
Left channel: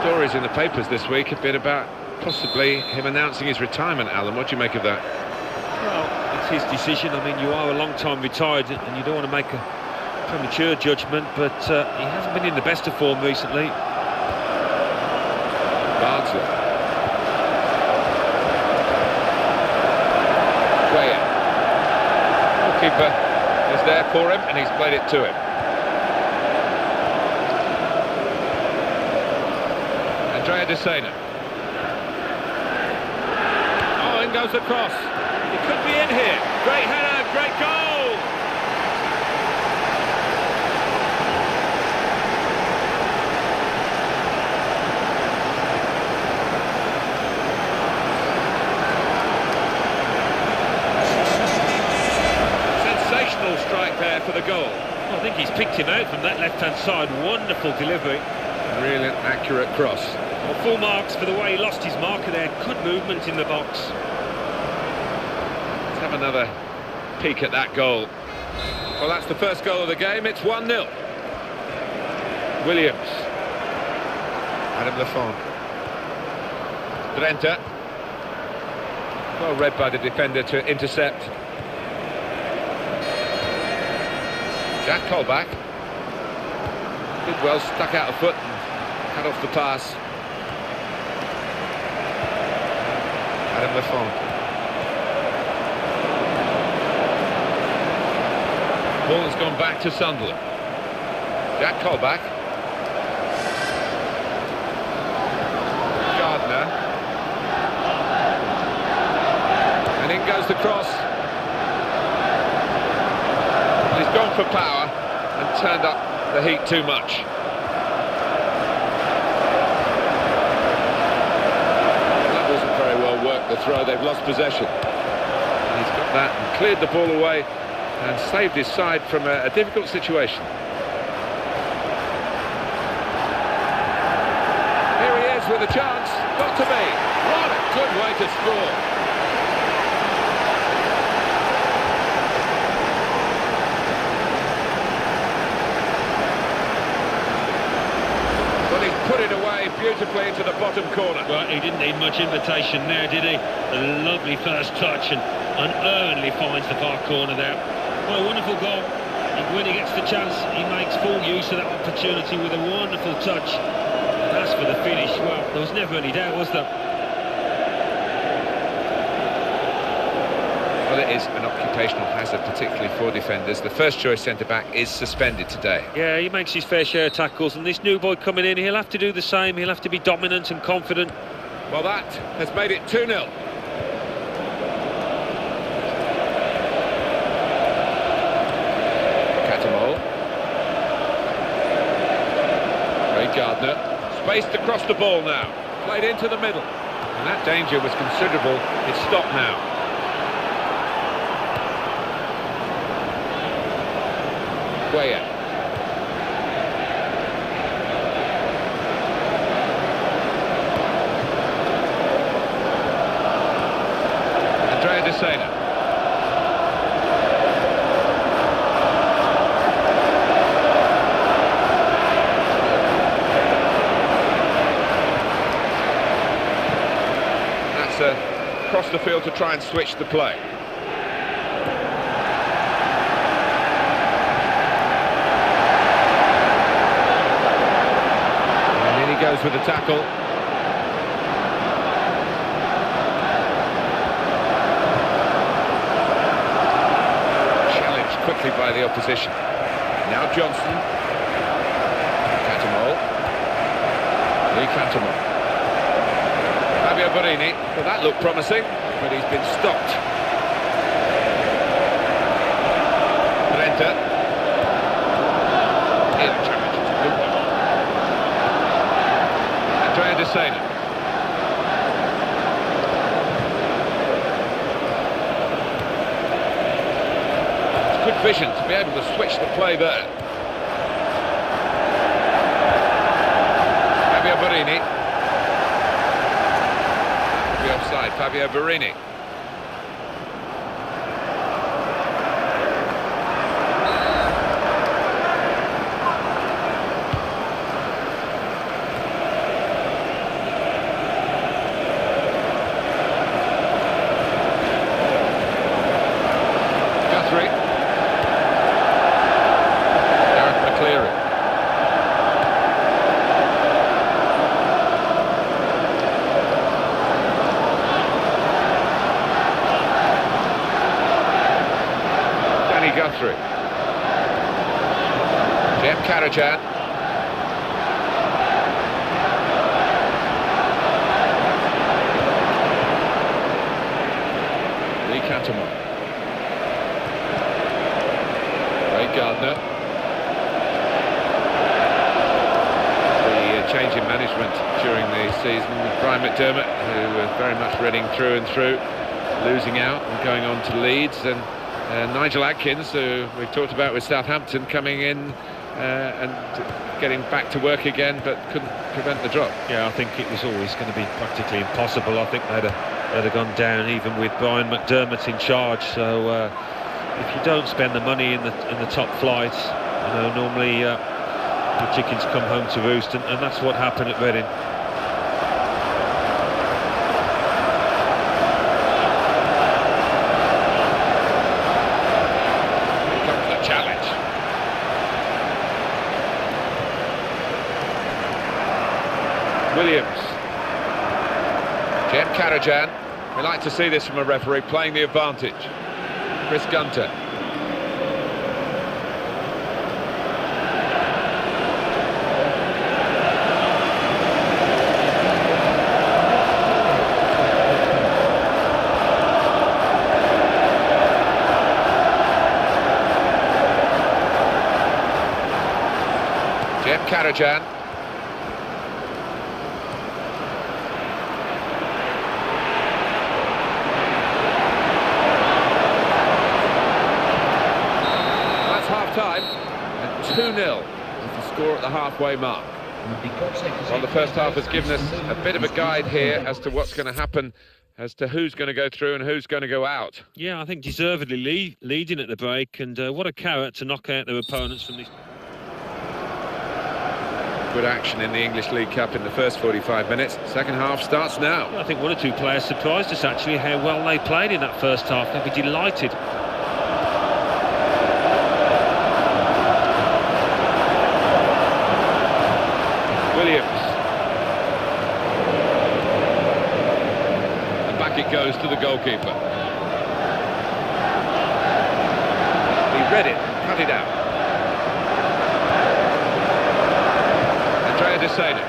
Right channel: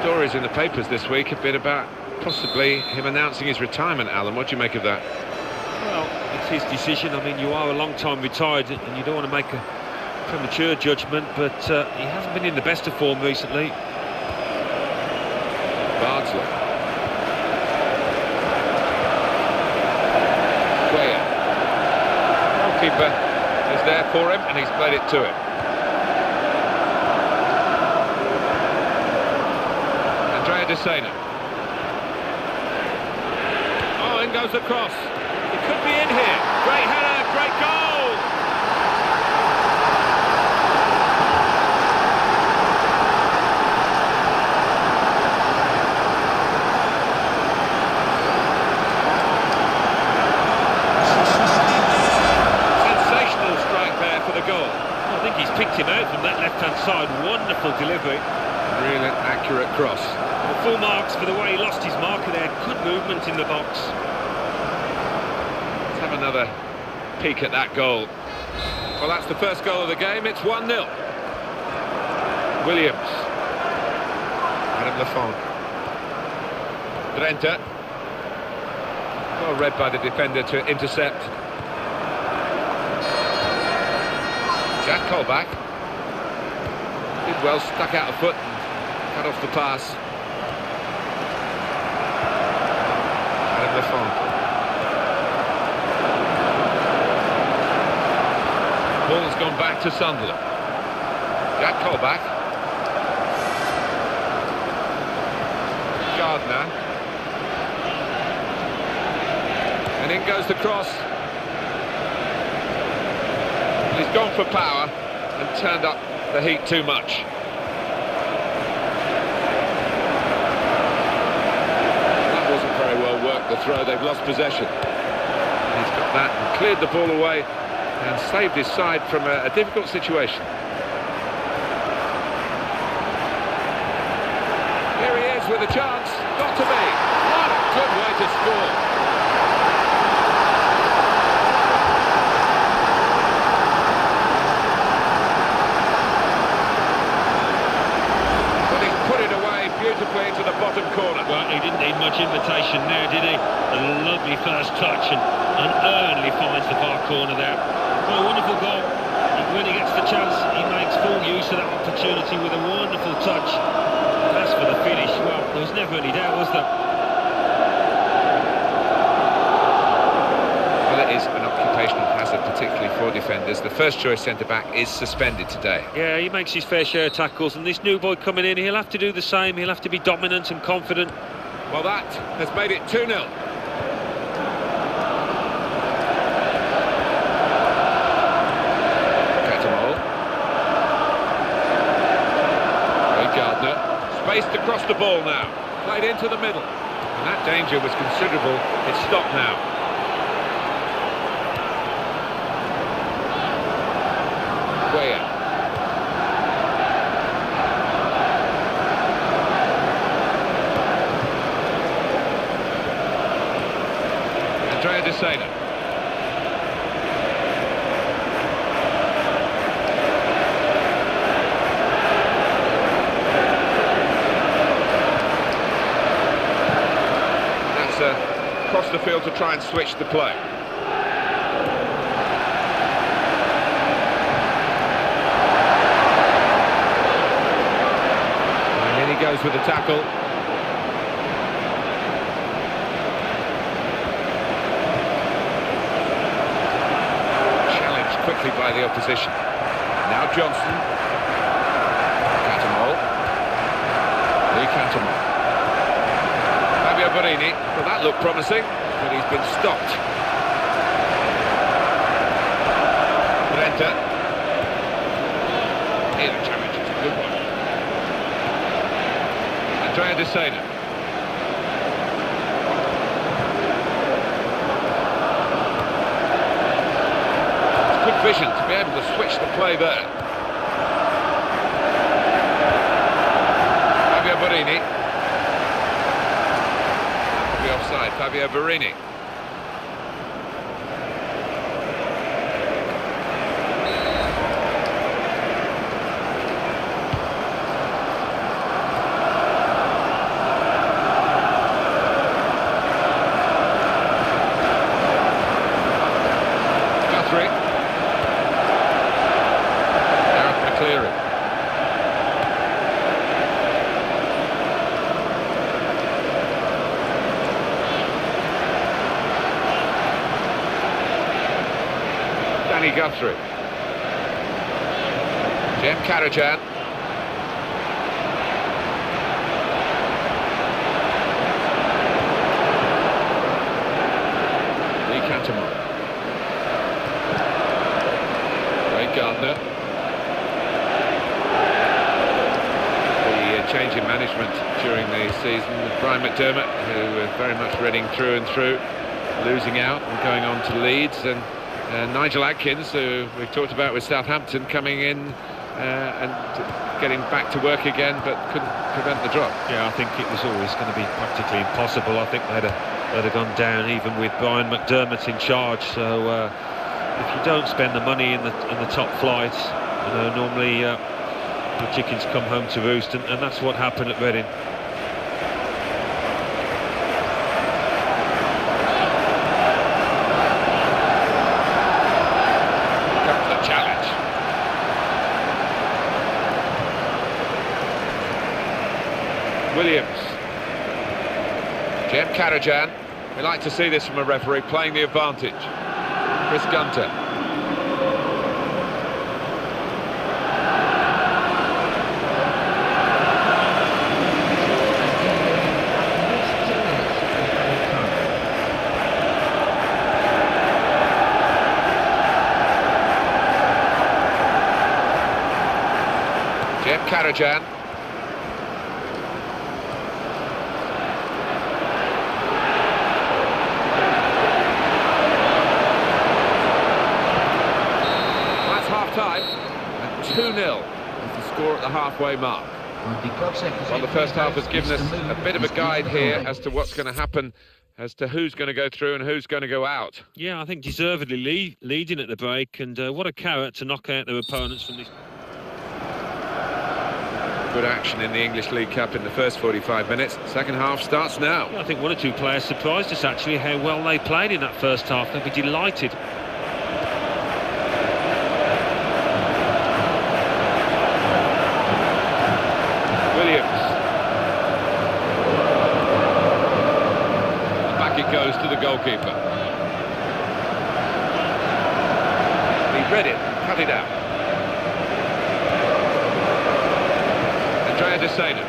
Stories in the papers this week have been about possibly him announcing his retirement, Alan. What do you make of that? Well, it's his decision. I mean, you are a long time retired and you don't want to make a premature judgment, but he hasn't been in the best of form recently. Bardsley. Cuellar. Goalkeeper is there for him and he's played it to him. Andrea De Sena. Oh, in goes the cross. He could be in here. Great header, great goal! Sensational strike there for the goal. Well, I think he's picked him out from that left-hand side. Wonderful delivery. Really an accurate cross. Well, full marks for the way he lost his marker there. Good movement in the box. Let's have another peek at that goal. Well, that's the first goal of the game. It's 1-0. Williams. Adam Lafondre. Drenthe. Well read by the defender to intercept. Jack Colback. Did well, stuck out a foot and cut off the pass. Adam Lafondre. Ball has gone back to Sunderland. Jack Colback. Gardner. And in goes the cross. He's gone for power and turned up the heat too much. That wasn't very well worked, the throw. They've lost possession. And he's got that and cleared the ball away and saved his side from a difficult situation. Here he is with a chance. Got to be. What a good way to score. But he's put it away beautifully into the bottom corner. Well, he didn't need much invitation there, did he? A lovely first touch and unearnedly finds the far corner there. Well, a wonderful goal. When he gets the chance, he makes full use of that opportunity with a wonderful touch. And as for the finish, well, there was never any doubt, was there? Well, it is an occupational hazard, particularly for defenders. The first choice centre-back is suspended today. Yeah, he makes his fair share of tackles, and this new boy coming in, he'll have to do the same. He'll have to be dominant and confident. Well, that has made it 2-0. Catamol. Ray Gardner. Spaced across the ball now. Played into the middle. And that danger was considerable. It's stopped now. Cuellar. Andrea De Sena. That's across the field to try and switch the play. And in he goes with the tackle. Challenged quickly by the opposition. Now Johnson. Catamol. Lee Catamol. Fabio Borini. Well, that looked promising, but he's been stopped. Drenthe. Here the challenge is a good one. Andrea De Sena. It's good vision to be able to switch the play there. Fabio Borini. That will be offside. Fabio Borini. Guthrie. Gareth McCleary. Danny Guthrie. Jem Karajan. Lee Catamon. Ray Gardner. The change in management during the season, Brian McDermott, who was very much Reading through and through, losing out and going on to Leeds, and Nigel Adkins, who we've talked about with Southampton, coming in and getting back to work again, but couldn't prevent the drop. Yeah, I think it was always going to be practically impossible. I think they'd have gone down even with Brian McDermott in charge. So if you don't spend the money in the top flight, you know, normally your chickens come home to roost, and that's what happened at Reading. Here comes the challenge. Williams. Jem Karajan. We like to see this from a referee, playing the advantage. Chris Gunter. Jem Karajan. That's half-time, and 2-0 is the score at the halfway mark. Well, the first half has given us a bit of a guide here as to what's going to happen, as to who's going to go through and who's going to go out. Yeah, I think deservedly leading at the break, and what a carrot to knock out their opponents from this. Good action in the English League Cup in the first 45 minutes. Second half starts now. Yeah, I think one or two players surprised us, actually, how well they played in that first half. They'd be delighted. Williams. And back it goes to the goalkeeper. He read it, cut it out. Andrea De Sena.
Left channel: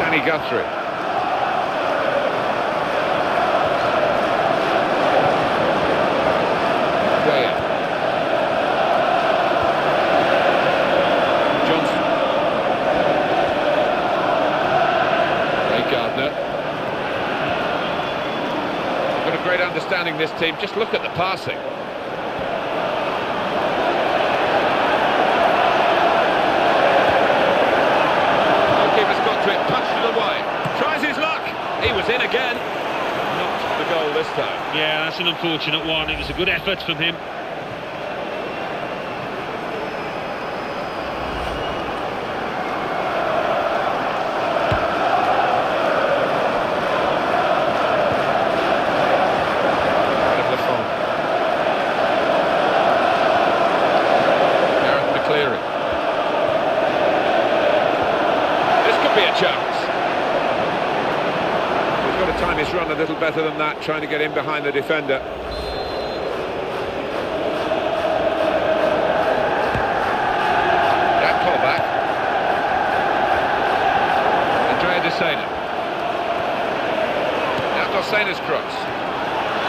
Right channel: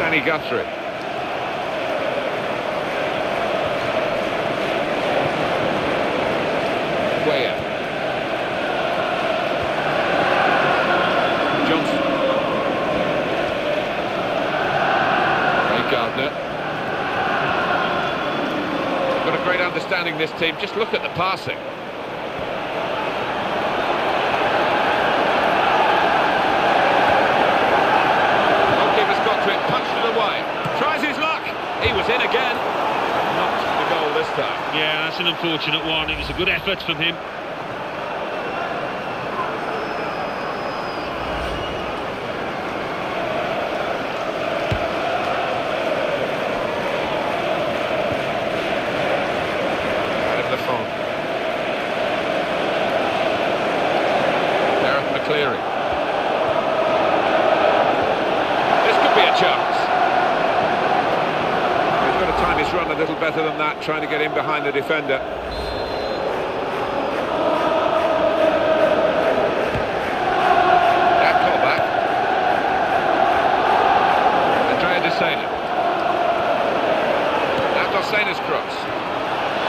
Danny Guthrie. Guaya. Johnson. Ray Gardner. They've got a great understanding, this team. Just look at the passing. Goalkeeper's got to it, punched it away. Tries his luck. He was in again. Not the goal this time. Yeah, that's an unfortunate one. It was a good effort from him. Gareth McCleary. This could be a chance. He's got to time his run a little better than that, trying to get in behind the defender. Jack Colback. Andrea De Sena. Now De Sena's cross.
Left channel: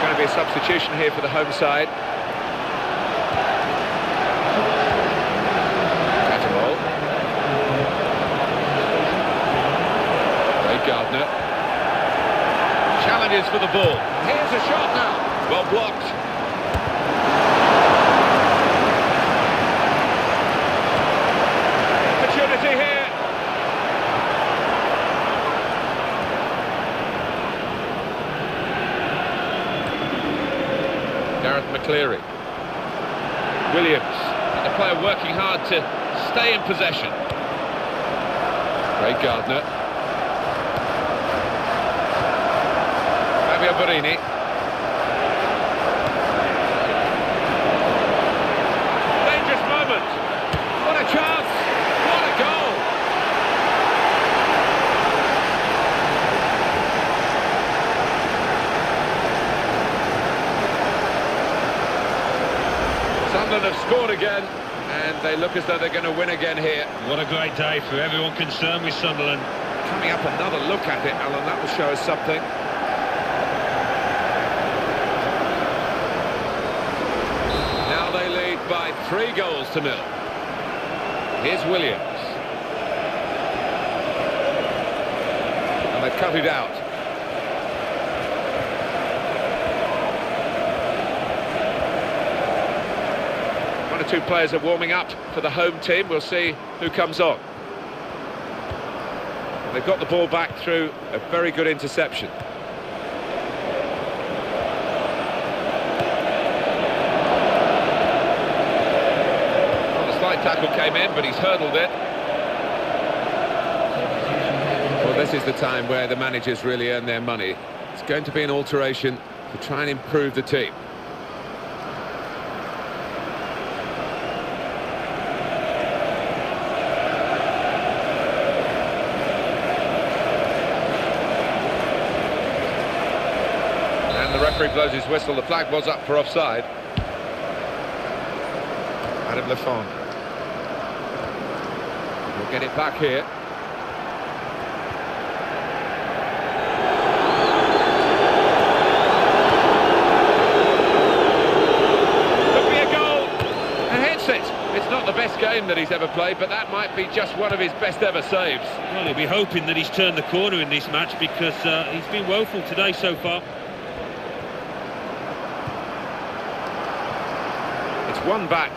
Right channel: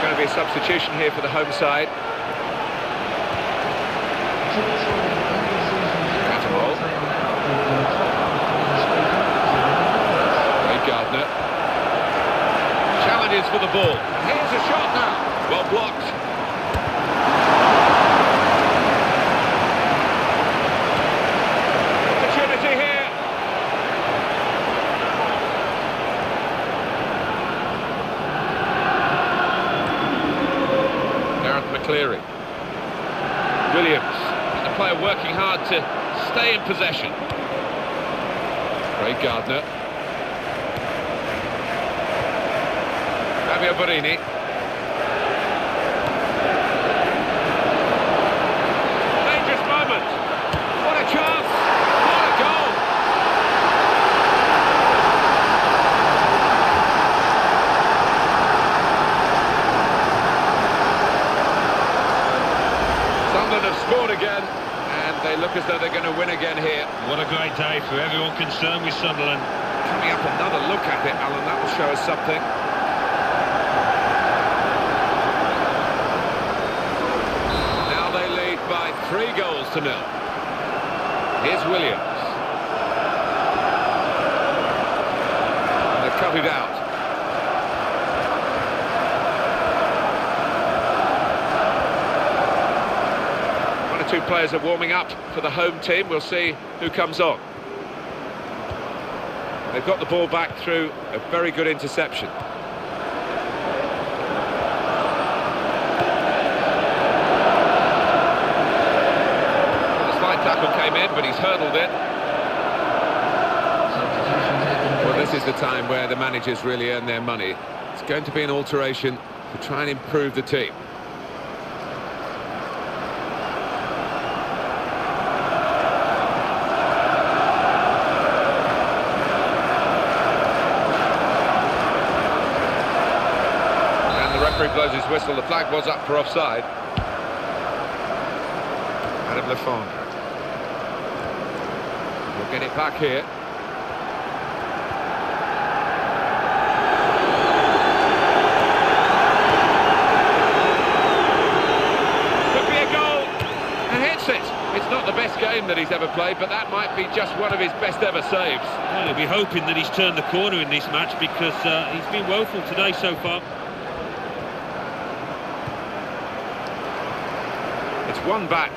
Going to be a substitution here for the home side. Catamol. Ray Gardner. Challenges for the ball. And here's a shot now. Well blocked. Opportunity here. Gareth McCleary. Williams. And the player working hard to stay in possession. Ray Gardner. Fabio Borini. Dangerous moment. What a chance. What a goal. Sunderland have scored again, and they look as though they're going to win again here. What a great day for everyone concerned with Sunderland. Coming up, another look at it, Alan. That will show us something. Now they lead by 3 goals to 0. Here's Williams. And they've cut it out. One or two players are warming up for the home team. We'll see who comes on. They've got the ball back through a very good interception. Well, the slight tackle came in, but he's hurdled it. Well, this is the time where the managers really earn their money. It's going to be an alteration to try and improve the team. The referee blows his whistle. The flag was up for offside. Adam Lefondre. We'll get it back here. Could be a goal. And hits it. It's not the best game that he's ever played, but that might be just one of his best ever saves. Well, he'll be hoping that he's turned the corner in this match, because he's been woeful today so far. It's one back.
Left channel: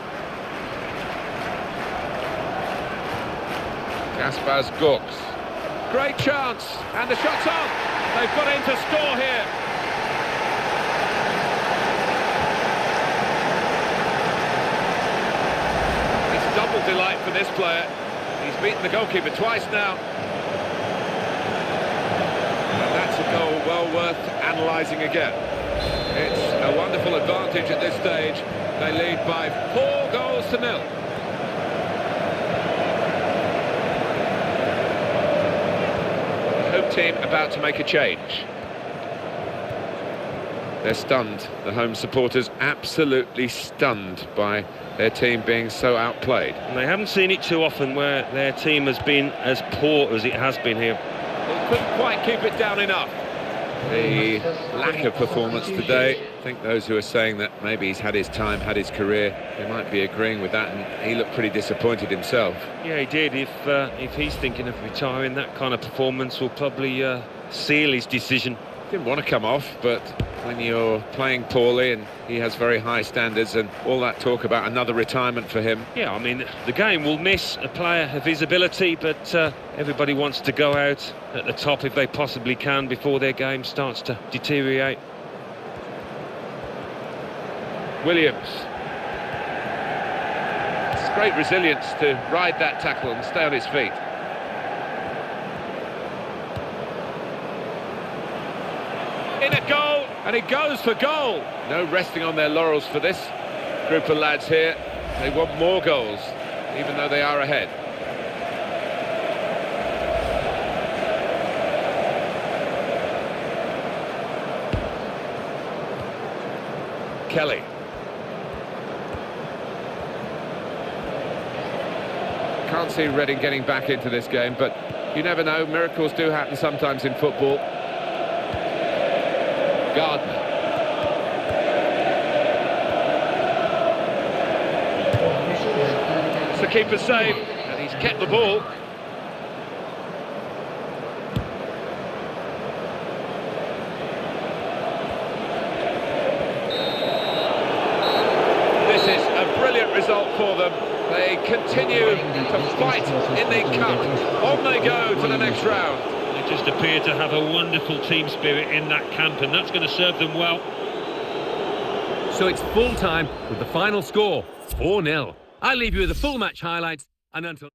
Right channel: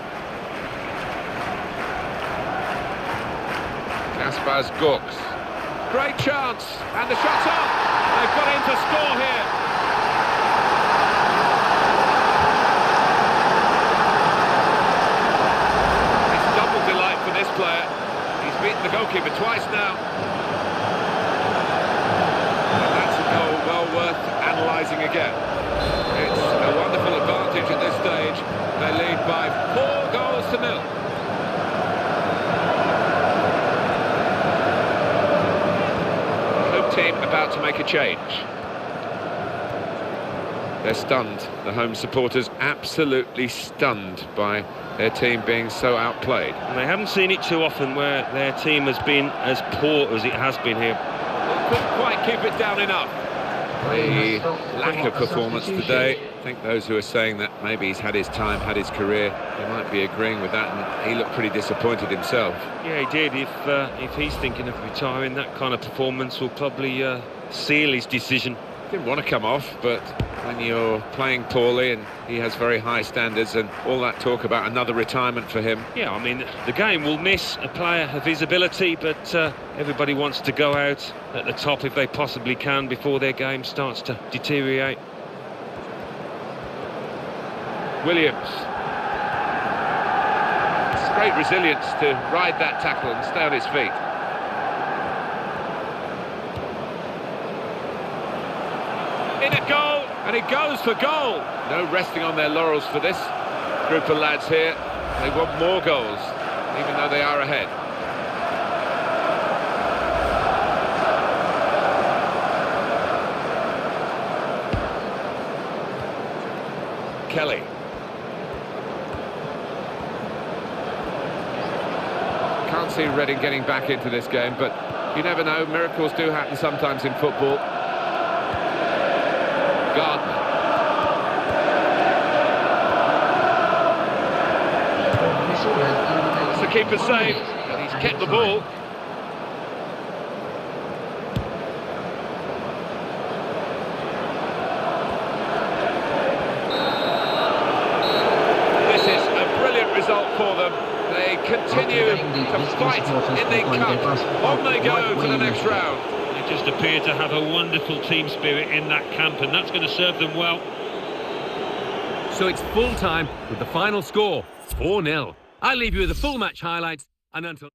Kaspars Gorks. Great chance, and the shot's on. They've got him to score here. It's double delight for this player. He's beaten the goalkeeper twice now. And that's a goal well worth analysing again. It's a wonderful advantage at this stage. They lead by 4 goals to 0. The home team about to make a change. They're stunned. The home supporters absolutely stunned by their team being so outplayed. And they haven't seen it too often where their team has been as poor as it has been here. Well, couldn't quite keep it down enough. The lack of performance today, I think those who are saying that maybe he's had his time, had his career, he might be agreeing with that, and he looked pretty disappointed himself. Yeah, he did. If he's thinking of retiring, that kind of performance will probably seal his decision. Didn't want to come off, but when you're playing poorly and he has very high standards, and all that talk about another retirement for him. Yeah, I mean, the game will miss a player of his ability, but everybody wants to go out at the top if they possibly can before their game starts to deteriorate. Williams. It's great resilience to ride that tackle and stay on his feet. In a goal, and he goes for goal. No resting on their laurels for this group of lads here. They want more goals, even though they are ahead. Kelly. Can't see Reading getting back into this game, but you never know. Miracles do happen sometimes in football. Gardner. It's the keeper's save, and he's kept the ball. This is a brilliant result for them. They continue to fight in the cup. On they go to the next round. They just appear to have a wonderful team spirit in that camp, and that's going to serve them well. So it's full time with the final score, 4-0. I leave you with the full match highlights, and until...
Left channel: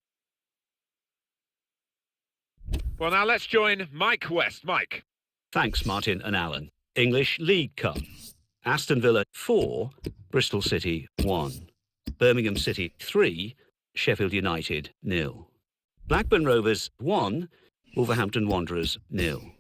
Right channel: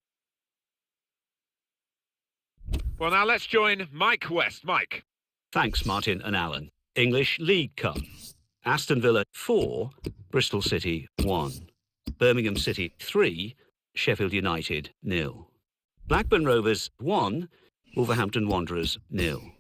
Well, now let's join Mike West. Mike. Thanks, Martin and Alan. English League Cup. Aston Villa 4, Bristol City 1. Birmingham City 3, Sheffield United 0. Blackburn Rovers 1, Wolverhampton Wanderers 0.